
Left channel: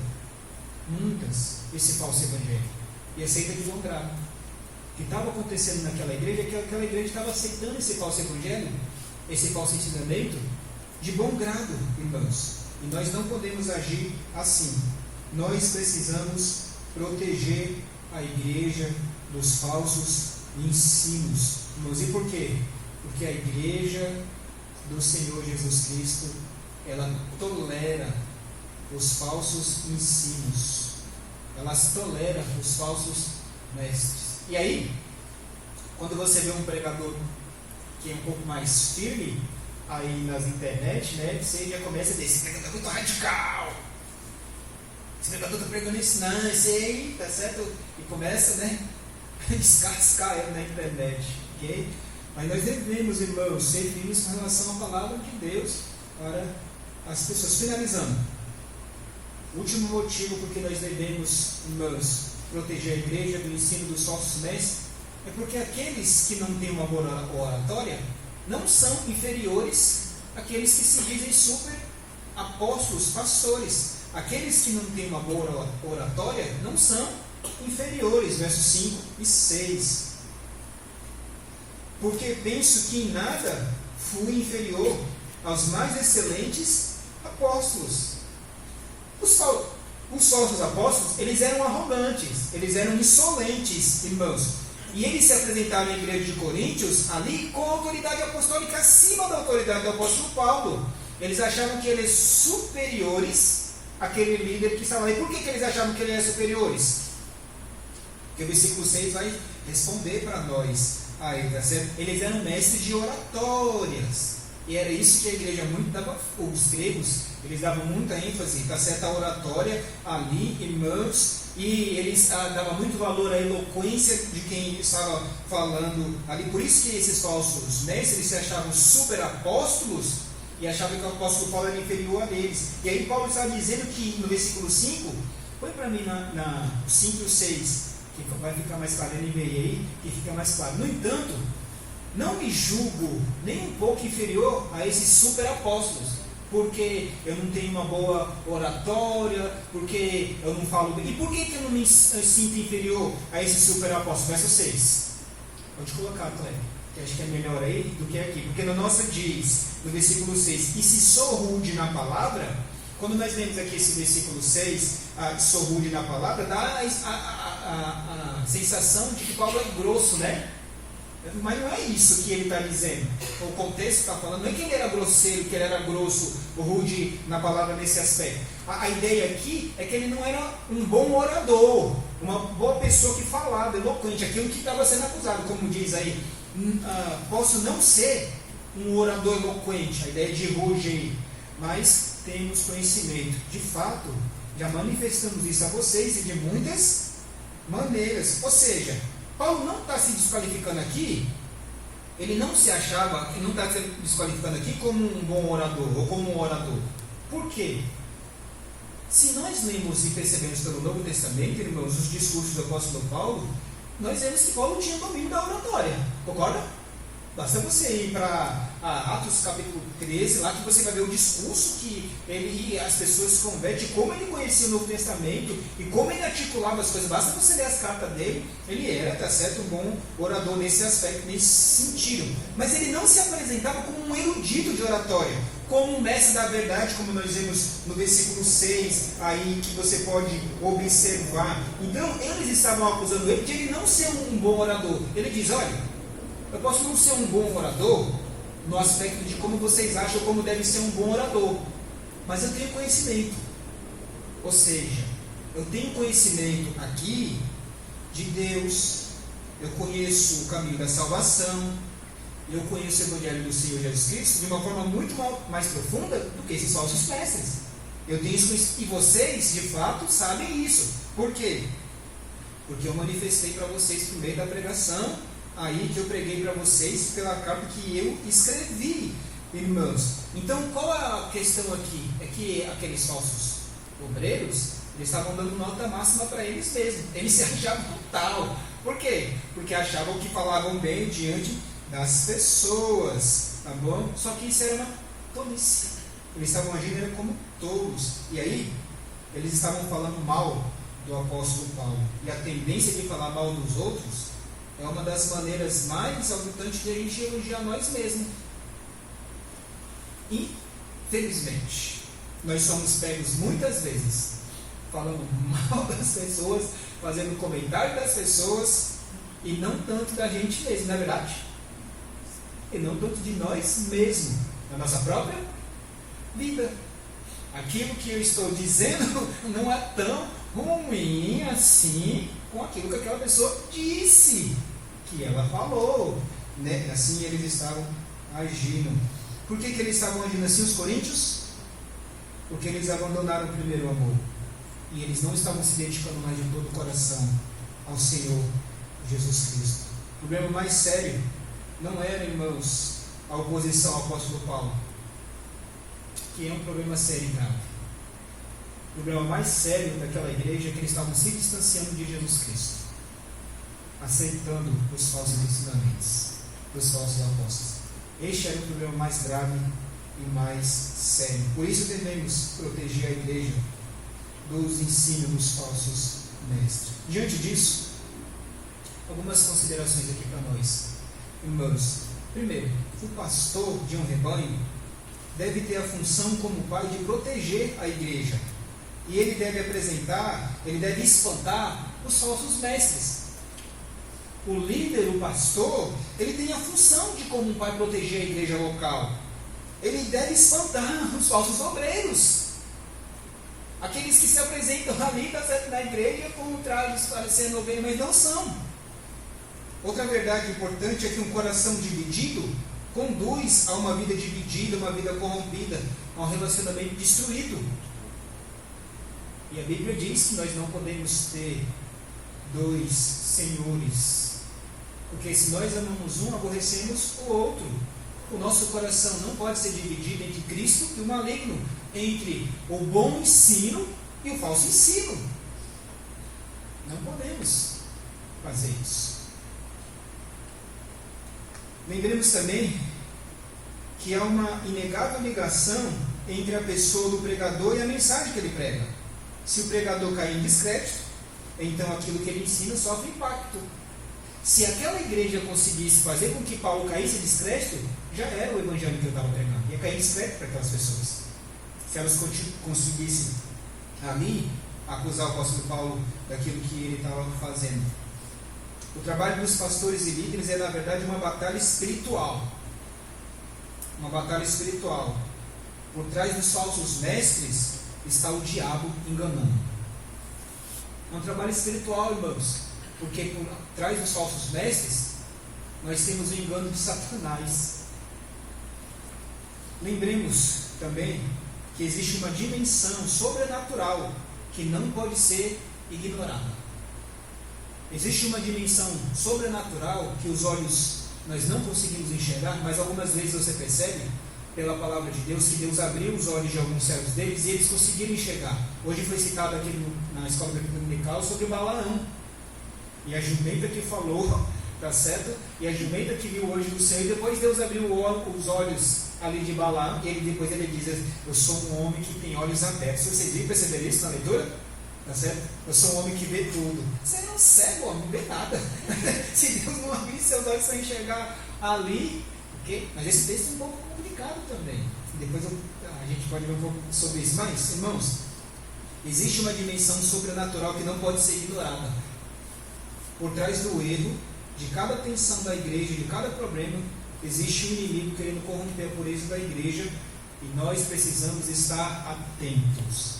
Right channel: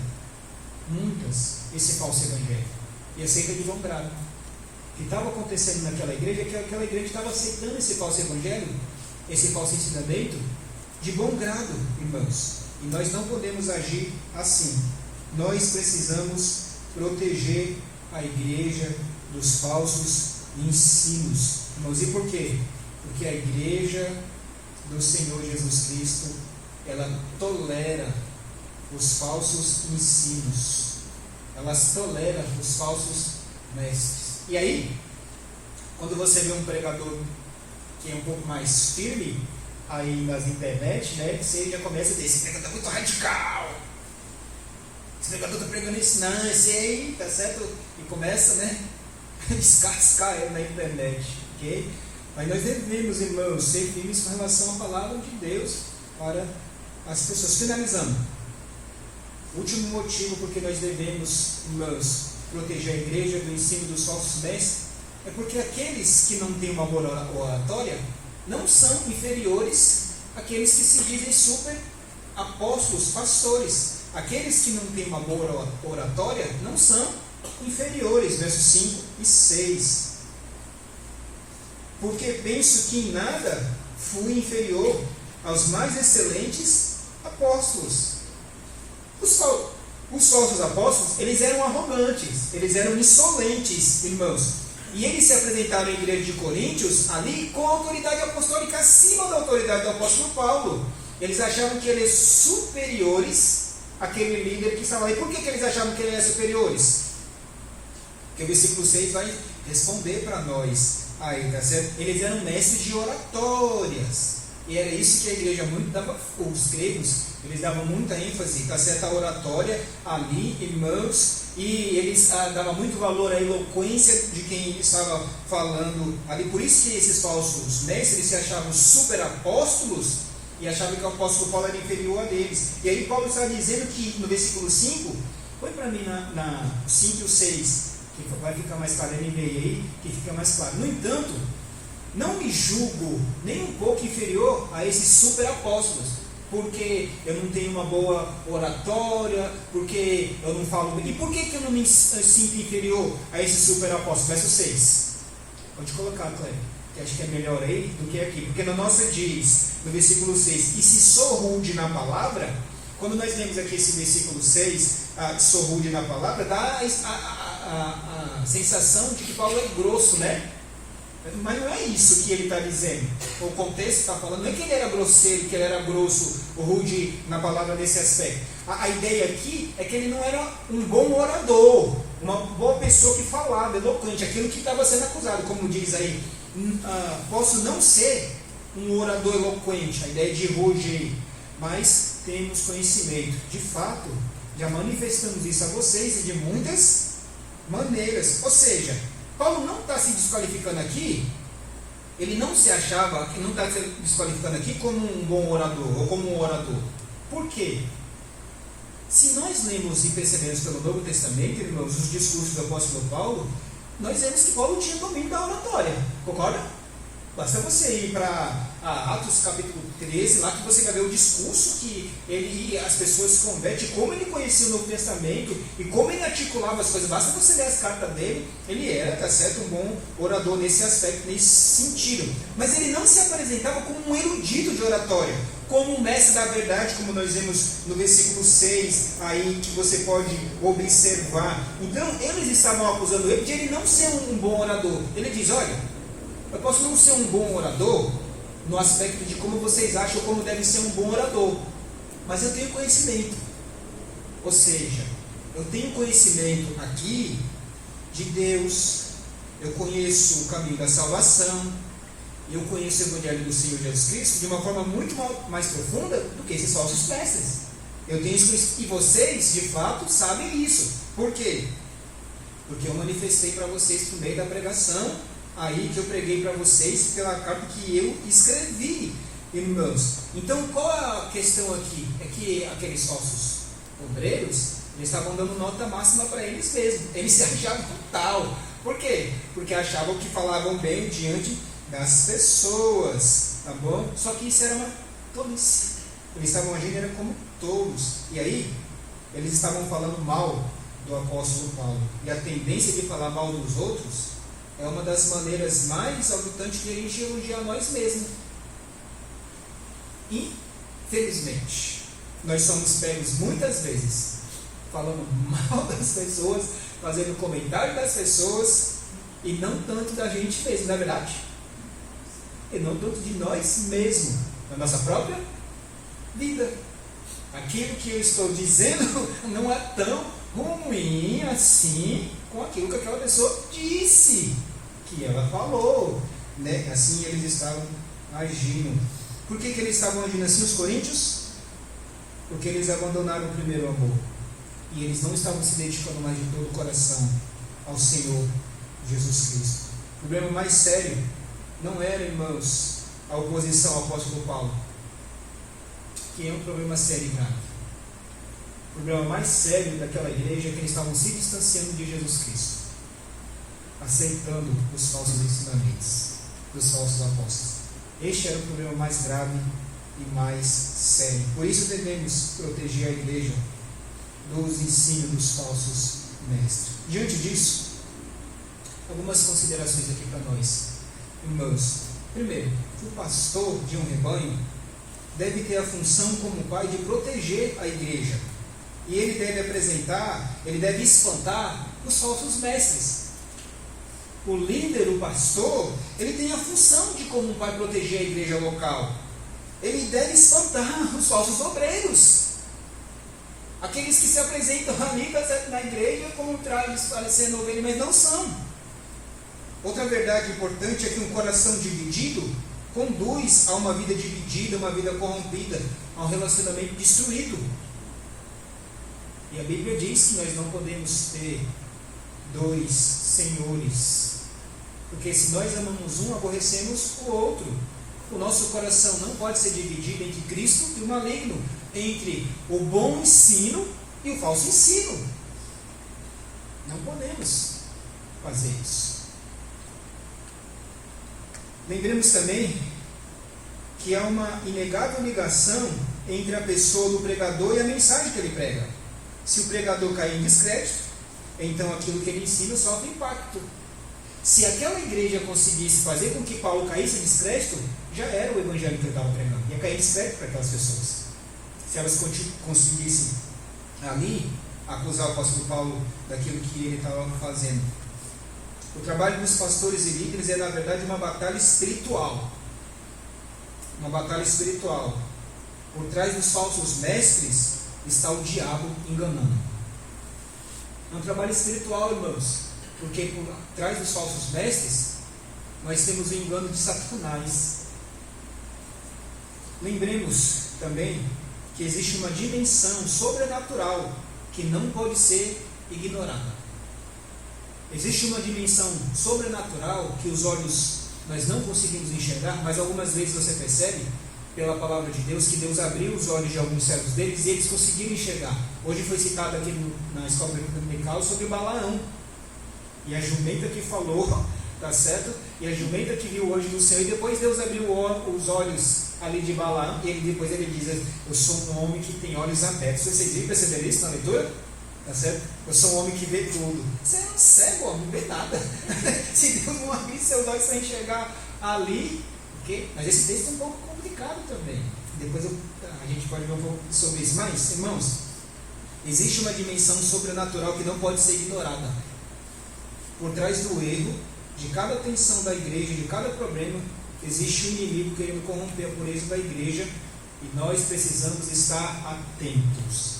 muitas esse falso evangelho, e aceita de bom grado. O que estava acontecendo naquela igreja é que aquela igreja estava aceitando esse falso evangelho, esse falso ensinamento, de bom grado, irmãos. E nós não podemos agir assim. Nós precisamos proteger a igreja dos falsos ensinos, irmãos. E por quê? Porque a igreja do Senhor Jesus Cristo, ela tolera os falsos ensinos, elas toleram os falsos mestres. E aí, quando você vê um pregador que é um pouco mais firme aí nas internet, né, você já começa a dizer, esse pregador é muito radical, esse pregador está pregando isso, não, esse aí, tá certo? E começa, né, a descascar ele na internet, ok? Mas nós devemos, irmãos, ser firmes com relação à palavra de Deus para as pessoas. Finalizando, o último motivo porque nós devemos, irmãos, proteger a igreja do ensino dos falsos mestres é porque aqueles que não têm uma boa oratória não são inferiores àqueles que se dizem super apóstolos, pastores. Aqueles que não têm uma boa oratória não são inferiores, versos 5 e 6. Porque penso que em nada fui inferior aos mais excelentes apóstolos. Os falsos apóstolos, eles eram arrogantes, eles eram insolentes, irmãos. E eles se apresentaram à igreja de Coríntios ali com a autoridade apostólica acima da autoridade do apóstolo Paulo. Eles achavam que eles superiores àquele líder que estava ali. Por que eles achavam que eles eram superiores? Porque o versículo 6 vai responder para nós aí, tá certo? Eles eram mestres de oratórias. E era isso que a igreja muito dava, os gregos, eles davam muita ênfase, tá certo? A oratória ali, irmãos, e eles davam muito valor à eloquência de quem estava falando ali. Por isso que esses falsos mestres se achavam super apóstolos e achavam que o apóstolo Paulo era inferior a eles. E aí Paulo está dizendo que no versículo 5, põe para mim na 5 e 6, que vai ficar mais claro, ele veio aí, que fica mais claro. No entanto, não me julgo nem um pouco inferior a esses super apóstolos, porque eu não tenho uma boa oratória, porque eu não falo bem. E por que eu não me sinto inferior a esses super apóstolos? Verso 6. Pode colocar, Cleber, que acho que é melhor aí do que aqui. Porque no nosso diz, no versículo 6, e se sou rude na palavra, quando nós vemos aqui esse versículo 6, sou rude na palavra, dá a sensação de que Paulo é grosso, né? Mas não é isso que ele está dizendo. O contexto está falando, não é que ele era grosseiro, que ele era grosso, rude na palavra nesse aspecto. A ideia aqui é que ele não era um bom orador, uma boa pessoa que falava, eloquente, aquilo que estava sendo acusado, como diz aí. Posso não ser um orador eloquente, a ideia de ruge, mas temos conhecimento. De fato, já manifestamos isso a vocês e de muitas maneiras. Ou seja, Paulo não está se desqualificando aqui, ele não se achava, ele não está se desqualificando aqui como um bom orador, ou como um orador. Por quê? Se nós lemos e percebemos pelo Novo Testamento, irmãos, os discursos do apóstolo Paulo, nós vemos que Paulo tinha domínio da oratória, concorda? Basta você ir para Atos capítulo 13, lá que você vai ver o discurso que ele e as pessoas se convertem, como ele conhecia o Novo Testamento e como ele articulava as coisas. Basta você ler as cartas dele, ele era, tá certo, um bom orador nesse aspecto, nesse sentido. Mas ele não se apresentava como um erudito de oratória, como um mestre da verdade, como nós vemos no versículo 6, aí que você pode observar. Então, eles estavam acusando ele de ele não ser um bom orador. Ele diz, olha, eu posso não ser um bom orador no aspecto de como vocês acham como deve ser um bom orador, mas eu tenho conhecimento. Ou seja, eu tenho conhecimento aqui de Deus, eu conheço o caminho da salvação, eu conheço o Evangelho do Senhor Jesus Cristo de uma forma muito mais profunda do que esses falsos mestres. Eu tenho isso, e vocês, de fato, sabem isso. Por quê? Porque eu manifestei para vocês por meio da pregação aí que eu preguei para vocês pela carta que eu escrevi, irmãos. Então, qual é a questão aqui? É que aqueles falsos obreiros, eles estavam dando nota máxima para eles mesmos. Eles se achavam tal. Por quê? Porque achavam que falavam bem diante das pessoas, tá bom? Só que isso era uma tolice. Eles estavam agindo como tolos. E aí, eles estavam falando mal do apóstolo Paulo. E a tendência de falar mal dos outros é uma das maneiras mais exaltantes de a gente elogiar nós mesmos. Infelizmente, nós somos pegos muitas vezes falando mal das pessoas, fazendo comentário das pessoas, e não tanto da gente mesmo, não é verdade? E não tanto de nós mesmos, da nossa própria vida. Aquilo que eu estou dizendo não é tão ruim assim com aquilo que aquela pessoa disse que ela falou, né? Assim eles estavam agindo. Por que eles estavam agindo assim, os coríntios? Porque eles abandonaram o primeiro amor. E eles não estavam se dedicando mais de todo o coração ao Senhor Jesus Cristo. O problema mais sério não era, irmãos, a oposição ao apóstolo Paulo, que é um problema sério e grave. O problema mais sério daquela igreja é que eles estavam se distanciando de Jesus Cristo, aceitando os falsos ensinamentos dos falsos apóstolos. Este era o problema mais grave e mais sério. Por isso devemos proteger a igreja dos ensinos dos falsos mestres. Diante disso, algumas considerações aqui para nós, irmãos. Primeiro, o pastor de um rebanho deve ter a função como pai de proteger a igreja. E ele deve espantar os falsos mestres. O líder, o pastor, ele tem a função de, como pai, proteger a igreja local. Ele deve espantar os falsos obreiros. Aqueles que se apresentam ali na igreja como parecendo ovelha, mas não são. Outra verdade importante é que um coração dividido conduz a uma vida dividida, uma vida corrompida, a um relacionamento destruído. E a Bíblia diz que nós não podemos ter dois senhores, porque se nós amamos um, aborrecemos o outro. O nosso coração não pode ser dividido entre Cristo e o maligno, entre o bom ensino e o falso ensino. Não podemos fazer isso. Lembremos também que há uma inegável ligação entre a pessoa do pregador e a mensagem que ele prega. Se o pregador cair em descrédito, então aquilo que ele ensina sofre impacto. Se aquela igreja conseguisse fazer com que Paulo caísse em descrédito, já era o evangelho que ele estava pregando. Ia cair em descrédito para aquelas pessoas. Se elas conseguissem ali acusar o apóstolo Paulo daquilo que ele estava fazendo. O trabalho dos pastores e líderes é, na verdade, uma batalha espiritual. Uma batalha espiritual. Por trás dos falsos mestres está o diabo enganando. É um trabalho espiritual, irmãos, porque por trás dos falsos mestres nós temos o engano de Satanás. Lembremos também que existe uma dimensão sobrenatural que não pode ser ignorada. Existe uma dimensão sobrenatural que os olhos nós não conseguimos enxergar, mas algumas vezes você percebe pela palavra de Deus que Deus abriu os olhos de alguns servos deles e eles conseguiram enxergar. Hoje foi citado aqui na escola dominical sobre Balaão e a jumenta que falou, tá certo? E a jumenta que viu hoje no céu, e depois Deus abriu os olhos ali de Balaão e depois ele diz: eu sou um homem que tem olhos abertos. Vocês viram, perceberam isso na leitura? Tá certo? Eu sou um homem que vê tudo. Você é um cego, homem, não vê nada. Se Deus não abrir seus olhos para enxergar ali, okay? Mas esse texto é um pouco complicado também. Depois a gente pode ver um pouco sobre isso. Mas, irmãos, existe uma dimensão sobrenatural que não pode ser ignorada. Por trás do erro, de cada tensão da igreja, de cada problema, existe um inimigo querendo corromper a pureza da igreja e nós precisamos estar atentos.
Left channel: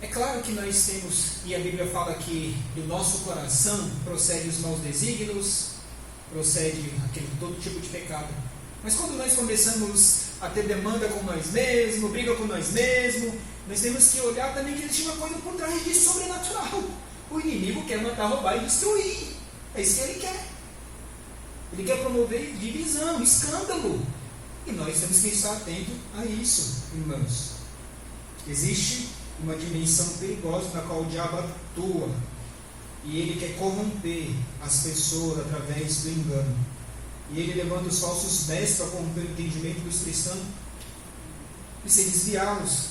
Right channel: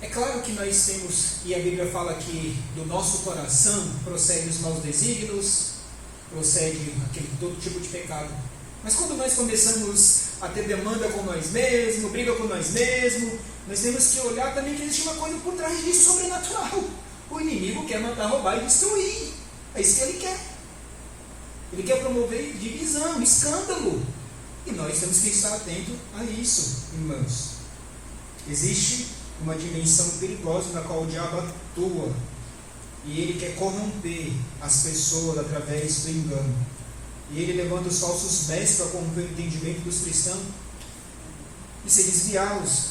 É claro que nós temos, e a Bíblia fala que do nosso coração procede os maus desígnios, procede todo tipo de pecado. Mas quando nós começamos a ter demanda com nós mesmos, briga com nós mesmos, nós temos que olhar também que existe uma coisa por trás disso sobrenatural. O inimigo quer matar, roubar e destruir. É isso que ele quer. Ele quer promover divisão, escândalo. E nós temos que estar atentos a isso, irmãos. Existe uma dimensão perigosa na qual o diabo atua. E ele quer corromper as pessoas através do engano. E ele levanta os falsos mestres para corromper o entendimento dos cristãos e se desviá-los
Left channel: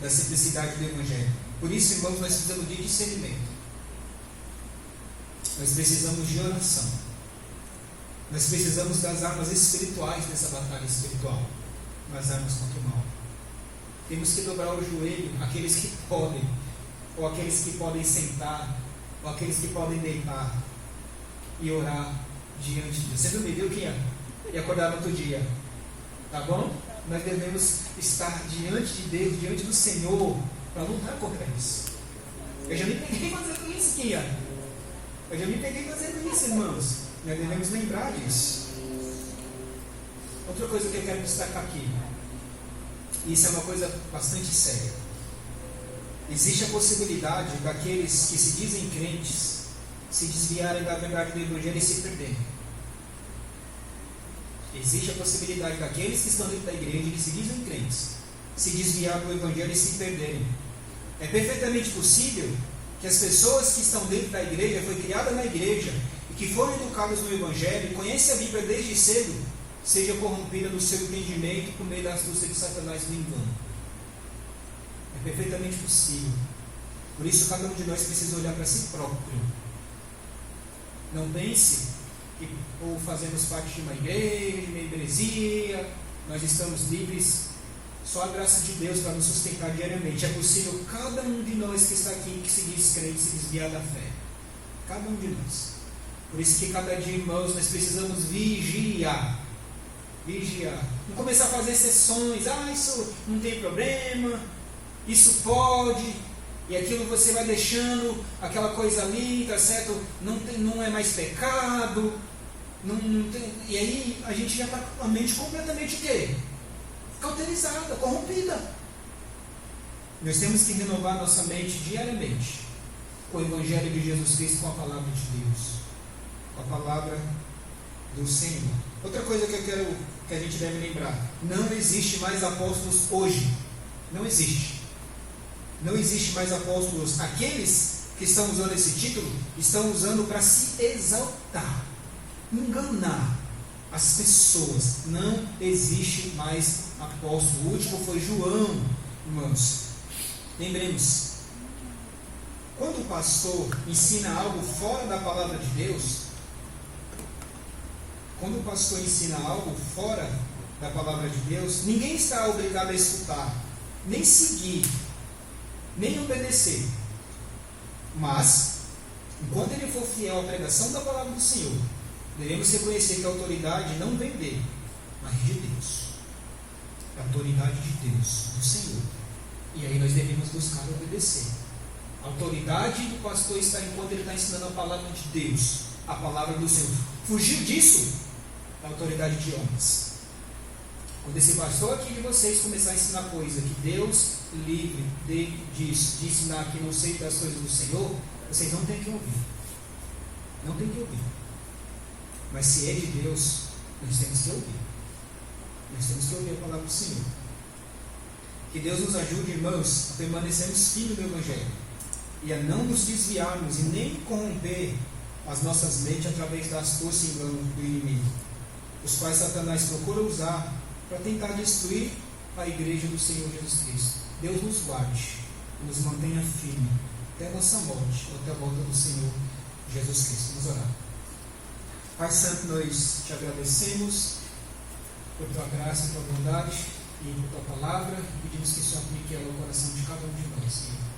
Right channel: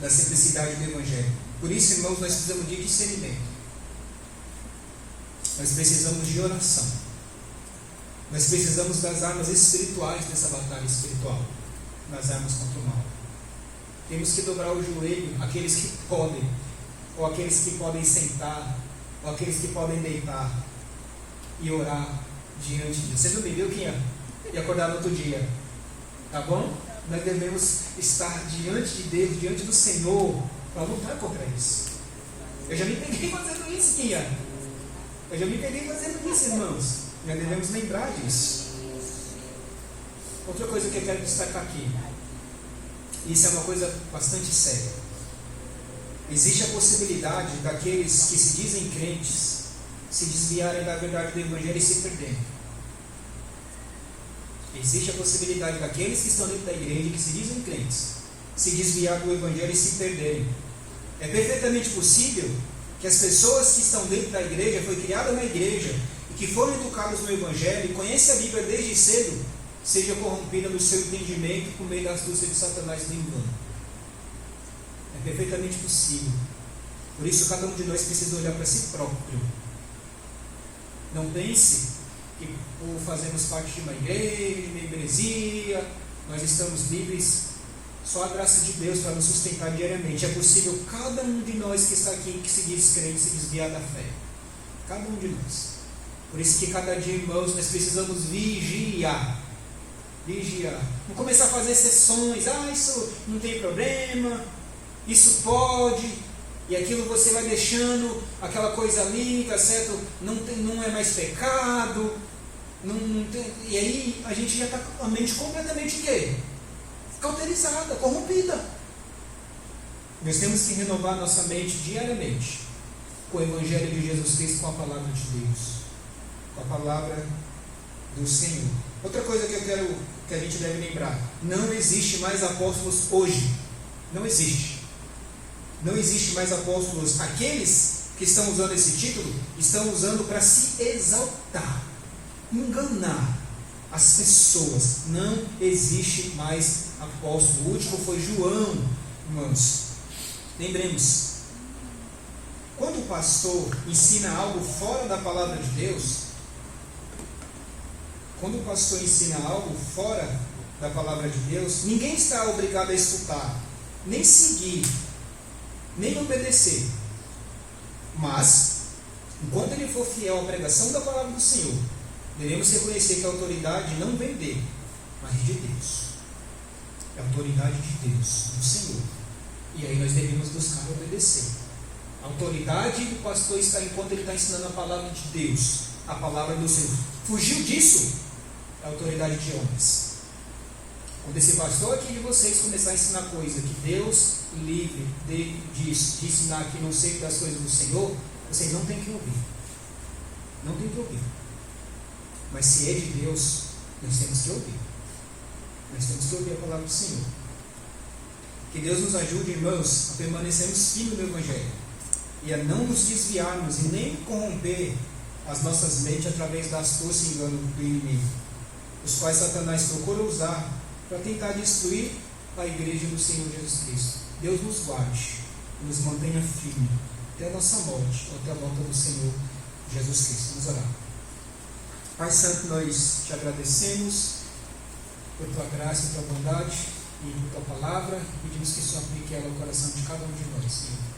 da simplicidade do Evangelho. Por isso, irmãos, nós precisamos de discernimento. Nós precisamos de oração. Nós precisamos das armas espirituais dessa batalha espiritual. Das armas contra o mal. Temos que dobrar o joelho, aqueles que podem, ou aqueles que podem sentar, ou aqueles que podem deitar e orar diante de Deus. Você não bebeu que ia acordar no outro dia, tá bom? Nós devemos estar diante de Deus, diante do Senhor, para lutar contra isso. Eu já me peguei fazendo isso, Kia. Eu já me peguei fazendo isso, irmãos. Nós devemos lembrar disso. Outra coisa que eu quero destacar aqui. Isso é uma coisa bastante séria. Existe a possibilidade daqueles que se dizem crentes se desviarem da verdade do Evangelho e se perderem. Existe a possibilidade daqueles que estão dentro da igreja, que se dizem crentes, se desviar do Evangelho e se perderem. É perfeitamente possível que as pessoas que estão dentro da igreja, foi criada na igreja, e que foram educadas no Evangelho, e conhecem a Bíblia desde cedo, seja corrompida no seu entendimento por meio das astúcia de Satanás do engano. É perfeitamente possível. Por isso, cada um de nós precisa olhar para si próprio. Não pense que ou fazemos parte de uma igreja, de uma igreja, nós estamos livres, só a graça de Deus para nos sustentar diariamente. É possível cada um de nós que está aqui, que se diz crente, se desviar da fé. Cada um de nós. Por isso que cada dia, irmãos, nós precisamos vigiar. Vigiar. Não começar a fazer sessões. Isso não tem problema. Isso pode. E aquilo você vai deixando aquela coisa ali, tá certo? Não é mais pecado. Não tem, e aí a gente já está com a mente completamente o quê? Cauterizada, corrompida. Nós temos que renovar nossa mente diariamente com o Evangelho de Jesus Cristo, com a palavra de Deus, com a palavra do Senhor. Outra coisa que eu quero que a gente deve lembrar: não existe mais apóstolos hoje. Não existe. Não existe mais apóstolos. Aqueles que estão usando esse título estão usando para se exaltar, enganar as pessoas. Não existe mais apóstolo. O último foi João, irmãos. Lembremos, quando o pastor ensina algo fora da palavra de Deus, quando o pastor ensina algo fora da palavra de Deus, ninguém está obrigado a escutar, nem seguir, nem obedecer. Mas, enquanto ele for fiel à pregação da palavra do Senhor, devemos reconhecer que a autoridade não vem dele, mas de Deus. É a autoridade de Deus, do Senhor. E aí nós devemos buscar obedecer. A autoridade do pastor está enquanto ele está ensinando a palavra de Deus, a palavra do Senhor. Fugiu disso, é a autoridade de homens. Quando esse pastor aqui de vocês começar a ensinar coisa que Deus livre de ensinar que não sei das coisas do Senhor, vocês não têm que ouvir. Não tem que ouvir. Mas se é de Deus, nós temos que ouvir. Nós temos que ouvir a palavra do Senhor. Que Deus nos ajude, irmãos, a permanecermos firmes no Evangelho e a não nos desviarmos e nem corromper as nossas mentes através da astúcia e engano do inimigo, os quais Satanás procura usar para tentar destruir a igreja do Senhor Jesus Cristo. Deus nos guarde e nos mantenha firme até a nossa morte, ou até a volta do Senhor Jesus Cristo. Vamos orar. Pai Santo, nós te agradecemos por tua graça e tua bondade e por tua palavra, e pedimos que o Senhor aplique ela no coração de cada um de nós, Senhor.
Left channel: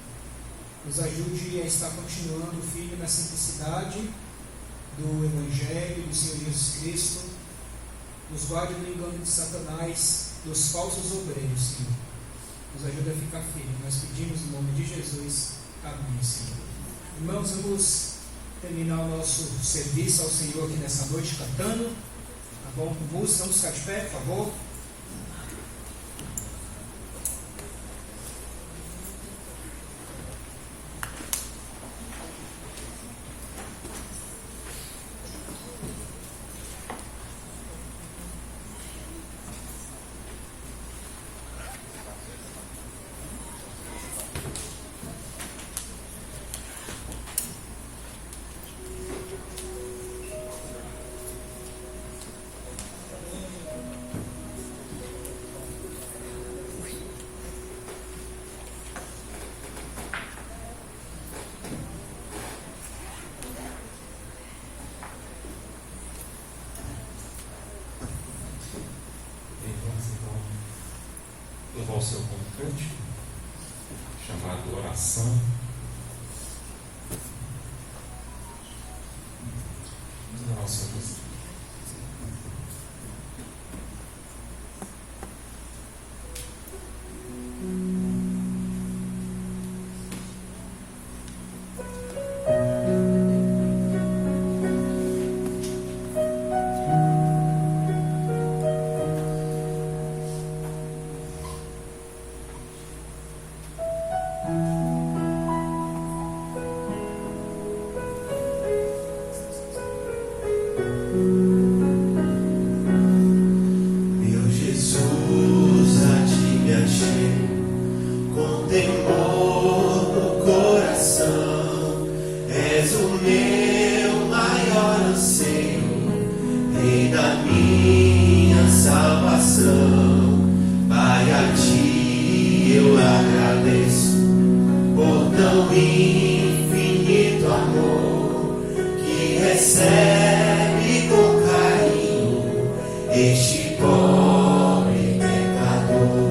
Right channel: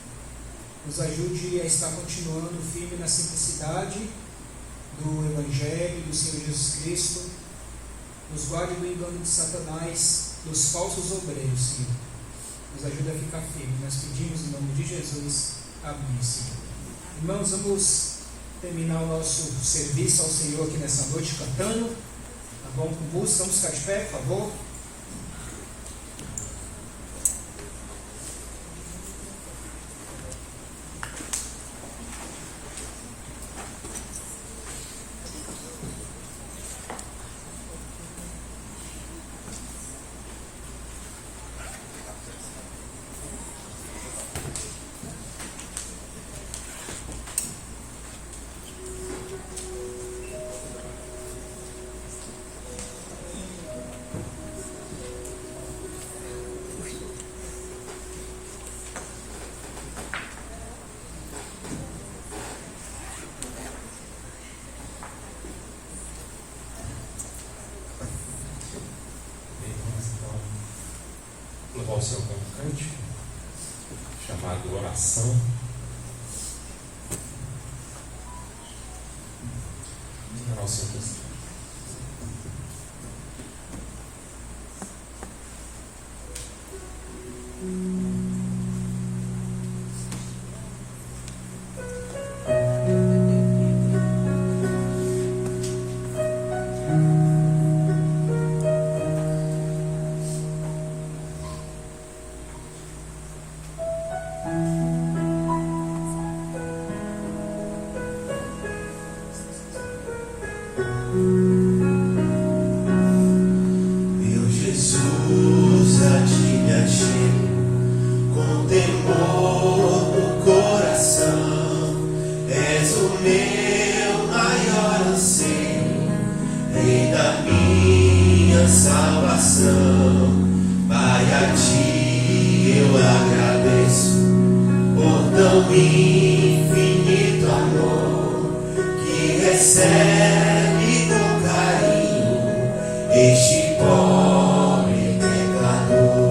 Nos ajude a estar continuando firme na simplicidade do Evangelho do Senhor Jesus Cristo. Nos guarde do engano de Satanás, dos falsos obreiros, Senhor. Nos ajude a ficar firme. Nós pedimos em nome de Jesus. Amém, Senhor. Irmãos, vamos terminar o nosso serviço ao Senhor aqui nessa noite cantando. Tá bom? Com música. Vamos ficar de pé, por favor. Levar o seu cântico chamado Oração. Vamos levar o seu cântico. minha salvação. Pai, a ti eu agradeço por tão infinito amor que recebe com carinho este pobre pecador.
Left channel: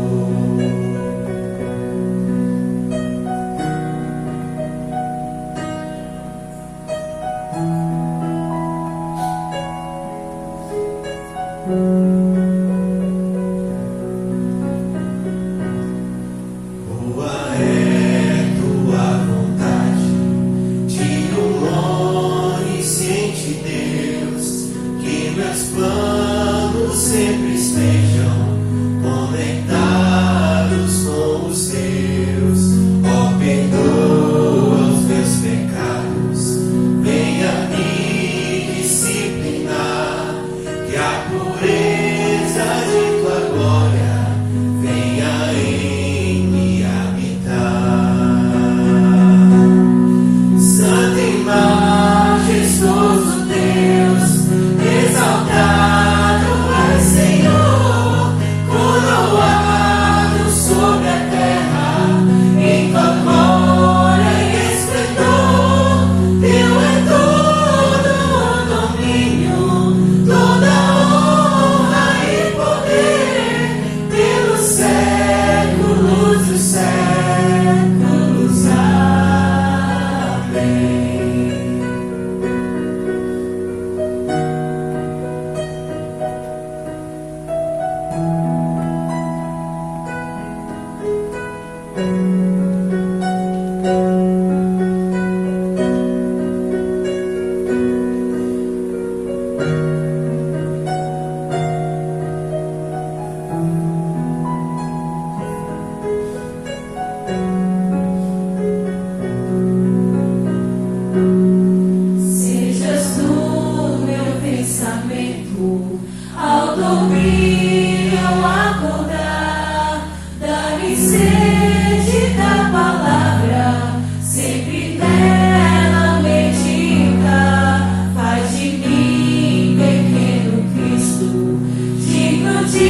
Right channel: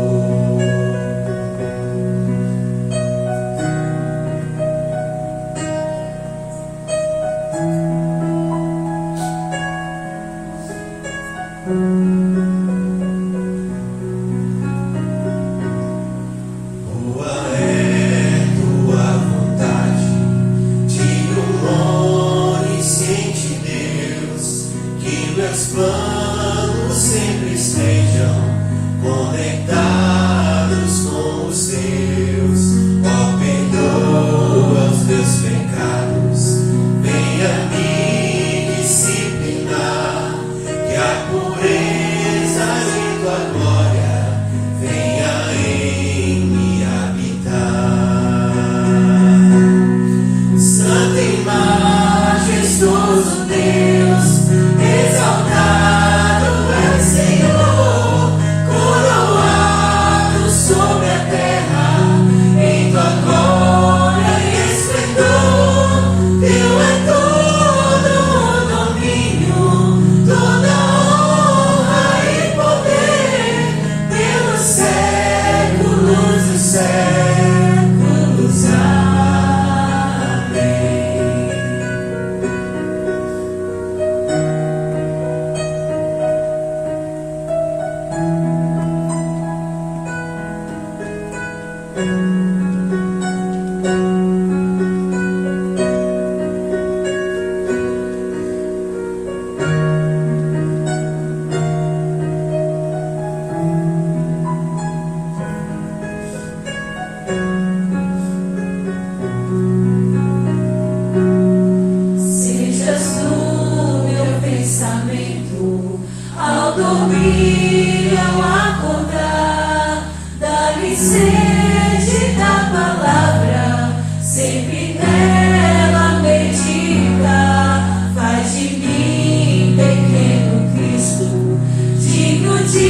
Boa é tua vontade, de onisciente Deus, que meus planos sempre estejam conectados com os teus. Ó, perdoa os meus pecados, venha me disciplinar, que a pureza de tua glória venha em me habitar. Santo e majestoso Deus, exaltado é Senhor, coroado sobre a terra, em tua glória e esplendor. Teu é todo o domínio, toda honra e poder, pelos séculos dos séculos. Amém. Sejas tu meu pensamento, ao dormir, ao acordar, dá-me sede da palavra, sempre nela meditar. Faz de mim, pequeno Cristo, digno de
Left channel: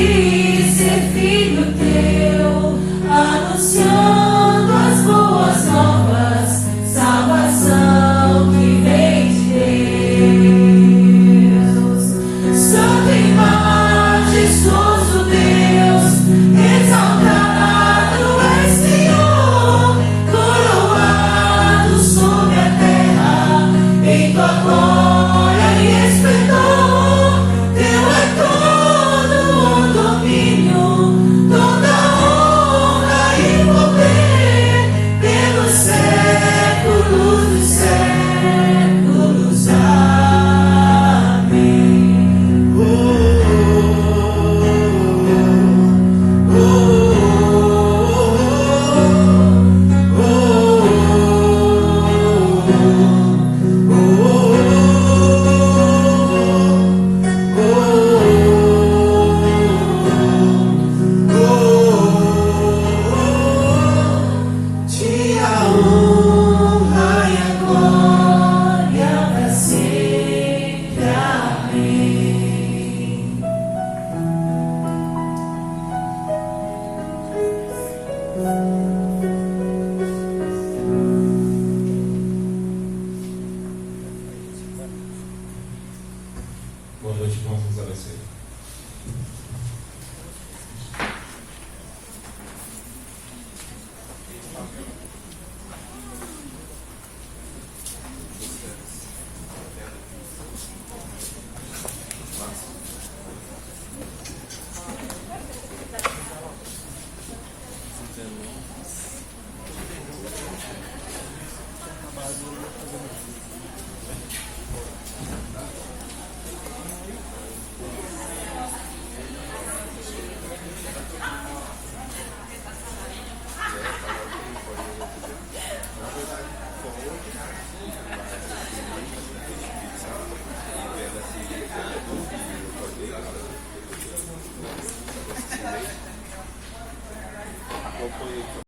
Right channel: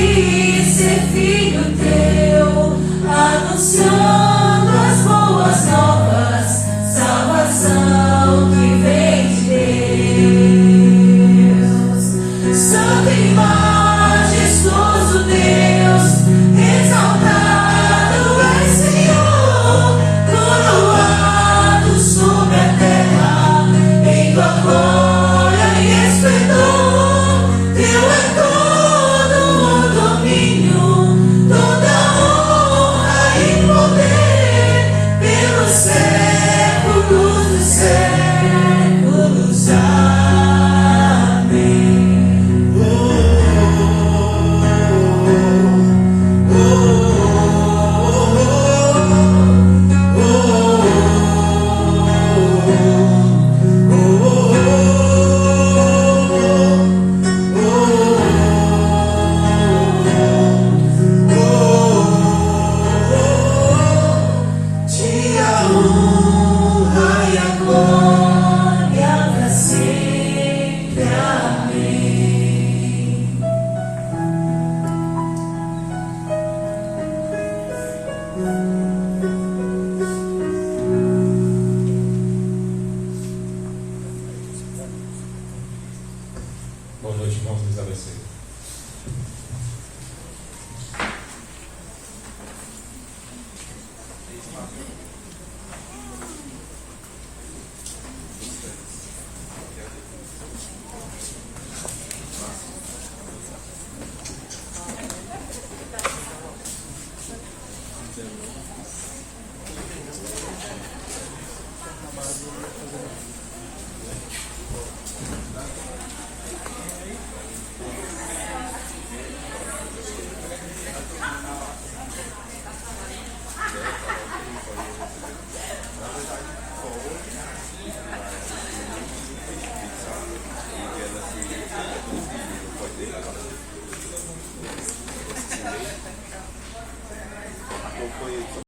ser filho teu, anunciando as boas novas, salvação que vem de Deus. Santo e majestoso Deus, exaltado é Senhor, coroado sobre a terra, em tua glória e esplendor. Teu é todo o domínio, toda honra e poder, pelos séculos dos séculos. Amém. Oh, oh, te a honra e a glória pra sempre. Amém.